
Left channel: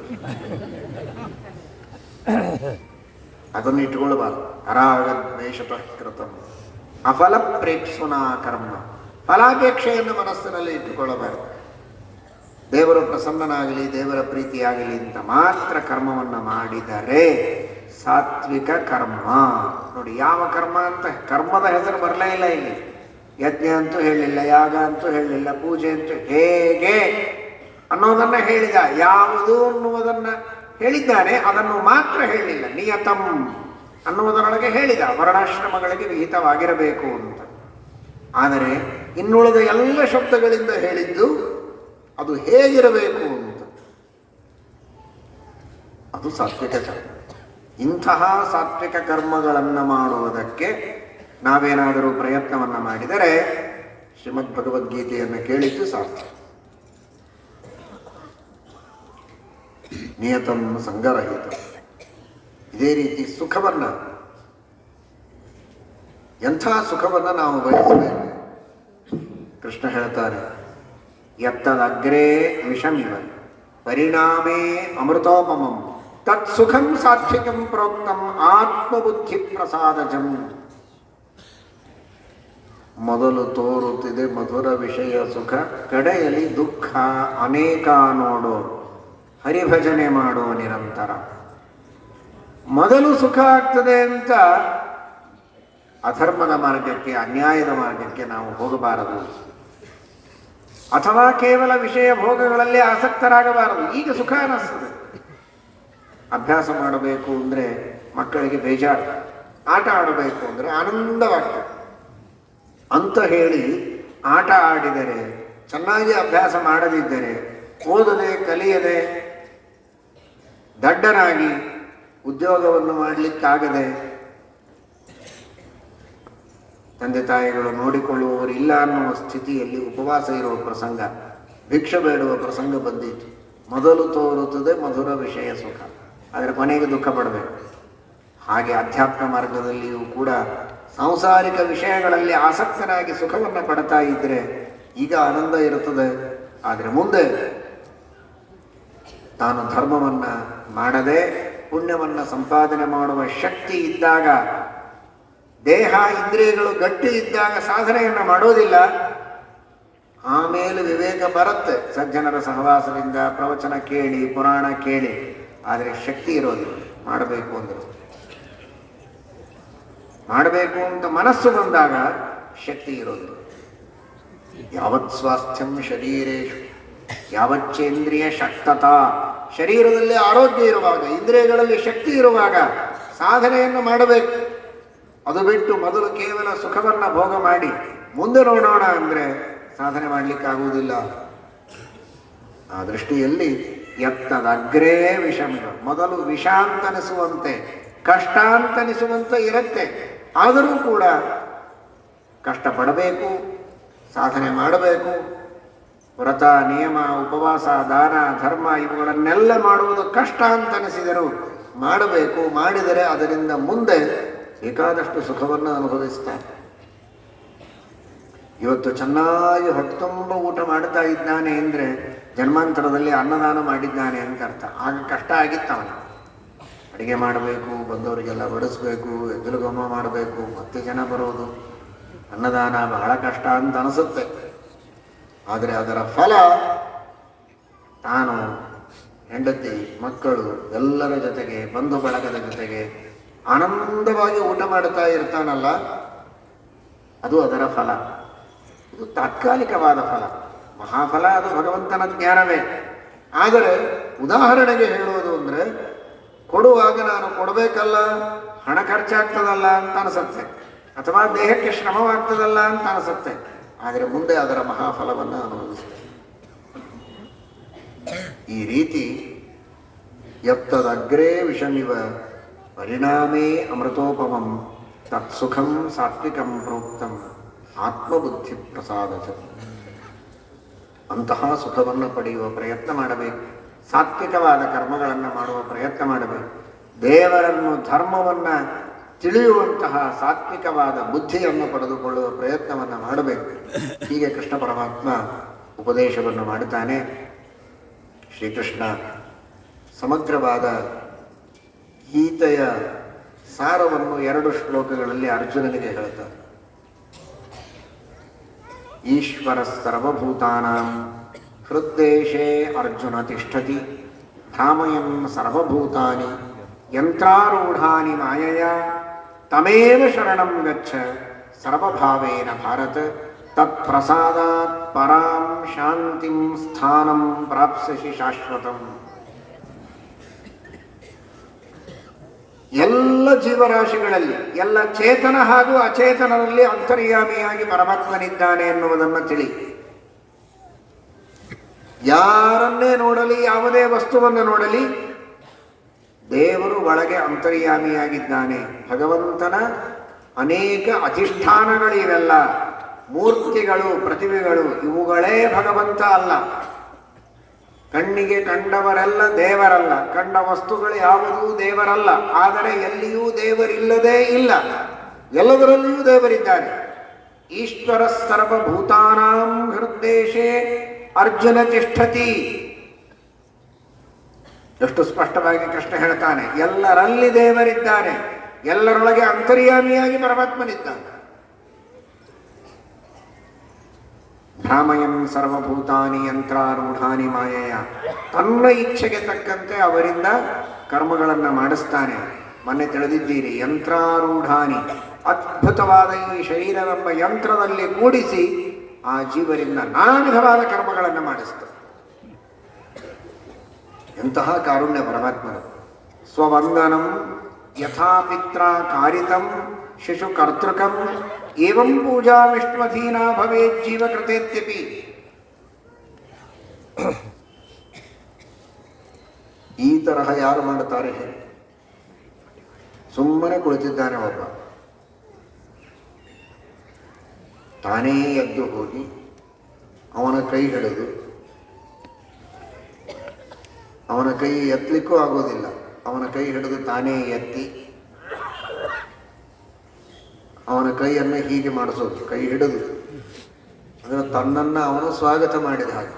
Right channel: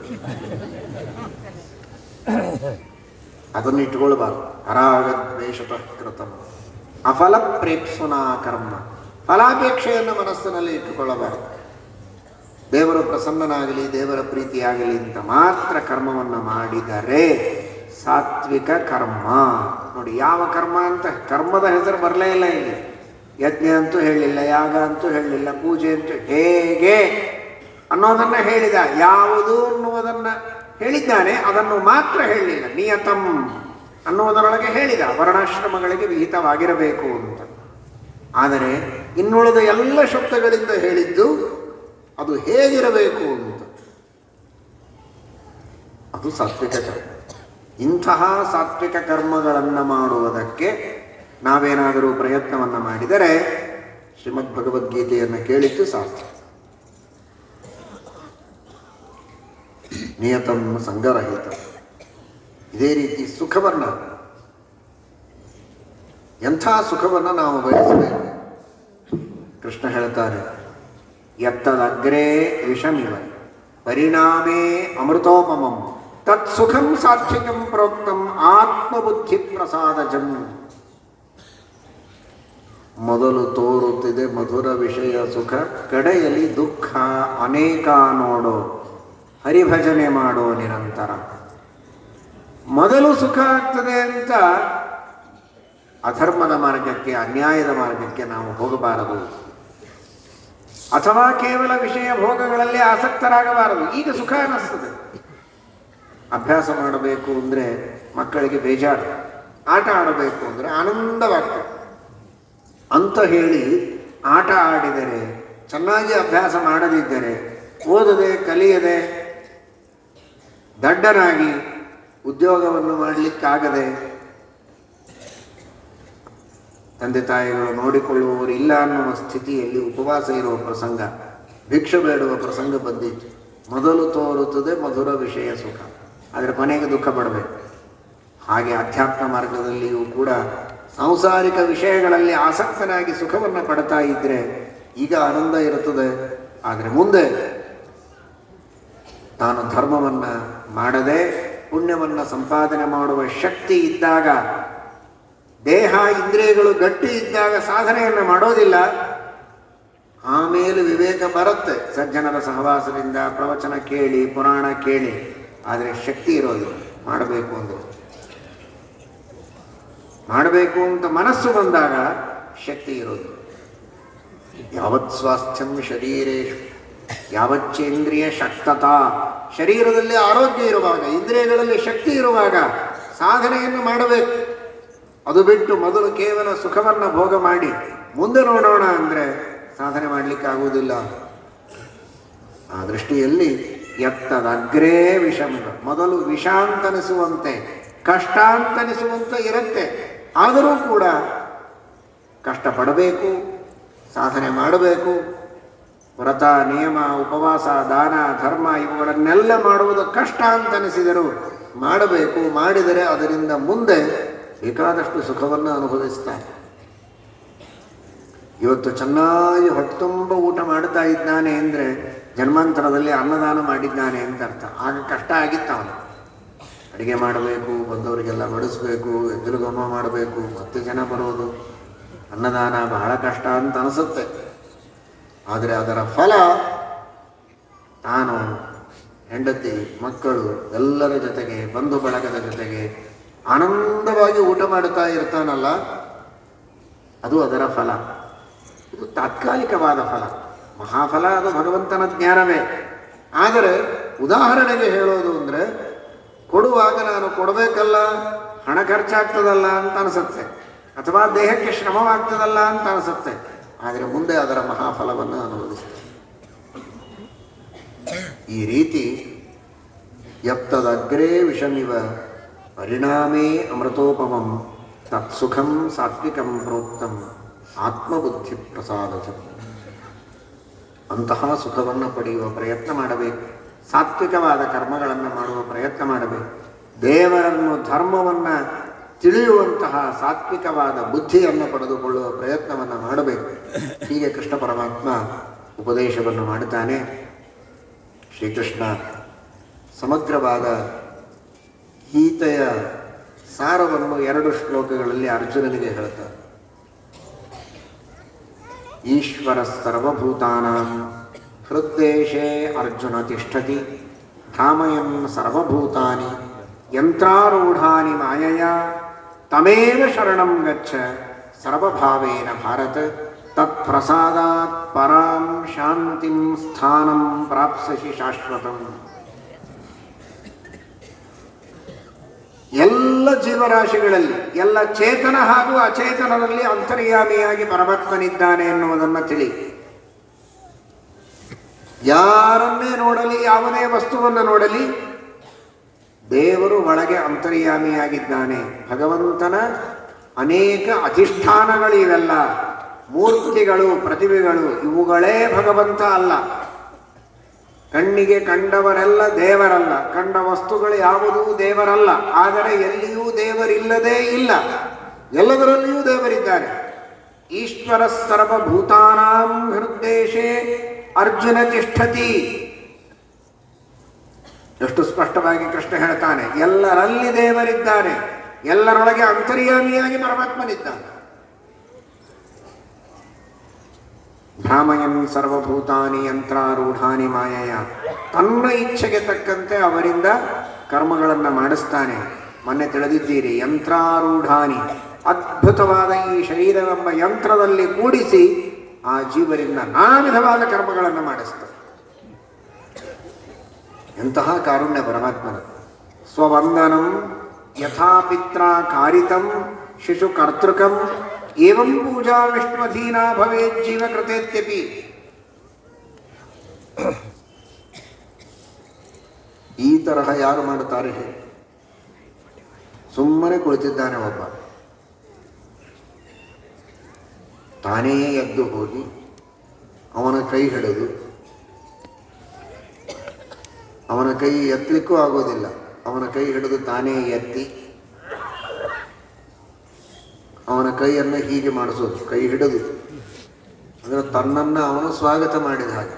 ಅದನ್ನು ಇಟ್ಕೊಳ್ಬಾರ್ದು. ಅರಾಗದ್ವೇಷತಃ ಕೃತಂ ಅಫಲ ಪ್ರೇಕ್ಷುನಾ ಕರ್ಮ, ಫಲಾಪೇಕ್ಷೆಯನ್ನು ಮನಸ್ಸಿನಲ್ಲಿ ಇಟ್ಟುಕೊಳ್ಳಬಾರದು. ದೇವರು ಪ್ರಸನ್ನನಾಗಲಿ, ದೇವರ ಪ್ರೀತಿಯಾಗಲಿ ಅಂತ ಮಾತ್ರ ಕರ್ಮವನ್ನು ಮಾಡಿದರೆ ಸಾತ್ವಿಕ ಕರ್ಮ. ನೋಡಿ, ಯಾವ ಕರ್ಮ ಅಂತ ಕರ್ಮದ ಹೆಸರು ಬರಲೇ ಇಲ್ಲ ಇಲ್ಲಿ. ಯಜ್ಞ ಅಂತೂ ಹೇಳಲಿಲ್ಲ, ಯಾಗ ಅಂತೂ ಹೇಳಲಿಲ್ಲ, ಪೂಜೆ ಅಂತೂ ಹೇಗೆ ಅನ್ನೋದನ್ನ ಹೇಳಿದ. ಯಾವುದು ಅನ್ನುವುದನ್ನು ಹೇಳಿದ್ದಾನೆ, ಅದನ್ನು ಮಾತ್ರ ಹೇಳಲಿಲ್ಲ. ನಿಯತಂ ಅನ್ನೋದರೊಳಗೆ ಹೇಳಿದ ವರ್ಣಾಶ್ರಮಗಳಿಗೆ ವಿಹಿತವಾಗಿರಬೇಕು ಅಂತ. ಆದರೆ ಇನ್ನುಳಿದ ಎಲ್ಲ ಶಬ್ದಗಳಿಂದ ಹೇಳಿದ್ದು ಅದು ಹೇಗಿರಬೇಕು ಅಂತ. ಅದು ಸಾತ್ವಿಕ ಕರ್ಮ. ಇಂತಹ ಸಾತ್ವಿಕ ಕರ್ಮಗಳನ್ನು ಮಾಡುವುದಕ್ಕೆ ನಾವೇನಾದರೂ ಪ್ರಯತ್ನವನ್ನು ಮಾಡಿದರೆ ಶ್ರೀಮದ್ ಭಗವದ್ಗೀತೆಯನ್ನು ಕೇಳಿದ್ದು ಸಾಧ್ಯ. ನಿಯತಂ ಸಂಗರಹಿತ. ಇದೇ ರೀತಿ ಸುಖವನ್ನು, ಎಂಥ ಸುಖವನ್ನು ನಾವು ಬಯಸಬೇಕು. ಕೃಷ್ಣ ಹೇಳ್ತಾರೆ, ಯತ್ತದಗ್ರೇ ವಿಷಮಿವ ಪರಿಣಾಮೇ ಅಮೃತೋಪಮಂ ತತ್ ಸುಖಂ ಸಾತ್ವಿಕಂ ಪ್ರೋಕ್ತಂ ಆತ್ಮಬುದ್ಧಿ ಪ್ರಸಾದಜಂ. ಮೊದಲು ತೋರುತ್ತಿದೆ ಮಧುರ ವಿಷಯ ಸುಖ, ಕಡೆಯಲ್ಲಿ ದುಃಖ ಅನೇಕ ನೋಡೋ, ಹರಿಭಜನೆ ಮಾಡೋ ನಿರಂತರ. ಮೊದಲು ಸುಖ ಆಗ್ತದೆ ಅಂತ ಅಧರ್ಮದ ಮಾರ್ಗಕ್ಕೆ, ಅನ್ಯಾಯದ ಮಾರ್ಗಕ್ಕೆ ನಾವು ಹೋಗಬಾರದು. ಅಥವಾ ಕೇವಲ ವಿಷಯ ಭೋಗಗಳಲ್ಲಿ ಆಸಕ್ತರಾಗಬಾರದು. ಈಗ ಸುಖ ಅನ್ನಿಸ್ತದೆ. ಅಭ್ಯಾಸ ಮಾಡಬೇಕು ಅಂದರೆ ಮಕ್ಕಳಿಗೆ ಬೇಜಾರು, ಆಟ ಆಡಬೇಕು ಅಂದರೆ ಆನಂದವಾಗ್ತದೆ ಅಂತ ಹೇಳಿ ಆಟ ಆಡಿದರೆ, ಚೆನ್ನಾಗಿ ಅಭ್ಯಾಸ ಮಾಡದಿದ್ದರೆ, ಓದದೆ ಕಲಿಯದೆ ದಡ್ಡನಾಗಿ ಉದ್ಯೋಗವನ್ನು ಮಾಡಲಿಕ್ಕಾಗದೆ ತಂದೆ ತಾಯಿಗಳು ನೋಡಿಕೊಳ್ಳುವವರು ಇಲ್ಲ ಅನ್ನುವ ಸ್ಥಿತಿಯಲ್ಲಿ ಉಪವಾಸ ಇರುವ ಪ್ರಸಂಗ, ಭಿಕ್ಷೆ ಬೇಡುವ ಪ್ರಸಂಗ ಬಂದಿತ್ತು. ಮೊದಲು ತೋರುತ್ತದೆ ಮಧುರ ವಿಷಯ ಸುಖ, ಅದರ ಕೊನೆಗೆ ದುಃಖ ಪಡಬೇಕು. ಹಾಗೆ ಅಧ್ಯಾತ್ಮ ಮಾರ್ಗದಲ್ಲಿಯೂ ಕೂಡ ಸಾಂಸಾರಿಕ ವಿಷಯಗಳಲ್ಲಿ ಆಸಕ್ತನಾಗಿ ಸುಖವನ್ನು ಪಡ್ತಾ ಇದ್ದರೆ ಈಗ ಆನಂದ ಇರುತ್ತದೆ. ಆದರೆ ಮುಂದೆ ತಾನು ಧರ್ಮವನ್ನು ಮಾಡದೆ ಪುಣ್ಯವನ್ನು ಸಂಪಾದನೆ ಮಾಡುವ ಶಕ್ತಿ ಇದ್ದಾಗ, ದೇಹ ಇಂದ್ರಿಯಗಳು ಗಟ್ಟಿ ಇದ್ದಾಗ ಸಾಧನೆಯನ್ನು ಮಾಡೋದಿಲ್ಲ. ಆಮೇಲೆ ವಿವೇಕ ಬರುತ್ತೆ, ಸಜ್ಜನರ ಸಹವಾಸದಿಂದ, ಪ್ರವಚನ ಕೇಳಿ, ಪುರಾಣ ಕೇಳಿ. ಆದರೆ ಶಕ್ತಿ ಇರೋದು ಮಾಡಬೇಕು ಅಂದ್ರೆ. ಮಾಡಬೇಕು ಅಂತ ಮನಸ್ಸು ಬಂದಾಗ ಶಕ್ತಿ ಇರೋದು. ಯಾವತ್ ಸ್ವಾಸ್ಥ್ಯಂ ಶರೀರೇಶು ಯಾವಚ್ಚೇಂದ್ರಿಯ ಶಕ್ತತಾ. ಶರೀರದಲ್ಲಿ ಆರೋಗ್ಯ ಇರುವಾಗ, ಇಂದ್ರಿಯಗಳಲ್ಲಿ ಶಕ್ತಿ ಇರುವಾಗ ಸಾಧನೆಯನ್ನು ಮಾಡಬೇಕು. ಅದು ಬಿಟ್ಟು ಮೊದಲು ಕೇವಲ ಸುಖವನ್ನು ಭೋಗ ಮಾಡಿ ಮುಂದೆ ನೋಡೋಣ ಅಂದರೆ ಸಾಧನೆ ಮಾಡಲಿಕ್ಕೆ ಆಗುವುದಿಲ್ಲ. ಆ ದೃಷ್ಟಿಯಲ್ಲಿ ಎತ್ತದಗ್ರೇ ವಿಷಮ, ಮೊದಲು ವಿಷ ಅಂತನಿಸುವಂತೆ, ಕಷ್ಟ ಅಂತನಿಸುವಂತೆ ಇರುತ್ತೆ. ಆದರೂ ಕೂಡ ಕಷ್ಟಪಡಬೇಕು, ಸಾಧನೆ ಮಾಡಬೇಕು. ವ್ರತ, ನಿಯಮ, ಉಪವಾಸ, ದಾನ, ಧರ್ಮ ಇವುಗಳನ್ನೆಲ್ಲ ಮಾಡುವುದು ಕಷ್ಟ ಅಂತನಿಸಿದರೂ ಮಾಡಬೇಕು. ಮಾಡಿದರೆ ಅದರಿಂದ ಮುಂದೆ ಬೇಕಾದಷ್ಟು ಸುಖವನ್ನು ಅನುಭವಿಸ್ತಾನೆ. ಇವತ್ತು ಚೆನ್ನಾಗಿ ಹೊಟ್ಟೆತುಂಬ ಊಟ ಮಾಡ್ತಾ ಇದ್ದಾನೆ ಅಂದರೆ ಜನ್ಮಾಂತರದಲ್ಲಿ ಅನ್ನದಾನ ಮಾಡಿದ್ದಾನೆ ಅಂತ ಅರ್ಥ. ಆಗ ಕಷ್ಟ ಆಗಿತ್ತು ಅವನು. ಅಡುಗೆ ಮಾಡಬೇಕು, ಬಂದವರಿಗೆಲ್ಲ ಬಡಿಸ್ಬೇಕು, ಎದುರುಗಮ್ಮ ಮಾಡಬೇಕು, ಮತ್ತೆ ಜನ ಬರುವುದು, ಅನ್ನದಾನ ಬಹಳ ಕಷ್ಟ ಅಂತ ಅನಿಸುತ್ತೆ. ಆದರೆ ಅದರ ಫಲ ತಾನು ಹೆಂಡತಿ ಮಕ್ಕಳು ಎಲ್ಲರ ಜೊತೆಗೆ ಬಂಧು ಬಳಗದ ಜೊತೆಗೆ ಆನಂದವಾಗಿ ಊಟ ಮಾಡುತ್ತಾ ಇರ್ತಾನಲ್ಲ, ಅದು ಅದರ ಫಲ. ಇದು ತಾತ್ಕಾಲಿಕವಾದ ಫಲ. ಮಹಾಫಲ ಅದು ಭಗವಂತನ ಜ್ಞಾನವೇ. ಆದರೆ ಉದಾಹರಣೆಗೆ ಹೇಳೋದು ಅಂದರೆ, ಕೊಡುವಾಗ ನಾನು ಕೊಡಬೇಕಲ್ಲ, ಹಣ ಖರ್ಚಾಗ್ತದಲ್ಲ ಅಂತ ಅನಿಸುತ್ತೆ, ಅಥವಾ ದೇಹಕ್ಕೆ ಶ್ರಮವಾಗ್ತದಲ್ಲ ಅಂತ ಅನಿಸುತ್ತೆ. ಆದರೆ ಮುಂದೆ ಅದರ ಮಹಾಫಲವನ್ನು ಅನುಭವಿಸ್ತೇನೆ. ಈ ರೀತಿ ಯತ್ತದಗ್ರೇ ವಿಷಮಿವ ಪರಿಣಾಮೇ ಅಮೃತೋಪಮಂ ತತ್ಸುಖಂ ಸಾತ್ವಿಕಂ ಪ್ರೋಕ್ತಂ ಆತ್ಮಬುದ್ಧಿ ಪ್ರಸಾದತು. ಅಂತಹ ಸುಖವನ್ನು ಪಡೆಯುವ ಪ್ರಯತ್ನ ಮಾಡಬೇಕು. ಸಾತ್ವಿಕವಾದ ಕರ್ಮಗಳನ್ನು ಮಾಡುವ ಪ್ರಯತ್ನ ಮಾಡಬೇಕು. ದೇವರನ್ನು ಧರ್ಮವನ್ನು ತಿಳಿಯುವಂತಹ ಸಾತ್ವಿಕವಾದ ಬುದ್ಧಿಯನ್ನು ಪಡೆದುಕೊಳ್ಳುವ ಪ್ರಯತ್ನವನ್ನು ಮಾಡಬೇಕು. ಹೀಗೆ ಕೃಷ್ಣ ಪರಮಾತ್ಮ ಉಪದೇಶವನ್ನು ಮಾಡುತ್ತಾನೆ. ಶ್ರೀಕೃಷ್ಣ ಸಮಗ್ರವಾದ ಗೀತೆಯ ಸಾರವನ್ನು 2 ಶ್ಲೋಕಗಳಲ್ಲಿ ಅರ್ಜುನನಿಗೆ ಹೇಳ್ತಾರೆ. ಈಶ್ವರ ಸರ್ವಭೂತಾನಾಂ ಹೃದ್ದೇಶೇ ಅರ್ಜುನ ತಿಷ್ಠತಿ ಭ್ರಾಮಯನ್ ಸರ್ವಭೂತಾನಿ ಯಂತ್ರಾರೂಢಾನಿ ಮಾಯಯ ತಮೇವ ಶರಣಂ ಗಚ್ಚ ಸರ್ವಭಾವೇನ ಭಾರತ ತತ್ಪ್ರಸಾದಾತ್ ಪರಾಂ ಶಾಂತಿಂ ಸ್ಥಾನಂ ಪ್ರಾಪ್ಸ್ಯಸಿ ಶಾಶ್ವತಂ. ಎಲ್ಲ ಜೀವರಾಶಿಗಳಲ್ಲಿ, ಎಲ್ಲ ಚೇತನ ಹಾಗೂ ಅಚೇತನರಲ್ಲಿ ಅಂತರ್ಯಾಮಿಯಾಗಿ ಪರಮಾತ್ಮನಿದ್ದಾನೆ ಎನ್ನುವುದನ್ನು ತಿಳಿ. ಯಾರನ್ನೇ ನೋಡಲಿ, ಯಾವುದೇ ವಸ್ತುವನ್ನು ನೋಡಲಿ, ದೇವರು ಒಳಗೆ ಅಂತರ್ಯಾಮಿಯಾಗಿದ್ದಾನೆ. ಭಗವಂತನ ಅನೇಕ ಅಧಿಷ್ಠಾನಗಳು ಇವೆಲ್ಲ, ಮೂರ್ತಿಗಳು, ಪ್ರತಿಭೆಗಳು, ಇವುಗಳೇ ಭಗವಂತ ಅಲ್ಲ. ಕಣ್ಣಿಗೆ ಕಂಡವರೆಲ್ಲ ದೇವರಲ್ಲ, ಕಂಡ ವಸ್ತುಗಳು ಯಾವುದೂ ದೇವರಲ್ಲ. ಆದರೆ ಎಲ್ಲಿಯೂ ದೇವರಿಲ್ಲದೇ ಇಲ್ಲ, ಎಲ್ಲದರಲ್ಲಿಯೂ ದೇವರಿದ್ದಾರೆ. ಈಶ್ವರ ಸರ್ವಭೂತಾನಾಂ ಹೃದ್ದೇಶೇ ಅರ್ಜುನ ತಿಷ್ಠತಿ. ಎಷ್ಟು ಸ್ಪಷ್ಟವಾಗಿ ಕೃಷ್ಣ ಹೇಳ್ತಾನೆ, ಎಲ್ಲರಲ್ಲಿ ದೇವರಿದ್ದಾರೆ, ಎಲ್ಲರೊಳಗೆ ಅಂತರ್ಯಾಮಿಯಾಗಿ ಪರಮಾತ್ಮನಿದ್ದಾನೆ. ಭ್ರಾಮಯನ್ ಸರ್ವಭೂತಾನಿ ಯಂತ್ರಾರೂಢಾನಿ ಮಾಯಯ. ತನ್ನ ಇಚ್ಛೆಗೆ ತಕ್ಕಂತೆ ಅವರಿಂದ ಕರ್ಮಗಳನ್ನು ಮಾಡಿಸ್ತಾನೆ. ಮೊನ್ನೆ ತಿಳಿದಿದ್ದೀರಿ, ಯಂತ್ರಾರೂಢಾನಿ, ಅದ್ಭುತವಾದ ಈ ಶರೀರವೆಂಬ ಯಂತ್ರದಲ್ಲಿ ಕೂಡಿಸಿ ಆ ಜೀವರಿಂದ ನಾನಾ ವಿಧವಾದ ಕರ್ಮಗಳನ್ನು ಮಾಡಿಸ್ತಾನೆ. ಎಂತಹ ಕಾರುಣ್ಯ ಪರಮಾತ್ಮನ. ಸ್ವವಂದನಂ ಯಥಾ ಪಿತ್ರ ಕಾರಿತಂ ಶಿಶು ಕರ್ತೃಕಂ ಏವಂ ಪೂಜಾ ವಿಷ್ಣುಧೀನಾ ಭವೇತ್ ಜೀವಕೃತೇತ್ಯಪಿ. ಈ ತರಹ ಯಾರು ಮಾಡುತ್ತಾರೆ? ಸುಮ್ಮನೆ ಕುಳಿತಿದ್ದಾನೆ ಒಬ್ಬ, ತಾನೇ ಎದ್ದು ಹೋಗಿ ಅವನ ಕೈ ಹಿಡಿದು, ಅವನ ಕೈ ಎತ್ತಲಿಕ್ಕೂ ಆಗೋದಿಲ್ಲ, ಅವನ ಕೈ ಹಿಡಿದು ತಾನೇ ಎತ್ತಿ ಅವನ ಕೈಯನ್ನು ಹೀಗೆ ಮಾಡಿಸೋದು, ಕೈ ಹಿಡಿದು. ಅಂದರೆ ತನ್ನನ್ನು ಅವನು ಸ್ವಾಗತ ಮಾಡಿದ ಹಾಗೆ.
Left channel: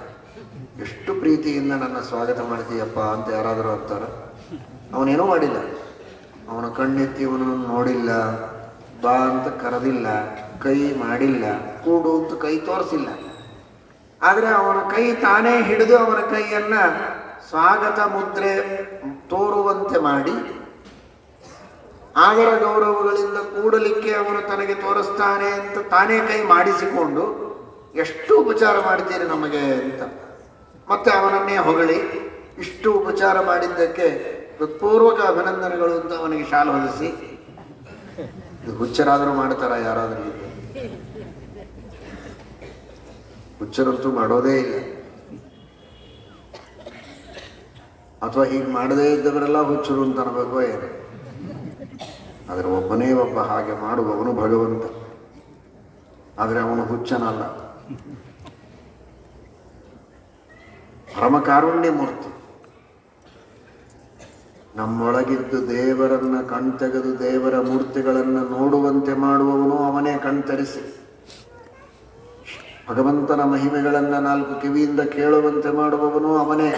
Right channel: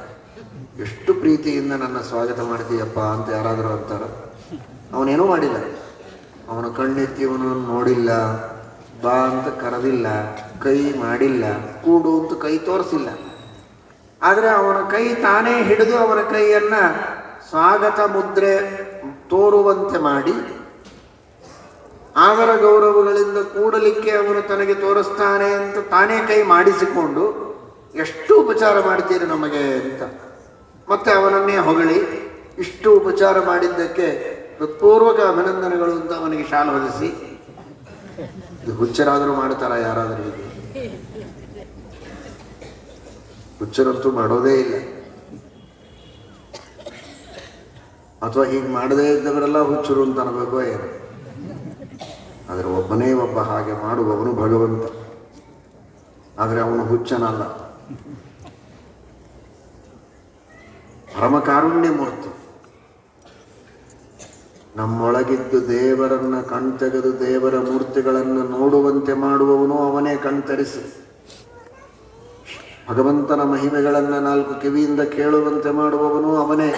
ಎಷ್ಟು ಪ್ರೀತಿಯಿಂದ ನನ್ನ ಸ್ವಾಗತ ಮಾಡ್ತೀಯಪ್ಪ ಅಂತ ಯಾರಾದರೂ ಅಂತಾರ? ಅವನೇನೂ ಮಾಡಿಲ್ಲ, ಅವನ ಕಣ್ಣೆತ್ತಿ ಅವನನ್ನು ನೋಡಿಲ್ಲ, ಬಾ ಅಂತ ಕರೆದಿಲ್ಲ, ಕೈ ಮಾಡಿಲ್ಲ, ಕೂಡು ಅಂತ ಕೈ ತೋರಿಸಿಲ್ಲ. ಆದರೆ ಅವನ ಕೈ ತಾನೇ ಹಿಡಿದು ಅವನ ಕೈಯನ್ನು ಸ್ವಾಗತ ಮುದ್ರೆ ತೋರುವಂತೆ ಮಾಡಿ, ಆದರ ಗೌರವಗಳಿಂದ ಕೂಡಲಿಕ್ಕೆ ಅವನು ತನಗೆ ತೋರಿಸ್ತಾನೆ ಅಂತ ತಾನೇ ಕೈ ಮಾಡಿಸಿಕೊಂಡು, ಎಷ್ಟು ಉಪಚಾರ ಮಾಡ್ತೀರಿ ನಮಗೆ ಅಂತ ಮತ್ತೆ ಅವನನ್ನೇ ಹೊಗಳಿ, ಇಷ್ಟು ಉಪಚಾರ ಮಾಡಿದ್ದಕ್ಕೆ ಹೃತ್ಪೂರ್ವಕ ಅಭಿನಂದನೆಗಳು ಅಂತ ಅವನಿಗೆ ಶಾಲು ಹೊಲಿಸಿ. ಇದು ಹುಚ್ಚರಾದರೂ ಮಾಡ್ತಾರ ಯಾರಾದರೂ? ಹುಚ್ಚರಂತೂ ಮಾಡೋದೇ ಇಲ್ಲ. ಅಥವಾ ಹೀಗೆ ಮಾಡದೇ ಇದ್ದವರೆಲ್ಲ ಹುಚ್ಚರು ಅಂತ ಅನ್ಬೇಕು ಏನು? ಆದರೆ ಒಬ್ಬನೇ ಒಬ್ಬ ಹಾಗೆ ಮಾಡುವವನು ಭಗವಂತ. ಆದರೆ ಅವನು ಹುಚ್ಚನಲ್ಲ, ಪರಮಕಾರುಣ್ಯ ಮೂರ್ತಿ. ನಮ್ಮೊಳಗಿದ್ದು ದೇವರನ್ನ ಕಣ್ತೆಗೆದು ದೇವರ ಮೂರ್ತಿಗಳನ್ನು ನೋಡುವಂತೆ ಮಾಡುವವನು ಅವನೇ. ಕಣ್ತರಿಸಿ ಭಗವಂತನ ಮಹಿಮೆಗಳನ್ನು 4 ಕಿವಿಯಿಂದ ಕೇಳುವಂತೆ ಮಾಡುವವನು ಅವನೇ.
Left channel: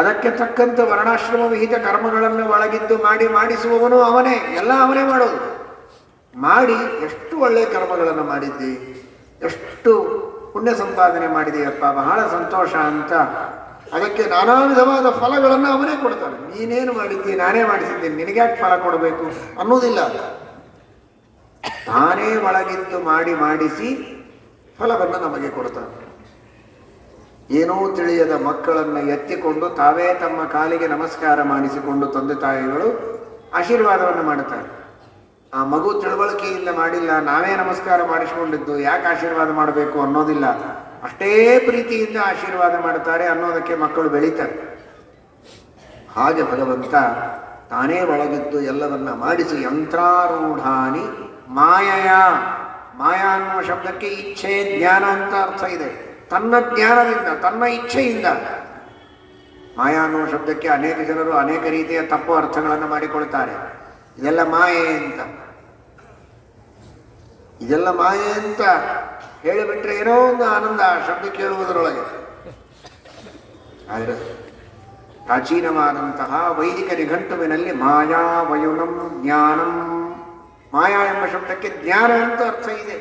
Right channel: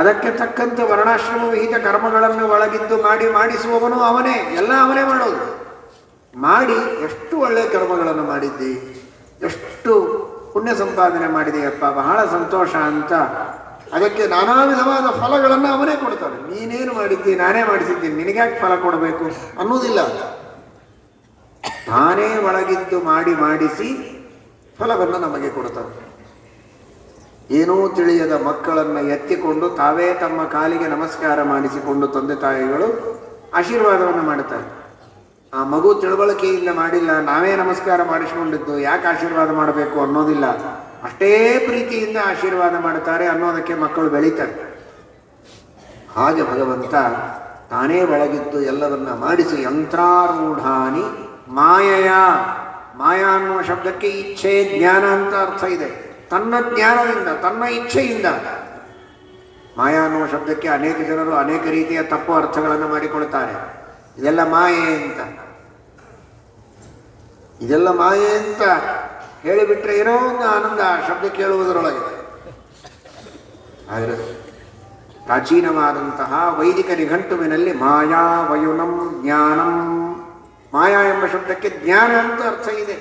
ಅದಕ್ಕೆ ತಕ್ಕಂತೆ ವರ್ಣಾಶ್ರಮ ವಿಹಿತ ಕರ್ಮಗಳನ್ನು ಒಳಗಿದ್ದು ಮಾಡಿಸುವವನು ಅವನೇ, ಎಲ್ಲ ಅವನೇ ಮಾಡೋದು. ಮಾಡಿ ಎಷ್ಟು ಒಳ್ಳೆಯ ಕರ್ಮಗಳನ್ನು ಮಾಡಿದ್ದಿ, ಎಷ್ಟು ಪುಣ್ಯ ಸಂಪಾದನೆ ಮಾಡಿದೆಯಪ್ಪ, ಬಹಳ ಸಂತೋಷ ಅಂತ ಅದಕ್ಕೆ ನಾನಾ ವಿಧವಾದ ಫಲಗಳನ್ನು ಅವನೇ ಕೊಡ್ತಾನೆ. ನೀನೇನು ಮಾಡಿದ್ದಿ, ನಾನೇ ಮಾಡಿಸಿದ್ದೀನಿ, ನಿನಗ್ಯಾಕೆ ಫಲ ಕೊಡಬೇಕು ಅನ್ನೋದಿಲ್ಲ. ತಾನೇ ಒಳಗಿದ್ದು ಮಾಡಿಸಿ ಫಲವನ್ನು ನಮಗೆ ಕೊಡ್ತಾನೆ. ಏನೂ ತಿಳಿಯದ ಮಕ್ಕಳನ್ನು ಎತ್ತಿಕೊಂಡು ತಾವೇ ತಮ್ಮ ಕಾಲಿಗೆ ನಮಸ್ಕಾರ ಮಾಡಿಸಿಕೊಂಡು ತಂದೆ ತಾಯಿಗಳು ಆಶೀರ್ವಾದವನ್ನು ಮಾಡುತ್ತಾರೆ. ಆ ಮಗು ತಿಳುವಳಿಕೆಯಿಂದ ಮಾಡಿಲ್ಲ, ನಾವೇ ನಮಸ್ಕಾರ ಮಾಡಿಸಿಕೊಂಡಿದ್ದು, ಯಾಕೆ ಆಶೀರ್ವಾದ ಮಾಡಬೇಕು ಅನ್ನೋದಿಲ್ಲ. ಅಷ್ಟೇ ಪ್ರೀತಿಯಿಂದ ಆಶೀರ್ವಾದ ಮಾಡ್ತಾರೆ ಅನ್ನೋದಕ್ಕೆ ಮಕ್ಕಳು ಬೆಳೀತಾರೆ. ಹಾಗೆ ಭಗವಂತ ತಾನೇ ಒಳಗಿದ್ದು ಎಲ್ಲವನ್ನ ಮಾಡಿಸಿ ಯಂತ್ರಾರೂಢಾನಿ ಮಾಯಯ. ಮಾಯಾ ಅನ್ನೋ ಶಬ್ದಕ್ಕೆ ಇಚ್ಛೆ ಜ್ಞಾನ ಅಂತ ಅರ್ಥ ಇದೆ. ತನ್ನ ಜ್ಞಾನದಿಂದ, ತನ್ನ ಇಚ್ಛೆಯಿಂದ. ಮಾಯಾ ಅನ್ನೋ ಶಬ್ದಕ್ಕೆ ಅನೇಕ ಜನರು ಅನೇಕ ರೀತಿಯ ತಪ್ಪು ಅರ್ಥಗಳನ್ನು ಮಾಡಿಕೊಳ್ತಾರೆ. ಇದೆಲ್ಲ ಮಾಯೆ ಅಂತ, ಇದೆಲ್ಲ ಮಾಯೆ ಅಂತ ಹೇಳಿಬಿಟ್ರೆ ಏನೋ ಒಂದು ಆನಂದ ಆ ಶಬ್ದ ಕೇಳುವುದರೊಳಗೆ. ಆದರೆ ಪ್ರಾಚೀನವಾದಂತಹ ವೈದಿಕ ನಿಘಂಟುವಿನಲ್ಲಿ ಮಾಯಾ ವಯುನಂ ಜ್ಞಾನಂ, ಮಾಯಾ ಎಂಬ ಶಬ್ದಕ್ಕೆ ಜ್ಞಾನ ಅಂತ ಅರ್ಥ ಇದೆ.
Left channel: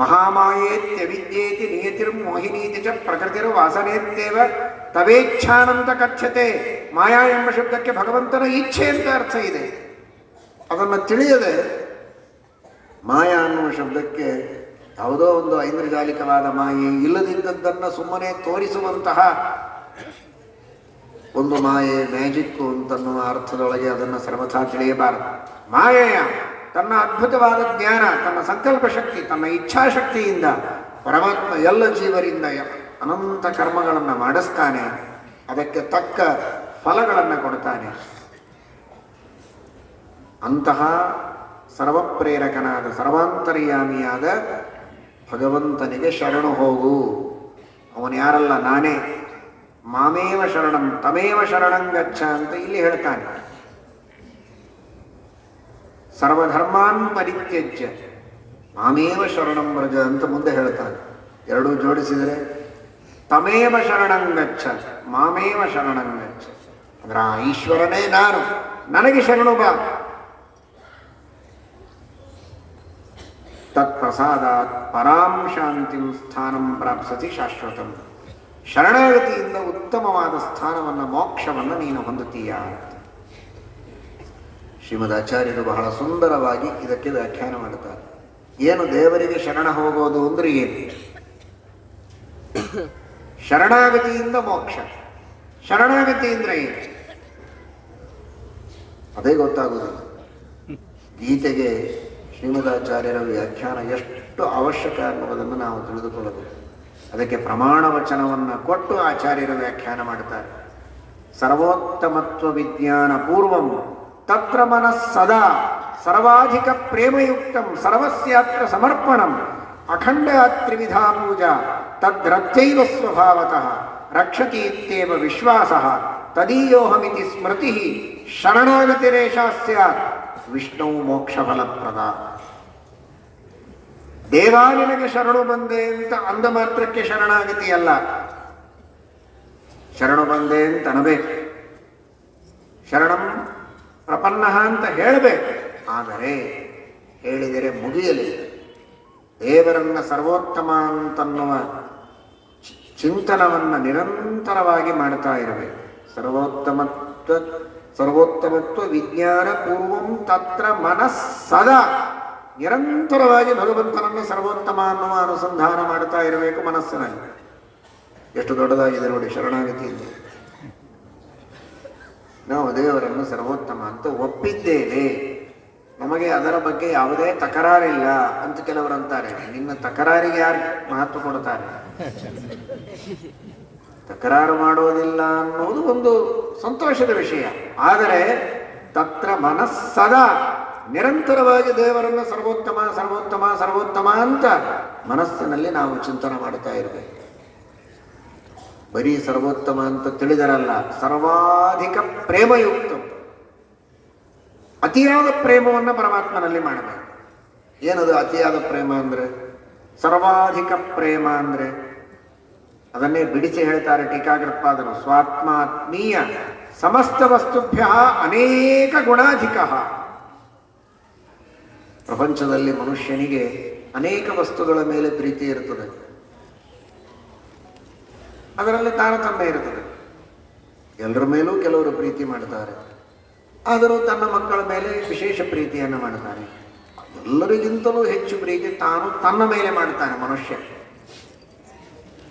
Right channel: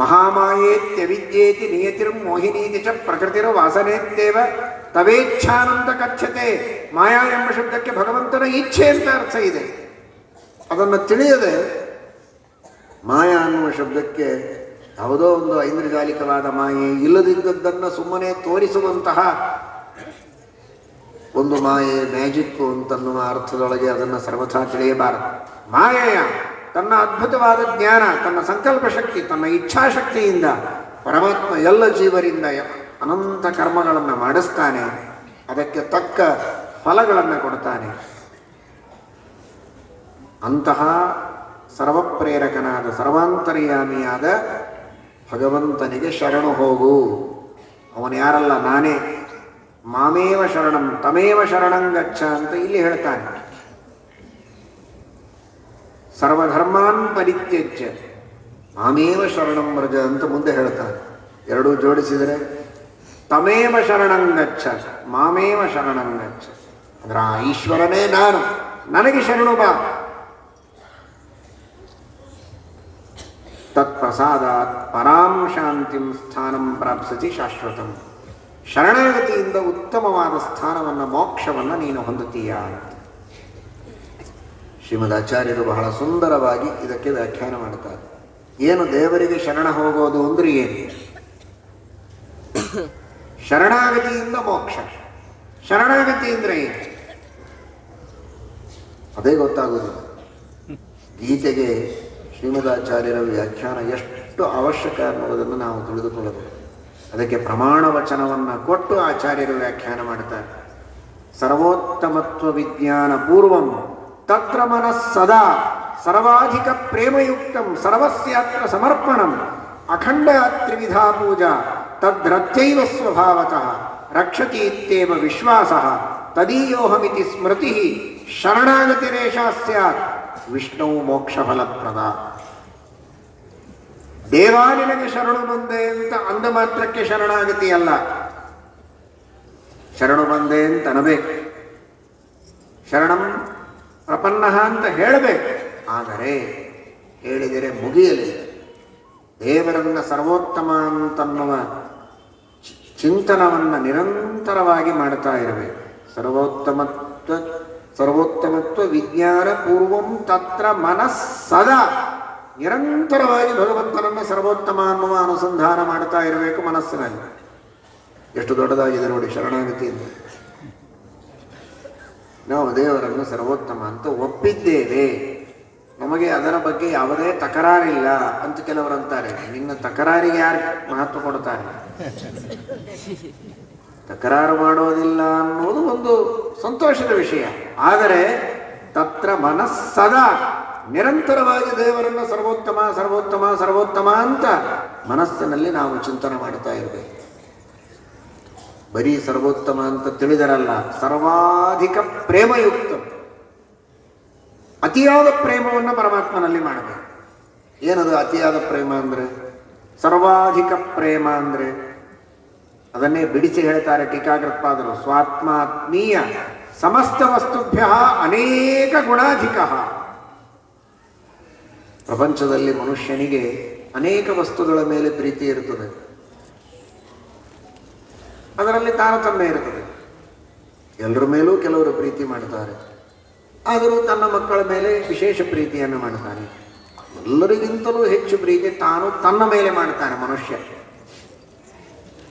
ಮಹಾಮಾಯೇತ್ಯ ವಿದ್ಯೇತಿ ನಿಯತಿರ್ ಮೋಹಿನೀತಿ ಚ ಪ್ರಕೃತಿರ ವಾಸನೇತ್ಯೇವ ತವೇಚ್ಛಾನಂತ ಕಥ್ಯತೆ. ಮಾಯಾ ಎಂಬ ಶಬ್ದಕ್ಕೆ ಭಗವಂತನ ಇಚ್ಛೆ ಅಂತ ಅರ್ಥ ಇದೆ. ಅದನ್ನು ತಿಳಿಯದೆ ಮಾಯಾ ಅನ್ನುವ ಶಬ್ದಕ್ಕೆ ಯಾವುದೋ ಒಂದು ಐಂದ್ರಜಾಲಿಕವಾದ ಮಾಯೆ, ಇಲ್ಲದಿದ್ದದ್ದನ್ನು ಸುಮ್ಮನೆ ತೋರಿಸುವಂತಹ ಒಂದು ಮಾಯೆ, ಮ್ಯಾಜಿಕ್ ಅಂತನ್ನುವ ಅರ್ಥದೊಳಗೆ ಅದನ್ನು ಸರ್ವಥಾ ತಿಳಿಯಬಾರದು. ಮಾಯೆಯ ತನ್ನ ಅದ್ಭುತವಾದ ಜ್ಞಾನ, ತನ್ನ ಸಂಕಲ್ಪ ಶಕ್ತಿ, ತನ್ನ ಇಚ್ಛಾಶಕ್ತಿಯಿಂದ ಪರಮಾತ್ಮ ಎಲ್ಲ ಜೀವರಿಂದ ಅನಂತ ಕರ್ಮಗಳನ್ನು ಮಾಡಿಸ್ತಾನೆ. ಅದಕ್ಕೆ ತಕ್ಕ ಫಲಗಳನ್ನು ಕೊಡ್ತಾನೆ. ಅಂತಹ ಸರ್ವಪ್ರೇರಕನಾದ ಸರ್ವಾಂತರ್ಯಾಮಿಯಾದ ಭಗವಂತನಿಗೆ ಶರಣು ಹೋಗು. ಅವನು ಯಾರಲ್ಲ, ನಾನೇ. ಮಾಮೇವ ಶರಣಂ ತಮೇವ ಶರಣಂ ಗಚ್ಚ ಅಂತ ಇಲ್ಲಿ ಹೇಳ್ತಾನೆ. ಸರ್ವಧರ್ಮಾನ್ ಪರಿತ್ಯಜ್ಯ ಮಾಮೇವ ಶರಣಂ ವ್ರಜ ಅಂತ ಮುಂದೆ ಹೇಳ್ತಾನೆ. ಎರಡೂ ಜೋಡಿಸಿದರೆ ತಮೇವ ಶರಣಂ ಗಚ್ಚ ಮಾಮೇವ ಶರಣಂ ಗಚ್ಚ ಅಂದ್ರೆ ಆ ಈಶ್ವರನೇ ನಾನು, ನನಗೆ ಶರಣು ಬಾ. ತತ್ಪ್ರಸಾದ ಪರಾಂ ಶಾಂತಿಂ ಸ್ಥಾನಂ ಪ್ರಾಪ್ಸತಿ ಶಾಶ್ವತಂ. ಶರಣಾಗತಿಯಿಂದ ಉತ್ತಮವಾದ ಸ್ಥಾನವನ್ನು, ಮೋಕ್ಷವನ್ನು ನೀನು ಹೊಂದುತ್ತೀಯ. ಶ್ರೀಮದ್ ಆಚಾರ್ಯರು ಬಹಳ ಸುಂದರವಾಗಿ ಇದಕ್ಕೆ ವ್ಯಾಖ್ಯಾನ ಮಾಡುತ್ತಾರೆ. ಏನು ದೇವರಿಗೆ ಶರಣ ಹೋಗೋದು ಅಂದ್ರೆ ಏನು? ಶರಣಾಗತಿಯಿಂದ ಮೋಕ್ಷ. ಶರಣಾಗತಿ ಅಂದ್ರೆ ಏನು? ಅದೇ ಗೊತ್ತಾಗುವುದಿಲ್ಲ. ಗೀತೆಗೆ ಶ್ರೀಮದಾಚಾರ್ಯರ ವ್ಯಾಖ್ಯಾನ ಎಷ್ಟು ಅವಶ್ಯಕ ಅನ್ನೋದನ್ನು ನಾವು ತಿಳಿದುಕೊಳ್ಳಬೇಕು. ಅದಕ್ಕೆ ಪ್ರಮಾಣ ವಚನವನ್ನು ಕೊಟ್ಟು ಆಚಾರ್ಯರು ವ್ಯಾಖ್ಯಾನ ಮಾಡುತ್ತಾರೆ. ಸರ್ವೋತ್ತಮತ್ವ ವಿಜ್ಞಾನ ಪೂರ್ವಂ ತತ್ರ ಮನಸ್ಸದಾ ಸರ್ವಾಧಿಕ ಪ್ರೇಮಯುಕ್ತಂ ಸರ್ವಸ್ಯಾತ್ರ ಸಮರ್ಪಣಂ ಅಖಂಡ ತ್ರಿವಿಧಾ ಪೂಜಾ ತದ್ರತ್ಯೈವ ಸ್ವಭಾವತಃ ರಕ್ಷತಿ ಇತ್ಯೇವ ವಿಶ್ವಾಸಃ ತದೀಯೋಹಮಿತಿ ಸ್ಮೃತಿ ಶರಣಾಗತಿರೇಷಾ ಸ್ಯಾತ್ ವಿಷ್ಣು ಮೋಕ್ಷ ಫಲಪ್ರದ. ದೇವಾ ನಿನಗೆ ಶರಣು ಬಂದೆ ಅಂತ ಅಂದ ಮಾತ್ರಕ್ಕೆ ಶರಣಾಗತಿ ಅಲ್ಲ. ಶರಣು ಬಂದೆ ಅಂತ ಅನಬೇಕು, ಶರಣಂ ಪ್ರಪನ್ನ ಅಂತ ಹೇಳಬೇಕು. ಆದರೆ ಹೇಳಿದರೆ ಮುಗಿಯಲಿ. ದೇವರನ್ನ ಸರ್ವೋತ್ತಮ ಅಂತನ್ನುವ ಚಿಂತನವನ್ನು ನಿರಂತರವಾಗಿ ಮಾಡ್ತಾ ಇರಬೇಕು. ಸರ್ವೋತ್ತಮತ್ವ ವಿಜ್ಞಾನ ಪೂರ್ವಂ ತತ್ರ ಮನಸ್ಸದಾ. ನಿರಂತರವಾಗಿ ಭಗವಂತನನ್ನು ಸರ್ವೋತ್ತಮ ಅನ್ನುವ ಅನುಸಂಧಾನ ಮಾಡ್ತಾ ಇರಬೇಕು ಮನಸ್ಸಿನಲ್ಲಿ. ಎಷ್ಟು ದೊಡ್ಡದಾಗಿದೆ ನೋಡಿ ಶರಣಾಗತಿಯಿಂದ. ನಾವು ದೇವರನ್ನು ಸರ್ವೋತ್ತಮ ಅಂತ ಒಪ್ಪಿದ್ದೇವೆ, ನಮಗೆ ಅದರ ಬಗ್ಗೆ ಯಾವುದೇ ತಕರಾರಿಲ್ಲ ಅಂತ ಕೆಲವರು ಅಂತಾರೆ. ನಿನ್ನ ತಕರಾರಿಗೆ ಯಾರು ಮಹತ್ವ ಕೊಡ್ತಾರೆ? ತಕರಾರು ಮಾಡೋದಿಲ್ಲ ಅನ್ನೋದು ಒಂದು ಸಂತೋಷದ ವಿಷಯ. ಆದರೆ ತತ್ರ ಮನಸ್ಸದಾ ನಿರಂತರವಾಗಿ ದೇವರನ್ನು ಸರ್ವೋತ್ತಮ ಸರ್ವೋತ್ತಮ ಸರ್ವೋತ್ತಮ ಅಂತ ಮನಸ್ಸಿನಲ್ಲಿ ನಾವು ಚಿಂತನೆ ಮಾಡ್ತಾ ಇರಬೇಕು. ಬರೀ ಸರ್ವೋತ್ತಮ ಅಂತ ತಿಳಿದರಲ್ಲ, ಸರ್ವಾಧಿಕ ಪ್ರೇಮಯುಕ್ತ, ಅತಿಯಾದ ಪ್ರೇಮವನ್ನು ಪರಮಾತ್ಮನಲ್ಲಿ ಮಾಡಬೇಕು. ಏನದು ಅತಿಯಾದ ಪ್ರೇಮ ಅಂದ್ರೆ? ಸರ್ವಾಧಿಕ ಪ್ರೇಮ ಅಂದ್ರೆ ಅದನ್ನೇ ಬಿಡಿಸಿ ಹೇಳ್ತಾರೆ ಟೀಕಾಕೃತ್ಪಾದರು. ಸ್ವಾತ್ಮಾತ್ಮೀಯ ಸಮಸ್ತ ವಸ್ತುಭ್ಯ ಅನೇಕ ಗುಣಾಧಿಕ. ಪ್ರಪಂಚದಲ್ಲಿ ಮನುಷ್ಯನಿಗೆ ಅನೇಕ ವಸ್ತುಗಳ ಮೇಲೆ ಪ್ರೀತಿ ಇರುತ್ತದೆ, ಅದರಲ್ಲಿ ತಾರತಮ್ಯ ಇರ್ತದೆ. ಎಲ್ಲರ ಮೇಲೂ ಕೆಲವರು ಪ್ರೀತಿ ಮಾಡ್ತಾರೆ, ಆದರೂ ತನ್ನ ಮಕ್ಕಳ ಮೇಲೆ ವಿಶೇಷ ಪ್ರೀತಿಯನ್ನು ಮಾಡ್ತಾನೆ. ಎಲ್ಲರಿಗಿಂತಲೂ ಹೆಚ್ಚು ಪ್ರೀತಿ ತಾನು ತನ್ನ ಮೇಲೆ ಮಾಡ್ತಾನೆ ಮನುಷ್ಯ.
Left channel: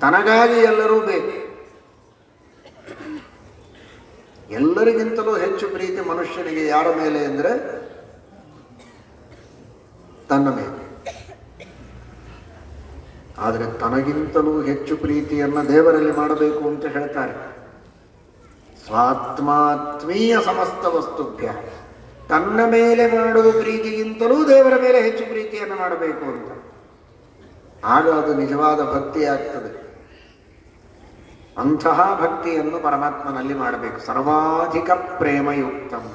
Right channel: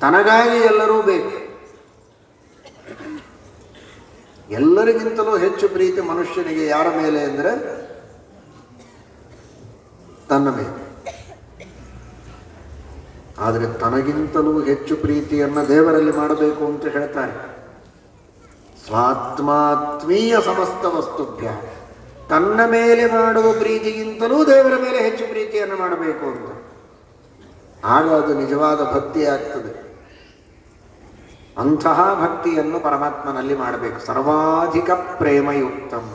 ತನಗಾಗಿ ಎಲ್ಲರೂ ಬೇಕು. ಎಲ್ಲರಿಗಿಂತಲೂ ಹೆಚ್ಚು ಪ್ರೀತಿ ಮನುಷ್ಯನಿಗೆ ಯಾರ ಮೇಲೆ ಅಂದರೆ ತನ್ನ ಮೇಲೆ. ಆದರೆ ತನಗಿಂತಲೂ ಹೆಚ್ಚು ಪ್ರೀತಿಯನ್ನು ದೇವರಲ್ಲಿ ಮಾಡಬೇಕು ಅಂತ ಹೇಳ್ತಾರೆ. ಸ್ವಾತ್ಮಾತ್ಮೀಯ ಸಮಸ್ತ ವಸ್ತುಭ್ಯ, ತನ್ನ ಮೇಲೆ ಮಾಡುವ ಪ್ರೀತಿಗಿಂತಲೂ ದೇವರ ಮೇಲೆ ಹೆಚ್ಚು ಪ್ರೀತಿಯನ್ನು ಮಾಡಬೇಕು ಅಂತ. ಆಗ ಅದು ನಿಜವಾದ ಭಕ್ತಿ ಆಗ್ತದೆ. ಅಂತಹ ಭಕ್ತಿಯನ್ನು ಪರಮಾತ್ಮನಲ್ಲಿ ಮಾಡಬೇಕು. ಸರ್ವಾಧಿಕ ಪ್ರೇಮಯುಕ್ತಂ.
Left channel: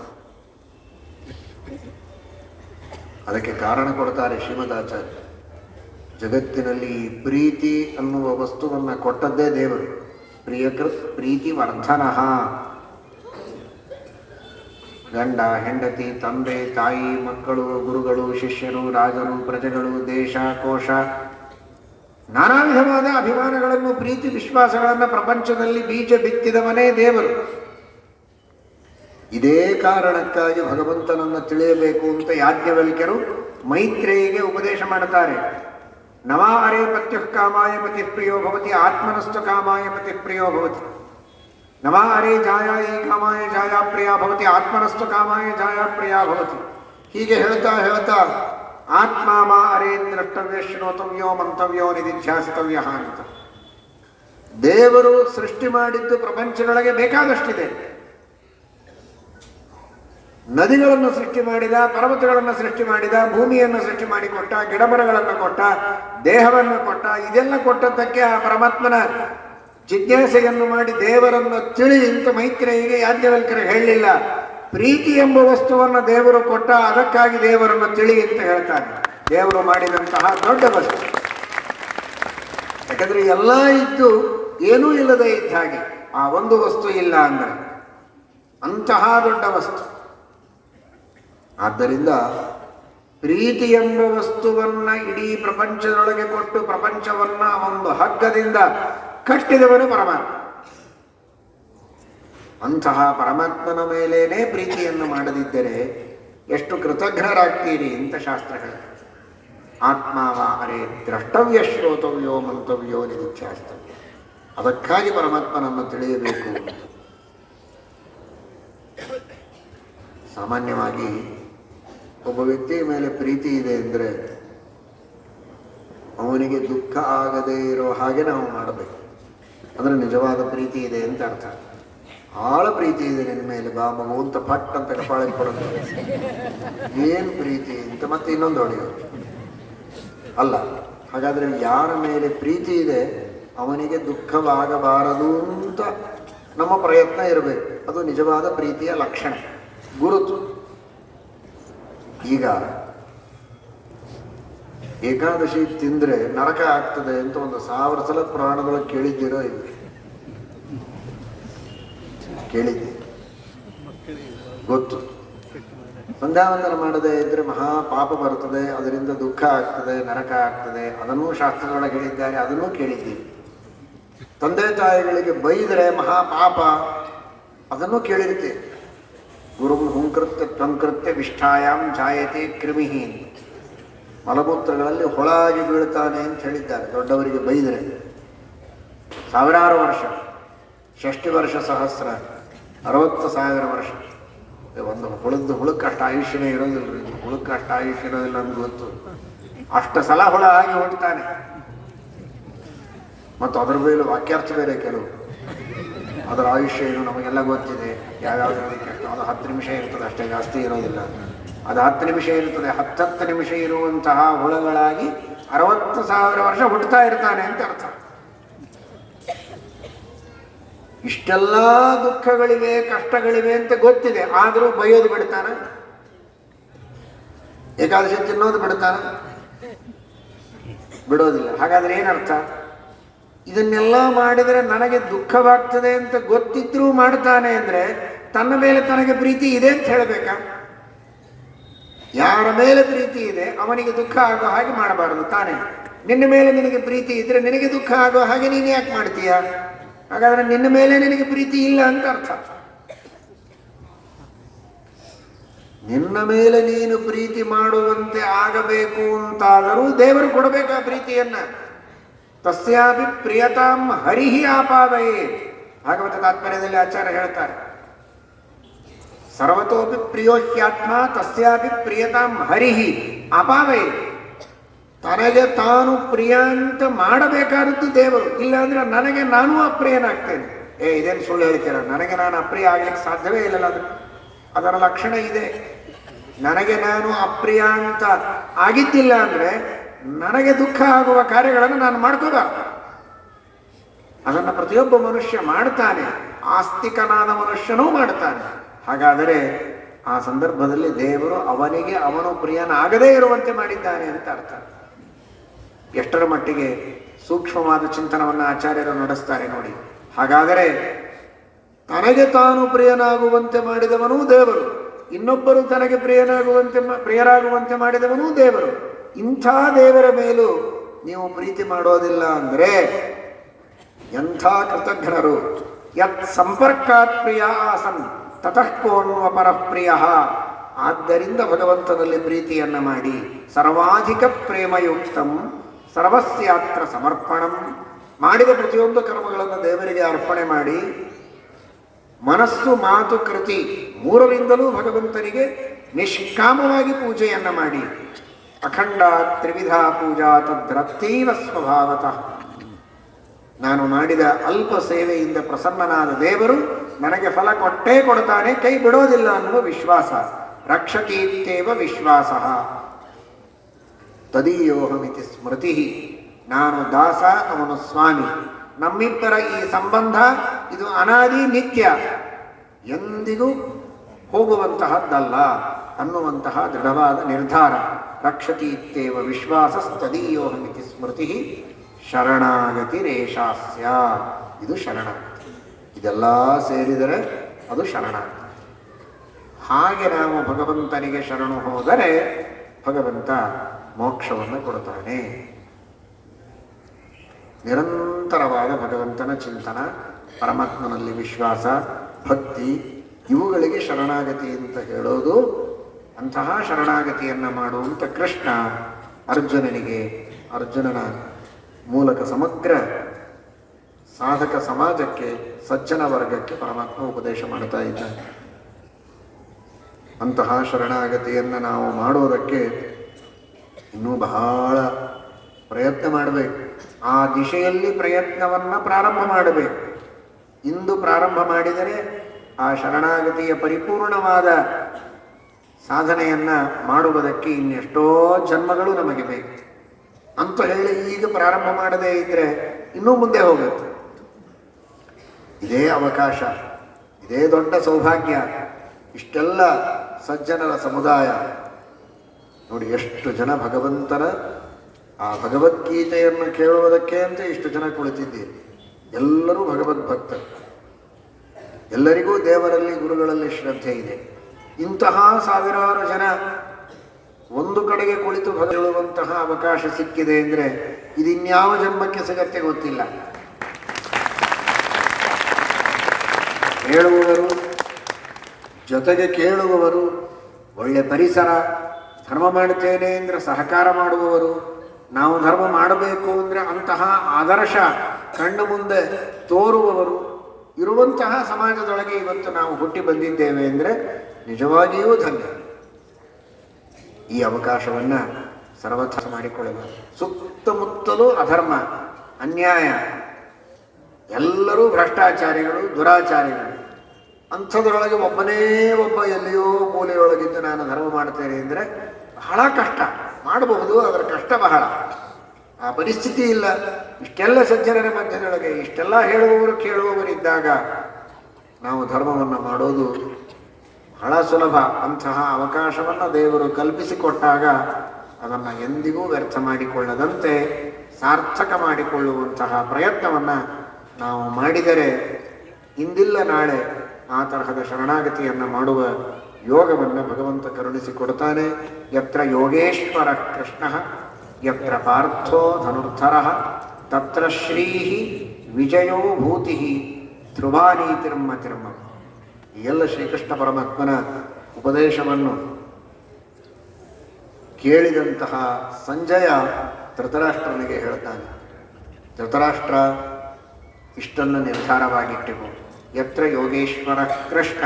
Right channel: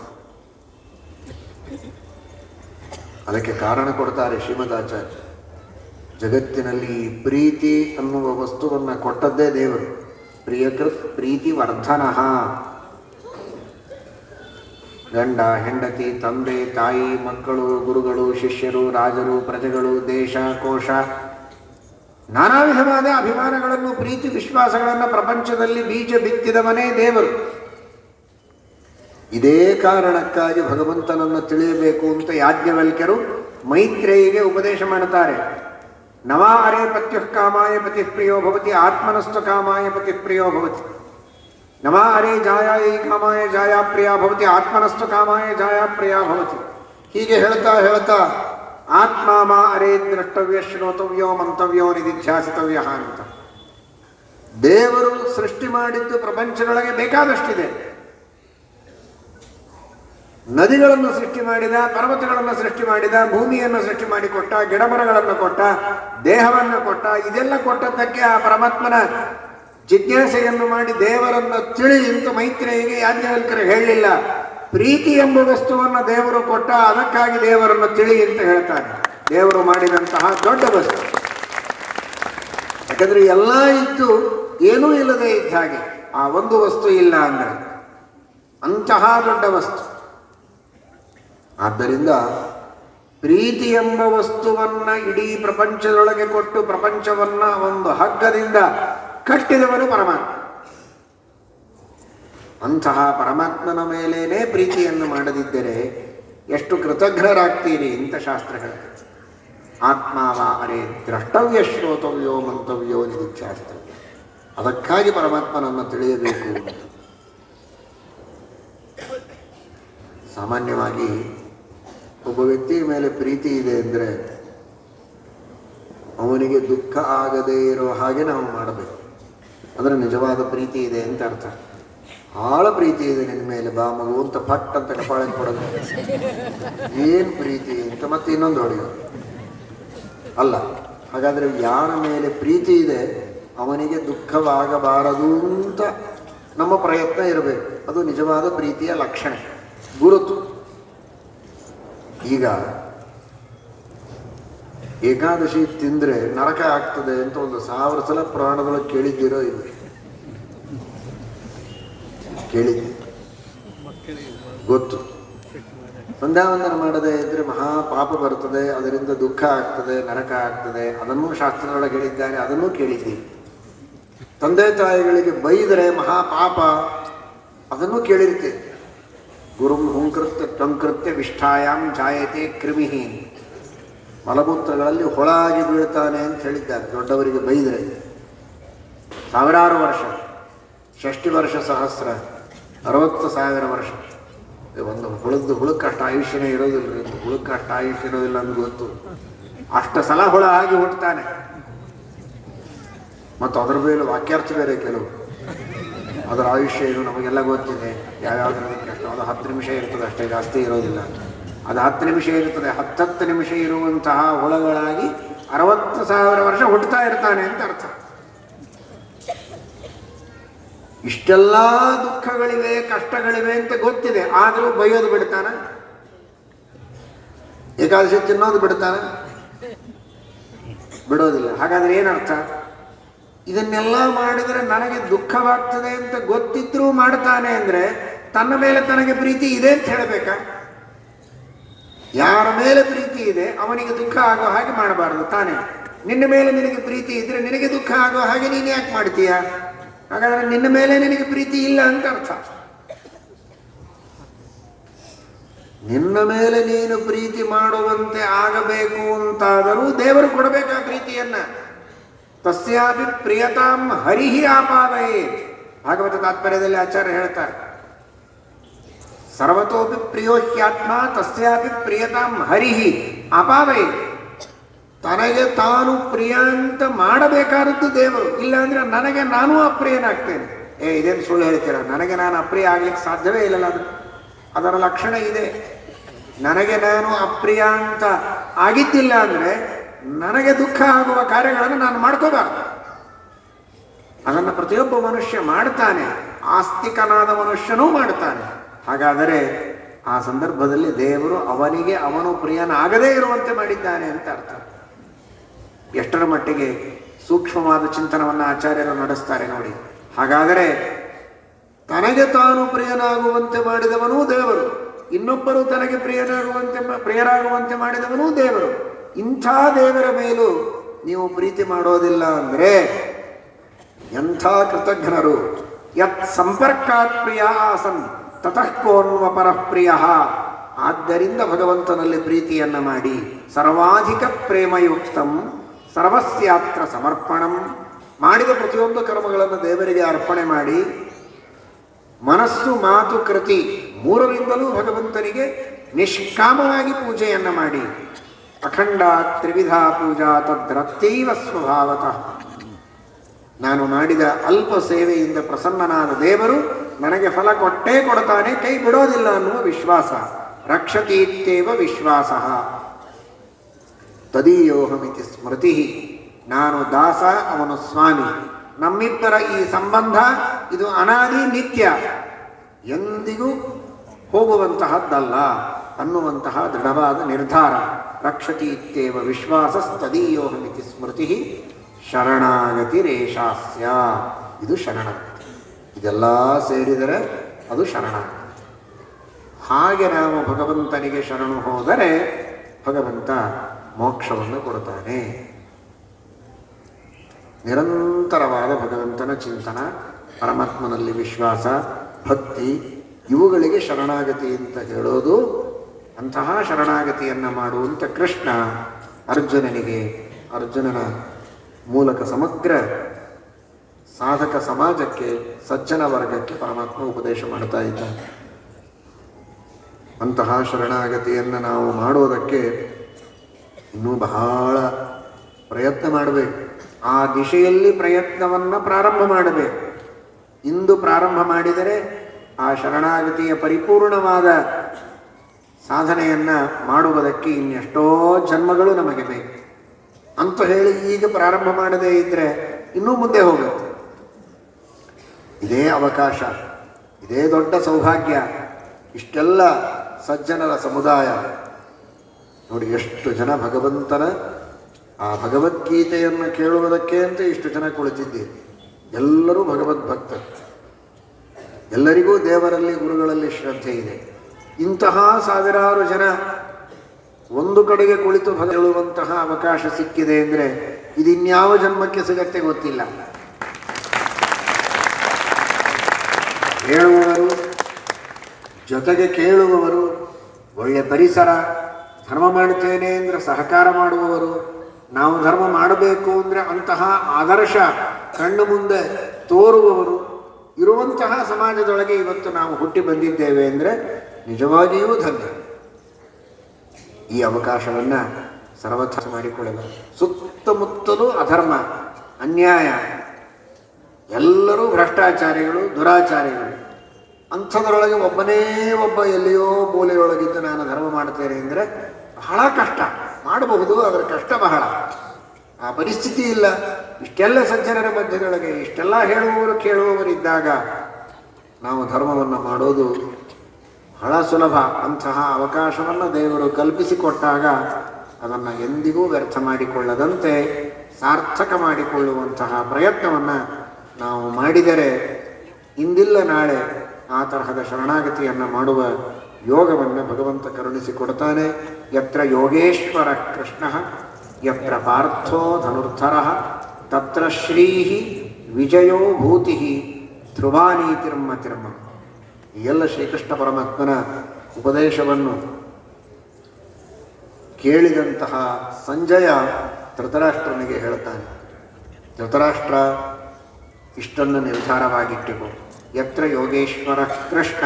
ಅದಕ್ಕೆ ಕಾರಣ ಕೊಡ್ತಾರೆ ಶ್ರೀಮದಾಚಾರ್ಯ. ಜಗತ್ತಿನಲ್ಲಿ ಈ ಪ್ರೀತಿ ಅನ್ನುವ ವಸ್ತುವನ್ನು ಕೊಟ್ಟದ್ದೇ ದೇವರು. ಪ್ರಿಯಕೃತ್ ಪ್ರೀತಿ ವರ್ಧನಃ. ಗಂಡ ಹೆಂಡತಿ, ತಂದೆ ತಾಯಿ, ಮಕ್ಕಳು, ಗುರುಗಳು, ಶಿಷ್ಯರು, ರಾಜರು, ಪ್ರಜೆಗಳು, ದೇಶ ಕೋಶ, ನಾನಾ ವಿಧವಾದ ಅಭಿಮಾನಗಳನ್ನು, ಪ್ರೀತಿ ವಿಶ್ವಾಸಗಳನ್ನು ಪ್ರಪಂಚದಲ್ಲಿ ಬೀಜ ಬಿತ್ತಿದವನೇ ದೇವರು. ಇದೇ ಕಾರಣಕ್ಕಾಗಿ ಭಗವಂತನನ್ನು ತಿಳಿಯಬೇಕು ಅಂತ ಯಾಜ್ಞವಲ್ಕ್ಯರು ಮೈತ್ರೇಯಿಗೆ ಉಪದೇಶ ಮಾಡುತ್ತಾರೆ. ನವಾ ಅರೇ ಪತ್ಯುಃ ಕಾಮಾಯ ಪತಿ ಪ್ರಿಯೋ ಭವತಿ, ಆತ್ಮನಸ್ತು ಕಾಮಾಯ ಪತಿ ಪ್ರಿಯೋ ಭವತಿ. ನವಾ ಅರೇ ಜಾಯಾಯಿ ಕಾಮಾಯ ಜಾಯಾ ಪ್ರಿಯ ಭವತಿ, ಆತ್ಮನಸ್ತು ಕಾಮಾಯ ಜಾಯಾ ಪ್ರಿಯ ಭವತಿ. ಹೀಗೆ ಹೇಳ್ತಾ ಆತ್ಮ ಮಾ ಅರೇ ದ್ರಷ್ಟವ್ಯ ಶ್ರೋತವ್ಯೋ ಮಂತವ್ಯೋ ನಿಧಿಧ್ಯಾಸಿತವ್ಯ ಅಂತ. ದೇವರು ಸೃಷ್ಟಿ ಮಾಡಿದ್ದು ಪ್ರಪಂಚದೊಳಗೆ ಬೇಕಾದಷ್ಟಿದೆ. ನದಿಗಳನ್ನು ಸೃಷ್ಟಿ ಮಾಡಿದ, ಪರ್ವತಗಳನ್ನು ಸೃಷ್ಟಿ ಮಾಡಿದ, ಭೂಮಿಯನ್ನು ಸೃಷ್ಟಿ ಮಾಡಿಕೊಟ್ಟ, ಗಿಡಮರಗಳನ್ನು ಕೊಟ್ಟ, ದೇಹವನ್ನು ಕೊಟ್ಟ. ಇದೆಲ್ಲ ಕೊಟ್ಟದ್ದಕ್ಕೆ ಆ ಪರಮಾತ್ಮನ ಜಿಜ್ಞಾಸೆಯನ್ನು ಮಾಡಿ ದೇವರನ್ನು ತಿಳಿ ಅಂತ ಮೈತ್ರೇಯಿಗೆ ಯಾಜ್ಞವಲ್ಕ್ಯರು ಹೇಳಲಿಲ್ಲ. ಪ್ರೀತಿ ಎಂಬ ವಸ್ತುವನ್ನು ದೇವರು ಕೊಟ್ಟ, ಅದಕ್ಕಾಗಿ ದೇವರನ್ನು ತಿಳಿ ಅಂತ ಹೇಳ್ತಾರೆ. ದೇವರು ಮಾಡಿದಂತಹ ದೊಡ್ಡ ವಸ್ತು. ಯಾಕಂದ್ರೆ ಎಲ್ಲ ಇದ್ದು ಏನೂ ಇಲ್ಲದೆ ಇದ್ದ ಹಾಗೆ, ಆ ಒಂದು ವಸ್ತು ಇಲ್ಲ ಅಂದ್ರೆ ಅಂತಹ ದೊಡ್ಡ ವಸ್ತು. ಆದ್ದರಿಂದ ಪ್ರೀತಿ ಎಂಬ ವಸ್ತುವನ್ನ ಇಡೀ ಪ್ರಪಂಚದೊಳಗೆ ಕೊಟ್ಟು ಪ್ರಪಂಚವನ್ನ ಒಂದು ಹಗ್ಗದಿಂದ ಕಟ್ಟಿದವನು ಪರಮಾತ್ಮ. ಅಂತಹ ಪರಮಾತ್ಮನ ಮೇಲೇನೆ ಪ್ರೀತಿಯನ್ನು ಮಾಡದಿದ್ದರೆ ಎಷ್ಟು ಕೃತಜ್ಞರಾಗ್ತೀರಿ ಅಂತ ಶಾಸ್ತ್ರ ಹೇಳ್ತಾರೆ. ಆತ್ಮಾವಾಹರೇ ದ್ರಷ್ಟವ್ಯ ಶ್ರೋತವ್ಯೋ ಮಂತವ್ಯೋ ನಿಧಿಧ್ಯಾಸ್ತವ್ಯ. ಅದಕ್ಕಾಗಿ ಪರಮಾತ್ಮನನ್ನು ತಿಳಿಯಬೇಕು. ಸಾಮಾನ್ಯವಾಗಿ ಒಬ್ಬ ವ್ಯಕ್ತಿಯ ಮೇಲೆ ಪ್ರೀತಿ ಇದೆ ಅಂದರೆ ಅವನಿಗೆ ದುಃಖ ಆಗದೇ ಇರೋ ಹಾಗೆ ನಾವು ಮಾಡಬೇಕು. ಅಂದರೆ ನಿಜವಾದ ಪ್ರೀತಿ ಇದೆ ಅಂತ ಅರ್ಥ. ಭಾಳ ಪ್ರೀತಿ ಇದೆ ನಿನ್ನ ಮೇಲೆ, ಬಾ ಮಗು ಅಂತ ಪಟ್ ಅಂತ ಕಪಾಳಕ್ಕೆ ಕೊಡೋದು. ಏನು ಪ್ರೀತಿ ಅಂತ ಮತ್ತೆ ಇನ್ನೊಂದು ಹೊಡೆಯೋದು ಅಲ್ಲ. ಹಾಗಾದರೆ ಯಾರ ಮೇಲೆ ಪ್ರೀತಿ ಇದೆ ಅವನಿಗೆ ದುಃಖವಾಗಬಾರದು ಅಂತ ನಮ್ಮ ಪ್ರಯತ್ನ ಇರಬೇಕು. ಅದು ನಿಜವಾದ ಪ್ರೀತಿಯ ಲಕ್ಷಣ, ಗುರುತು. ಈಗ ಏಕಾದಶಿ ತಿಂದರೆ ನರಕ ಆಗ್ತದೆ ಅಂತ 1000 ಸಲ ಪುರಾಣಗಳು ಕೇಳಿದ್ದೀರೋ ಇಲ್ಲ? ಕೇಳಿದ್ದೆ, ಗೊತ್ತು. ಸಂಧ್ಯಾವಂದನ ಮಾಡದೆ ಇದ್ರೆ ಮಹಾ ಪಾಪ ಬರ್ತದೆ, ಅದರಿಂದ ದುಃಖ ಆಗ್ತದೆ, ನರಕ ಆಗ್ತದೆ, ಅದನ್ನೂ ಶಾಸ್ತ್ರದೊಳಗೆ ಹೇಳಿದ್ದಾರೆ, ಅದನ್ನೂ ಕೇಳಿದ್ದೀವಿ. ತಂದೆ ತಾಯಿಗಳಿಗೆ ಬೈದರೆ ಮಹಾ ಪಾಪ, ಅದನ್ನೂ ಕೇಳಿರ್ತೇವೆ. ಗುರು ಹುಂಕೃತ್ಯ ತ್ವಂಕೃತ್ಯ ವಿಷ್ಠಾಯಾಮ್ ಜಾಯತೆ ಕ್ರಿಮಿಹೀನ್. ಮಲಮೂತ್ರಗಳಲ್ಲಿ ಹೊಳಾಗಿ ಬೀಳ್ತಾನೆ ಅಂತ ಹೇಳಿದ್ದಾರೆ. ದೊಡ್ಡವರಿಗೆ ಬೈದರೆ 1000 ವರ್ಷ, 60 ವರ್ಷ ಸಹಸ್ರ, 60,000 ವರ್ಷ. ಒಂದು ಹುಳುಕ್ಕಷ್ಟು ಆಯುಷ್ಯನೇ ಇರೋದಿಲ್ಲ. ಹುಳುಕ್ಕಷ್ಟು ಆಯುಷ್ಯ ಇರೋದಿಲ್ಲ ಅಂತ ಗೊತ್ತು. ಅಷ್ಟು ಸಲ ಹುಳ ಆಗಿ ಹುಟ್ಟುತ್ತಾನೆ. ಮತ್ತು ಅದರ ಮೇಲೆ ವಾಕ್ಯಾರ್ಥ ಬೇರೆ ಕೆಲವು. ಅದರ ಆಯುಷ್ಯ ಏನು ನಮಗೆಲ್ಲ ಗೊತ್ತಿದೆ. ಯಾವ್ಯಾವ ಅದು 10 ನಿಮಿಷ ಇರ್ತದೆ, ಅಷ್ಟೇ, ಜಾಸ್ತಿ ಇರೋದಿಲ್ಲ. ಅದು 10 ನಿಮಿಷ ಇರ್ತದೆ. 10 ನಿಮಿಷ ಇರುವಂತಹ ಹುಳಗಳಾಗಿ 60,000 ವರ್ಷ ಹುಟ್ಟುತ್ತಾ ಇರ್ತಾನೆ ಅಂತ ಅರ್ಥ. ಇಷ್ಟೆಲ್ಲ ದುಃಖಗಳಿವೆ, ಕಷ್ಟಗಳಿವೆ ಅಂತ ಗೊತ್ತಿದೆ, ಆದರೂ ಬೈಯೋದು ಬಿಡ್ತಾನೆ, ಏಕಾದಶಿ ತಿನ್ನೋದು ಬಿಡ್ತಾನೆ, ಬಿಡೋದಿಲ್ಲ. ಹಾಗಾದ್ರೆ ಏನರ್ಥ? ಇದನ್ನೆಲ್ಲ ಮಾಡಿದರೆ ನನಗೆ ದುಃಖವಾಗ್ತದೆ ಅಂತ ಗೊತ್ತಿದ್ರೂ ಮಾಡ್ತಾನೆ ಅಂದ್ರೆ ತನ್ನ ಮೇಲೆ ತನಗೆ ಪ್ರೀತಿ ಇದೆ ಅಂತ ಹೇಳಬೇಕಾ? ಯಾರ ಮೇಲೆ ಪ್ರೀತಿ ಇದೆ ಅವನಿಗೆ ದುಃಖ ಆಗೋ ಹಾಗೆ ಮಾಡಬಾರದು ತಾನೆ. ನಿನ್ನ ಮೇಲೆ ನಿನಗೆ ಪ್ರೀತಿ ಇದ್ರೆ ನಿನಗೆ ದುಃಖ ಆಗೋ ಹಾಗೆ ನೀನು ಯಾಕೆ ಮಾಡ್ತೀಯ? ಹಾಗಾದ್ರೆ ನಿನ್ನ ಮೇಲೆ ನಿನಗೆ ಪ್ರೀತಿ ಇಲ್ಲ ಅಂತ ಅರ್ಥ. ನಿನ್ನ ಮೇಲೆ ನೀನು ಪ್ರೀತಿ ಮಾಡುವಂತೆ ಆಗಬೇಕು ಅಂತಾದರೂ ದೇವರು ಕೊಡಬೇಕಾ ಪ್ರೀತಿಯನ್ನ. ತಸ್ಯಾಪಿ ಪ್ರಿಯತಾಂ ಹರಿಹಿ ಆಪಾದಯೇ. ಭಾಗವತ ತಾತ್ಪರ್ಯದಲ್ಲಿ ಆಚಾರ್ಯ ಹೇಳ್ತಾರೆ, ಸರ್ವತೋಪಿ ಪ್ರಿಯೋಹ್ಯಾತ್ಮ ತಸ್ಯಾಪಿ ಪ್ರಿಯತಾಂ ಹರಿಹಿ ಆಪಾದಯೇ. ತನಗೆ ತಾನು ಪ್ರಿಯ ಅಂತ ಮಾಡಬೇಕಾದದ್ದು ದೇವರು. ಇಲ್ಲಾಂದ್ರೆ ನನಗೆ ನಾನು ಅಪ್ರಿಯನಾಗ್ತೇನೆ. ಇದೇನು ಸುಳ್ಳು ಹೇಳ್ತೀರ? ನನಗೆ ನಾನು ಅಪ್ರಿಯ ಆಗ್ಲಿಕ್ಕೆ ಸಾಧ್ಯವೇ ಇಲ್ಲ. ಅದರ ಲಕ್ಷಣ ಇದೆ. ನನಗೆ ನಾನು ಅಪ್ರಿಯ ಅಂತ ಆಗಿದ್ದಿಲ್ಲ ಅಂದ್ರೆ ನನಗೆ ದುಃಖ ಆಗುವ ಕಾರ್ಯಗಳನ್ನು ನಾನು ಮಾಡ್ಕೋಬಾರ್ದು. ಅದನ್ನು ಪ್ರತಿಯೊಬ್ಬ ಮನುಷ್ಯ ಮಾಡ್ತಾನೆ, ಆಸ್ತಿಕನಾದ ಮನುಷ್ಯನೂ ಮಾಡ್ತಾನೆ. ಹಾಗಾದರೆ ಆ ಸಂದರ್ಭದಲ್ಲಿ ದೇವರು ಅವನಿಗೆ ಅವನು ಪ್ರಿಯನಾಗದೇ ಇರುವಂತೆ ಮಾಡಿದ್ದಾನೆ ಅಂತ ಅರ್ಥ. ಎಷ್ಟರ ಮಟ್ಟಿಗೆ ಸೂಕ್ಷ್ಮವಾದ ಚಿಂತನವನ್ನು ಆಚಾರ್ಯರು ನಡೆಸ್ತಾರೆ ನೋಡಿ. ಹಾಗಾದರೆ ತನಗೆ ತಾನು ಪ್ರಿಯನಾಗುವಂತೆ ಮಾಡಿದವನೂ ದೇವರು, ಇನ್ನೊಬ್ಬರು ತನಗೆ ಪ್ರಿಯರಾಗುವಂತೆ ಮಾಡಿದವನೂ ದೇವರು. ಇಂಥ ದೇವರ ಮೇಲೂ ನೀವು ಪ್ರೀತಿ ಮಾಡೋದಿಲ್ಲ ಅಂದ್ರೆ ಎಂಥ ಕೃತಜ್ಞರು. ಯತ್ ಸಂಪರ್ಕಾತ್ ಪ್ರಿಯ ಆಸನ್ ತತಃ ಕೋನ್ವ ಪರಪ್ರಿಯ. ಆದ್ದರಿಂದ ಭಗವಂತನಲ್ಲಿ ಪ್ರೀತಿಯನ್ನ ಮಾಡಿ ಸರ್ವಾಧಿಕ ಪ್ರೇಮಯುಕ್ತಂ ಸರ್ವಸ್ಯಾತ್ರ ಸಮರ್ಪಣಂ. ಮಾಡಿದ ಪ್ರತಿಯೊಂದು ಕರ್ಮಗಳನ್ನು ದೇವರಿಗೆ ಅರ್ಪಣೆ ಮಾಡಿ ಮನಸ್ಸು ಮಾತು ಕೃತಿ ಮೂರರಿಂದಲೂ ಭಗವಂತನಿಗೆ ನಿಷ್ಕಾಮವಾಗಿ ಪೂಜೆಯನ್ನ ಮಾಡಿ ಅಖಂಡ ತ್ರಿವಿಧ ಪೂಜಾ ತದ್ರತ್ತೀವ ಸ್ವಭಾವತಃ. ನಾನು ಮಾಡಿದ ಅಲ್ಪ ಸೇವೆಯಿಂದ ಪ್ರಸನ್ನನಾದ ದೇವರು ನನಗೆ ಫಲ ಕೊಟ್ಟೇ ಕೊಡ್ತಾನೆ, ಕೈ ಬಿಡೋದಿಲ್ಲ ಅನ್ನುವ ವಿಶ್ವಾಸ. ರಕ್ಷತೀತ್ಯೇವ ವಿಶ್ವಾಸ. ತದೀಯೋಹಮಿತಿ ಸ್ಮೃತಿ. ನಾನು ದಾಸ, ಅವನು ಸ್ವಾಮಿ. ನಮ್ಮಿಬ್ಬರ ಈ ಸಂಬಂಧ ಇದು ಅನಾದಿ ನಿತ್ಯ, ಎಂದಿಗೂ ಹೋಗುವಂತಹದ್ದಲ್ಲ ಅನ್ನುವಂತಹ ದೃಢವಾದ ನಿರ್ಧಾರ. ರಕ್ಷತೀತ್ಯೇವ ವಿಶ್ವಾಸ ತದೀಯೋಹಮಿತಿ ಸ್ಮೃತಿ ಶರಣಾಗತಿ ರೇಷಾಸ್ಯ. ಇದು ಶರಣಾಗತಿ. ಇದೆಲ್ಲ ಸೇರಿದರೆ ಅದು ಶರಣಾಗತಿ. ಹಾಗೆ ನಾವು ಭಗವಂತನಿಗೆ ಶರಣು ಹೋದರೆ ಭಗವಂತ ಮೋಕ್ಷವನ್ನು ಕೊಡುತ್ತಾನೆ. ನಿರಂತರವಾದ ಭಗವಂತನ ಚಿಂತನ, ಪರಮಾತ್ಮನಲ್ಲಿ ವಿಶ್ವಾಸ, ಭಕ್ತಿ, ಇವುಗಳಿಗೆ ಶರಣಾಗತಿ ಅಂತ ಹೇಳೋದು. ಅಂತಹ ಶರಣಾಗತಿಯನ್ನು ಮಾಡುವಂಥ ಕೃಷ್ಣ ಅರ್ಜುನನ ಮೂಲಕ ಸಮಗ್ರ ಸಾಧಕ ಸಮಾಜಕ್ಕೆ, ಸಜ್ಜನ ವರ್ಗಕ್ಕೆ ಪರಮಾತ್ಮ ಉಪದೇಶ ಮಾಡ್ತಾ ಇದ್ದಾನೆ. ಅಂತಹ ಶರಣಾಗತಿಯನ್ನು ನಾವು ಮಾಡೋದಕ್ಕೆ ಇನ್ನೂ ಬಹಳ ಪ್ರಯತ್ನ ಮಾಡಬೇಕು. ಆ ದಿಶೆಯಲ್ಲಿ ಪ್ರಯತ್ನವನ್ನು ಪ್ರಾರಂಭ ಮಾಡಬೇಕು. ಇಂದು ಪ್ರಾರಂಭ ಮಾಡಿದರೆ ಆ ಶರಣಾಗತಿಯ ಪರಿಪೂರ್ಣವಾದ ಸಾಧನೆಯನ್ನು ಮಾಡುವುದಕ್ಕೆ ಇನ್ನೆಷ್ಟೋ ಜನ್ಮಗಳು ನಮಗೆ ಬೇಕು ಅಂತ ಹೇಳಿ ಈಗ ಪ್ರಾರಂಭ ಮಾಡದೇ ಇದ್ದರೆ ಇನ್ನೂ ಮುಂದೆ ಹೋಗುತ್ತೆ. ಇದೇ ಅವಕಾಶ, ಇದೇ ದೊಡ್ಡ ಸೌಭಾಗ್ಯ. ಇಷ್ಟೆಲ್ಲ ಸಜ್ಜನರ ಸಮುದಾಯ ನೋಡಿ, ಎಷ್ಟು ಜನ ಭಗವಂತನ ಆ ಭಗವದ್ಗೀತೆಯನ್ನು ಕೇಳುವುದಕ್ಕೆ ಅಂತ ಇಷ್ಟು ಜನ ಕುಳಿತಿದ್ದೀರಿ. ಎಲ್ಲರೂ ಭಗವದ್ಭಕ್ತರು, ಎಲ್ಲರಿಗೂ ದೇವರಲ್ಲಿ ಗುರುಗಳಲ್ಲಿ ಶ್ರದ್ಧೆ ಇದೆ. ಇಂತಹ ಸಾವಿರಾರು ಜನ ಒಂದು ಕಡೆಗೆ ಕುಳಿತು ಹೇಳುವಂತಹ ಅವಕಾಶ ಸಿಕ್ಕಿದೆ ಅಂದರೆ ಇದು ಇನ್ಯಾವ ಜನ್ಮಕ್ಕೆ ಸಿಗತ್ತೆ ಗೊತ್ತಿಲ್ಲ. ಹೇಳುವವರು ಜೊತೆಗೆ ಕೇಳುವವರು, ಒಳ್ಳೆ ಪರಿಸರ, ಧರ್ಮ ಮಾಡುತ್ತೇನೆ ಅಂದರೆ ಸಹಕಾರ ಮಾಡುವವರು, ನಾವು ಧರ್ಮ ಮಾಡಬೇಕು ಅಂದರೆ ಅಂತಹ ಆದರ್ಶ ಕಣ್ಣು ಮುಂದೆ ತೋರುವವರು ಇರುವಂತಹ ಸಮಾಜದೊಳಗೆ ಇವತ್ತು ನಾವು ಹುಟ್ಟಿ ಬಂದಿದ್ದೇವೆ ಅಂದರೆ ನಿಜವಾಗಿಯೂ ಧನ್ಯ. ಈ ಅವಕಾಶವನ್ನು ಸರ್ವಥ ಮಾಡಿಕೊಳ್ಳಬಹುದು. ಸುತ್ತಮುತ್ತಲೂ ಅಧರ್ಮ, ಅನ್ಯಾಯ, ಎಲ್ಲರೂ ಭ್ರಷ್ಟಾಚಾರಿಗಳು, ದುರಾಚಾರಿಗಳು. ಅಂಥದ್ರೊಳಗೆ ಒಬ್ಬನೇ ಒಬ್ಬ ಎಲ್ಲಿಯೋ ಮೂಲೆಯೊಳಗಿದ್ದು ನಾನು ಧರ್ಮ ಮಾಡ್ತೇನೆ ಅಂದರೆ ಬಹಳ ಕಷ್ಟ. ಮಾಡಬಹುದು, ಅದರ ಕಷ್ಟ ಬಹಳ. ಆ ಪರಿಸ್ಥಿತಿ ಇಲ್ಲ. ಇಷ್ಟೆಲ್ಲ ಸಜ್ಜನರ ಮಧ್ಯದೊಳಗೆ ಇಷ್ಟೆಲ್ಲ ಹೇಳುವವರು ಕೇಳುವವರಿದ್ದಾಗ ನಾವು ಧರ್ಮವನ್ನು ಮಾಡೋದು ಬಹಳ ಸುಲಭ. ಅಂತಹ ಅವಕಾಶವನ್ನು ದೇವರು ಕಲ್ಪಿಸಿಕೊಟ್ಟಾಗ ಅದನ್ನು ಎಂದಿಗೂ ವ್ಯರ್ಥ ಮಾಡಿಕೊಳ್ಳದಂತೆ ಸಾರ್ಥಕ ಮಾಡಿಕೊಳ್ಳುವಂತಹ ಪ್ರಯತ್ನವನ್ನು ನಾವು ಮಾಡಿದರೆ ಇಂದಿಲ್ಲ ನಾಳೆ ಆ ತರಹದ ಶರಣಾಗತಿಯನ್ನು ಮಾಡುವ ಯೋಗವನ್ನು ಭಗವಂತ ಕರುಣಿಸಿಕೊಡ್ತಾನೆ. ಯತ್ರ ಯೋಗೇಶ್ವರ ಕೃಷ್ಣ ಯತ್ರ ಪಾರ್ಥೋ ಧನುರ್ಧರ ತತ್ರ ಶ್ರೀ ವಿಜಯೋ ಭೂತಿ ಧ್ರುವಾನೀತಿರ್ಮ ತಿರ್ಮ. ಎಲ್ಲ ಶ್ರೀಕೃಷ್ಣ ಪರಮಾತ್ಮನ ಉಪದೇಶವನ್ನು ಕೇಳಿದಂತಹ ಸಂಜಯ ಧೃತರಾಷ್ಟ್ರನಿಗೆ ಹೇಳ್ತಾನೆ, ಧೃತರಾಷ್ಟ್ರ ಇಷ್ಟನ್ನು ನಿರ್ಧಾರವಾಗಿಟ್ಟುಕೋ. ಯತ್ರ ಯೋಗೇಶ್ವರ ಕೃಷ್ಣ,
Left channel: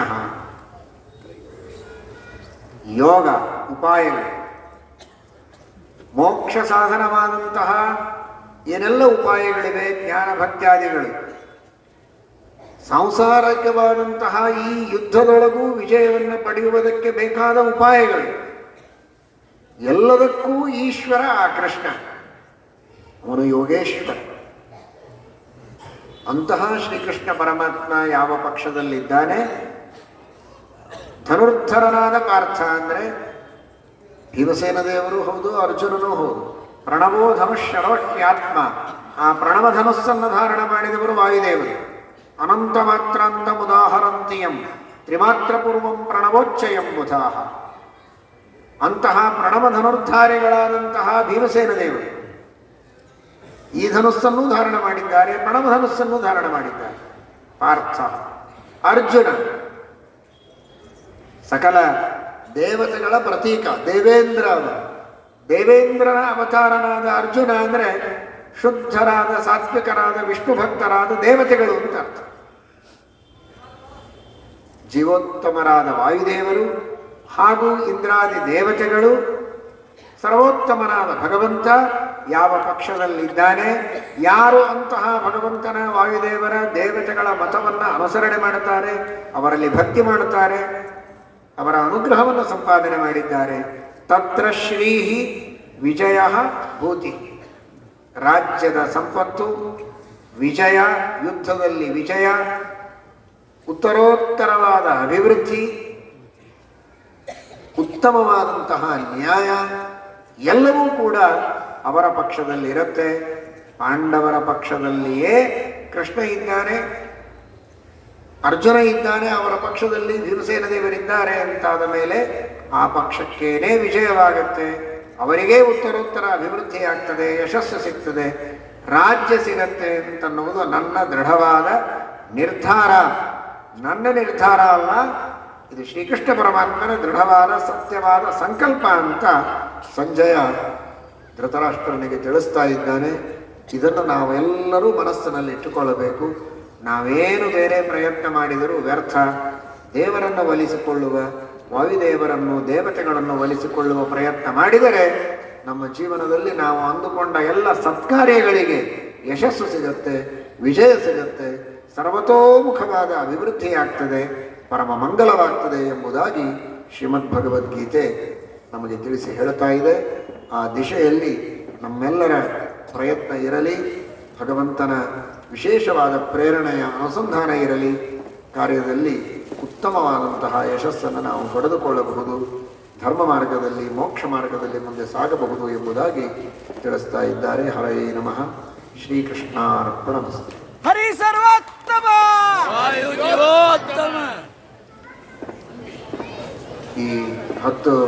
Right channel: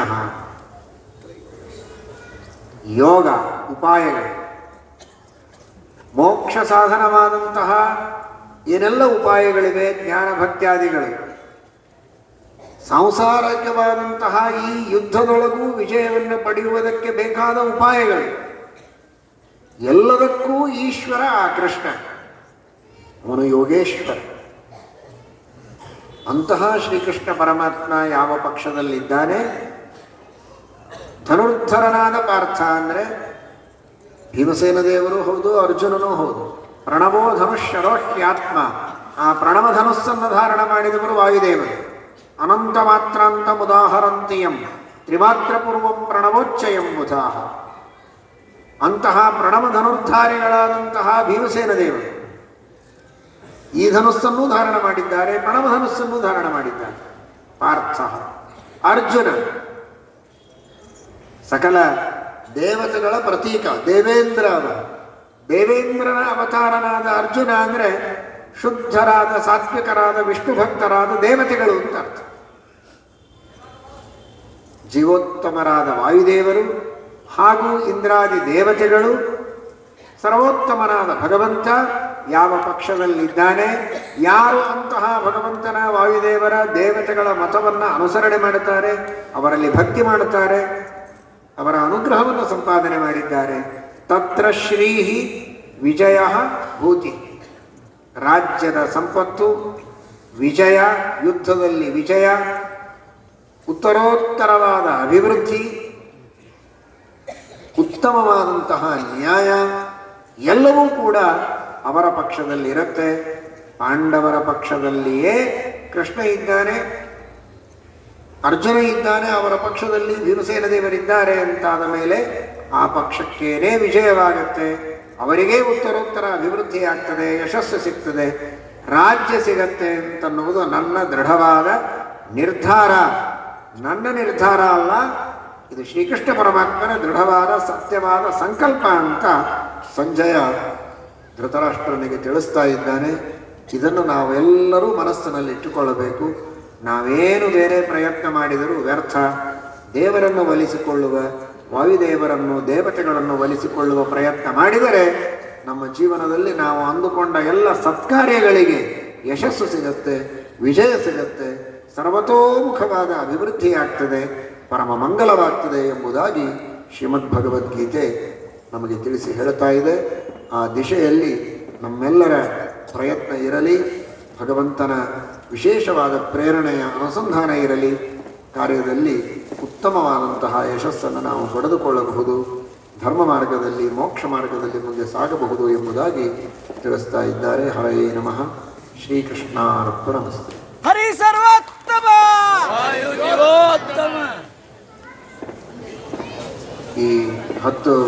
ಯೋಗ ಉಪಾಯಗಳು, ಮೋಕ್ಷ ಸಾಧನವಾದಂತಹ ಏನೆಲ್ಲ ಉಪಾಯಗಳಿವೆ, ಜ್ಞಾನ ಭಕ್ತ್ಯಾದಿಗಳು, ಸಂಸಾರಕವಾದಂತಹ ಈ ಯುದ್ಧದೊಳಗೂ ವಿಜಯವನ್ನು ಪಡೆಯುವುದಕ್ಕೆ ಬೇಕಾದ ಉಪಾಯಗಳು, ಎಲ್ಲದಕ್ಕೂ ಈಶ್ವರ ಆ ಕೃಷ್ಣ, ಅವನು ಯೋಗೇಶ್ವರ. ಅಂತಹ ಶ್ರೀಕೃಷ್ಣ ಪರಮಾತ್ಮ ಯಾವ ಪಕ್ಷದಲ್ಲಿದ್ದಾನೆ? ಧನುರ್ಧರನಾದ ಪಾರ್ಥ ಅಂದರೆ ಭೀಮಸೇನ ದೇವರು ಹೌದು, ಅರ್ಜುನನೂ ಹೌದು. ಪ್ರಣವೋ ಧನುಷ್ಯರೋಹ್ಯಾತ್ಮ, ಆ ಪ್ರಣವ ಧನುಸ್ಸನ್ನು ಧಾರಣ ಮಾಡಿದವರು ವಾಯುದೇವರು. ಅನಂತ ಮಾತ್ರಾಂತ ಮುದಾಹರಂತಿಯಂ ತ್ರಿಮಾತ್ರ ಪೂರ್ವಂ ಪ್ರಣವೋಚ್ಚಯಂ ಬುಧಾಹ. ಅಂತಹ ಪ್ರಣವ ಧನುರ್ಧಾರಿಗಳಾದಂತಹ ಭೀಮಸೇನ ದೇವರು ಈ ಧನುಸ್ಸನ್ನು ಧಾರಣ ಮಾಡಿದ್ದಾರೆ, ಪ್ರಣವ ಧನುಸ್ಸನ್ನು ಧಾರಣ ಮಾಡಿದ್ದಾರೆ ಪಾರ್ಥ. ಅರ್ಜುನ ಸಕಲ ದೇವತೆಗಳ ಪ್ರತೀಕ, ದೇವೇಂದ್ರ. ದೇವೇಂದ್ರನ ಅವತಾರನಾದ ಅರ್ಜುನ ಅಂದರೆ ಶುದ್ಧರಾದ ಸಾತ್ವಿಕರಾದ ವಿಷ್ಣು ಭಕ್ತರಾದ ದೇವತೆಗಳು ಅಂತ ಅರ್ಥ. ಜೀವೋತ್ತಮರಾದ ವಾಯುದೇವರು ಹಾಗೂ ಇಂದ್ರಾದಿ ದೇವತೆಗಳು, ಸರ್ವೋತ್ತಮನಾದ ಭಗವಂತ ಯಾವ ಪಕ್ಷದಲ್ಲಿದ್ದಾನೆ, ಯಾರು ಅಂತಹ ಭಗವಂತನ ವಾಯುದೇವರ ದೇವತೆಗಳ ಮತವನ್ನು ಅನುಸರಣೆ ಮಾಡುತ್ತಾರೆ, ಅವರಲ್ಲಿ ಭಕ್ತಿ ಮಾಡುತ್ತಾರೆ, ಅವರ ಅನುಗ್ರಹವನ್ನು ಸಂಪಾದನೆ ಮಾಡಿದ್ದಾರೆ, ತತ್ರ ಶ್ರೀ ವಿಜಯ ಭೂತಿ. ರಾಜ್ಯದ ಸಂಪತ್ತು, ವಿಜಯ, ಯುದ್ಧದಲ್ಲಿ ವಿಜಯ, ಉತ್ತರೋತ್ತರವಾದ ಅಭಿವೃದ್ಧಿ, ಉತ್ತಮವಾದಂತಹ ನ್ಯಾಯ ಎಲ್ಲವೂ ಕೂಡ ಅವರ ಪಕ್ಷದಲ್ಲಿರುತ್ತೆ. ಪಾಂಡವರ ಪಕ್ಷದಲ್ಲಿಯೇ ಕೃಷ್ಣ ಇದ್ದಾನೆ, ಅರ್ಜುನ ಇದ್ದಾನೆ, ಅವರ ಪಕ್ಷದಲ್ಲಿ ಭೀಮಸೇನ ದೇವರಿದ್ದಾರೆ ಅಂತಾದ ಮೇಲೆ ಆ ಪಕ್ಷಕ್ಕೇನೇ ವಿಜಯವಾಗುತ್ತೆ, ಅವರಿಗೇ ಉತ್ತರೋತ್ತರ ಅಭಿವೃದ್ಧಿ ಆಗ್ತದೆ, ಯಶಸ್ಸು ಸಿಗ್ತದೆ, ರಾಜ್ಯ ಸಿಗತ್ತೆ ಅಂತನ್ನುವುದು ನನ್ನ ದೃಢವಾದ ನಿರ್ಧಾರ. ನನ್ನ ನಿರ್ಧಾರ ಅಲ್ಲ, ಇದು ಶ್ರೀಕೃಷ್ಣ ಪರಮಾತ್ಮನ ದೃಢವಾದ ಸತ್ಯವಾದ ಸಂಕಲ್ಪ ಅಂತ ಸಂಜಯ ಧೃತರಾಷ್ಟ್ರನಿಗೆ ತಿಳಿಸ್ತಾ ಇದ್ದಾನೆ. ಇದನ್ನು ನಾವೆಲ್ಲರೂ ಮನಸ್ಸಿನಲ್ಲಿ ಇಟ್ಟುಕೊಳ್ಳಬೇಕು. ನಾವೇನು ಬೇರೆ ಪ್ರಯತ್ನ ಮಾಡಿದರೂ ವ್ಯರ್ಥ. ದೇವರನ್ನು ಒಲಿಸಿಕೊಳ್ಳುವ, ವಾಯುದೇವರನ್ನು ದೇವತೆಗಳನ್ನು ಒಲಿಸಿಕೊಳ್ಳುವ ಪ್ರಯತ್ನ ಮಾಡಿದರೆ ನಮ್ಮ ಜೀವನದಲ್ಲಿ ನಾವು ಅಂದುಕೊಂಡ ಎಲ್ಲ ಸತ್ಕಾರ್ಯಗಳಿಗೆ ಯಶಸ್ಸು ಸಿಗುತ್ತೆ, ವಿಜಯ ಸಿಗುತ್ತೆ, ಸರ್ವತೋಮುಖವಾದ ಅಭಿವೃದ್ಧಿಯಾಗ್ತದೆ, ಪರಮ ಮಂಗಲವಾಗ್ತದೆ ಎಂಬುದಾಗಿ ಶ್ರೀಮದ್ ಭಗವದ್ಗೀತೆ ನಮಗೆ ತಿಳಿಸಿ ಹೇಳ್ತಾ ಇದೆ. ಆ ದಿಶೆಯಲ್ಲಿ ನಮ್ಮೆಲ್ಲರ ಪ್ರಯತ್ನ ಇರಲಿ, ಭಗವಂತನ ವಿಶೇಷವಾದ ಪ್ರೇರಣೆಯ ಅನುಸಂಧಾನ ಇರಲಿ. ಕಾರ್ಯದಲ್ಲಿ ಉತ್ತಮವಾದಂತಹ ಯಶಸ್ಸನ್ನು ನಾವು ಪಡೆದುಕೊಳ್ಳಬಹುದು, ಧರ್ಮ ಮಾರ್ಗದಲ್ಲಿ ಮೋಕ್ಷ ಮಾರ್ಗದಲ್ಲಿ ಮುಂದೆ ಸಾಗಬಹುದು ಎಂಬುದಾಗಿ ತಿಳಿಸ್ತಾ ಇದ್ದಾರೆ. ಹರಯೇ ನಮಃ. ಶ್ರೀಕೃಷ್ಣಾರ್ಪಣಮಸ್ತು. ಹರಿ ಸರ್ವೋತ್ತಮ. ವಾಯುದೇವೋತ್ತಮ. ಈ 10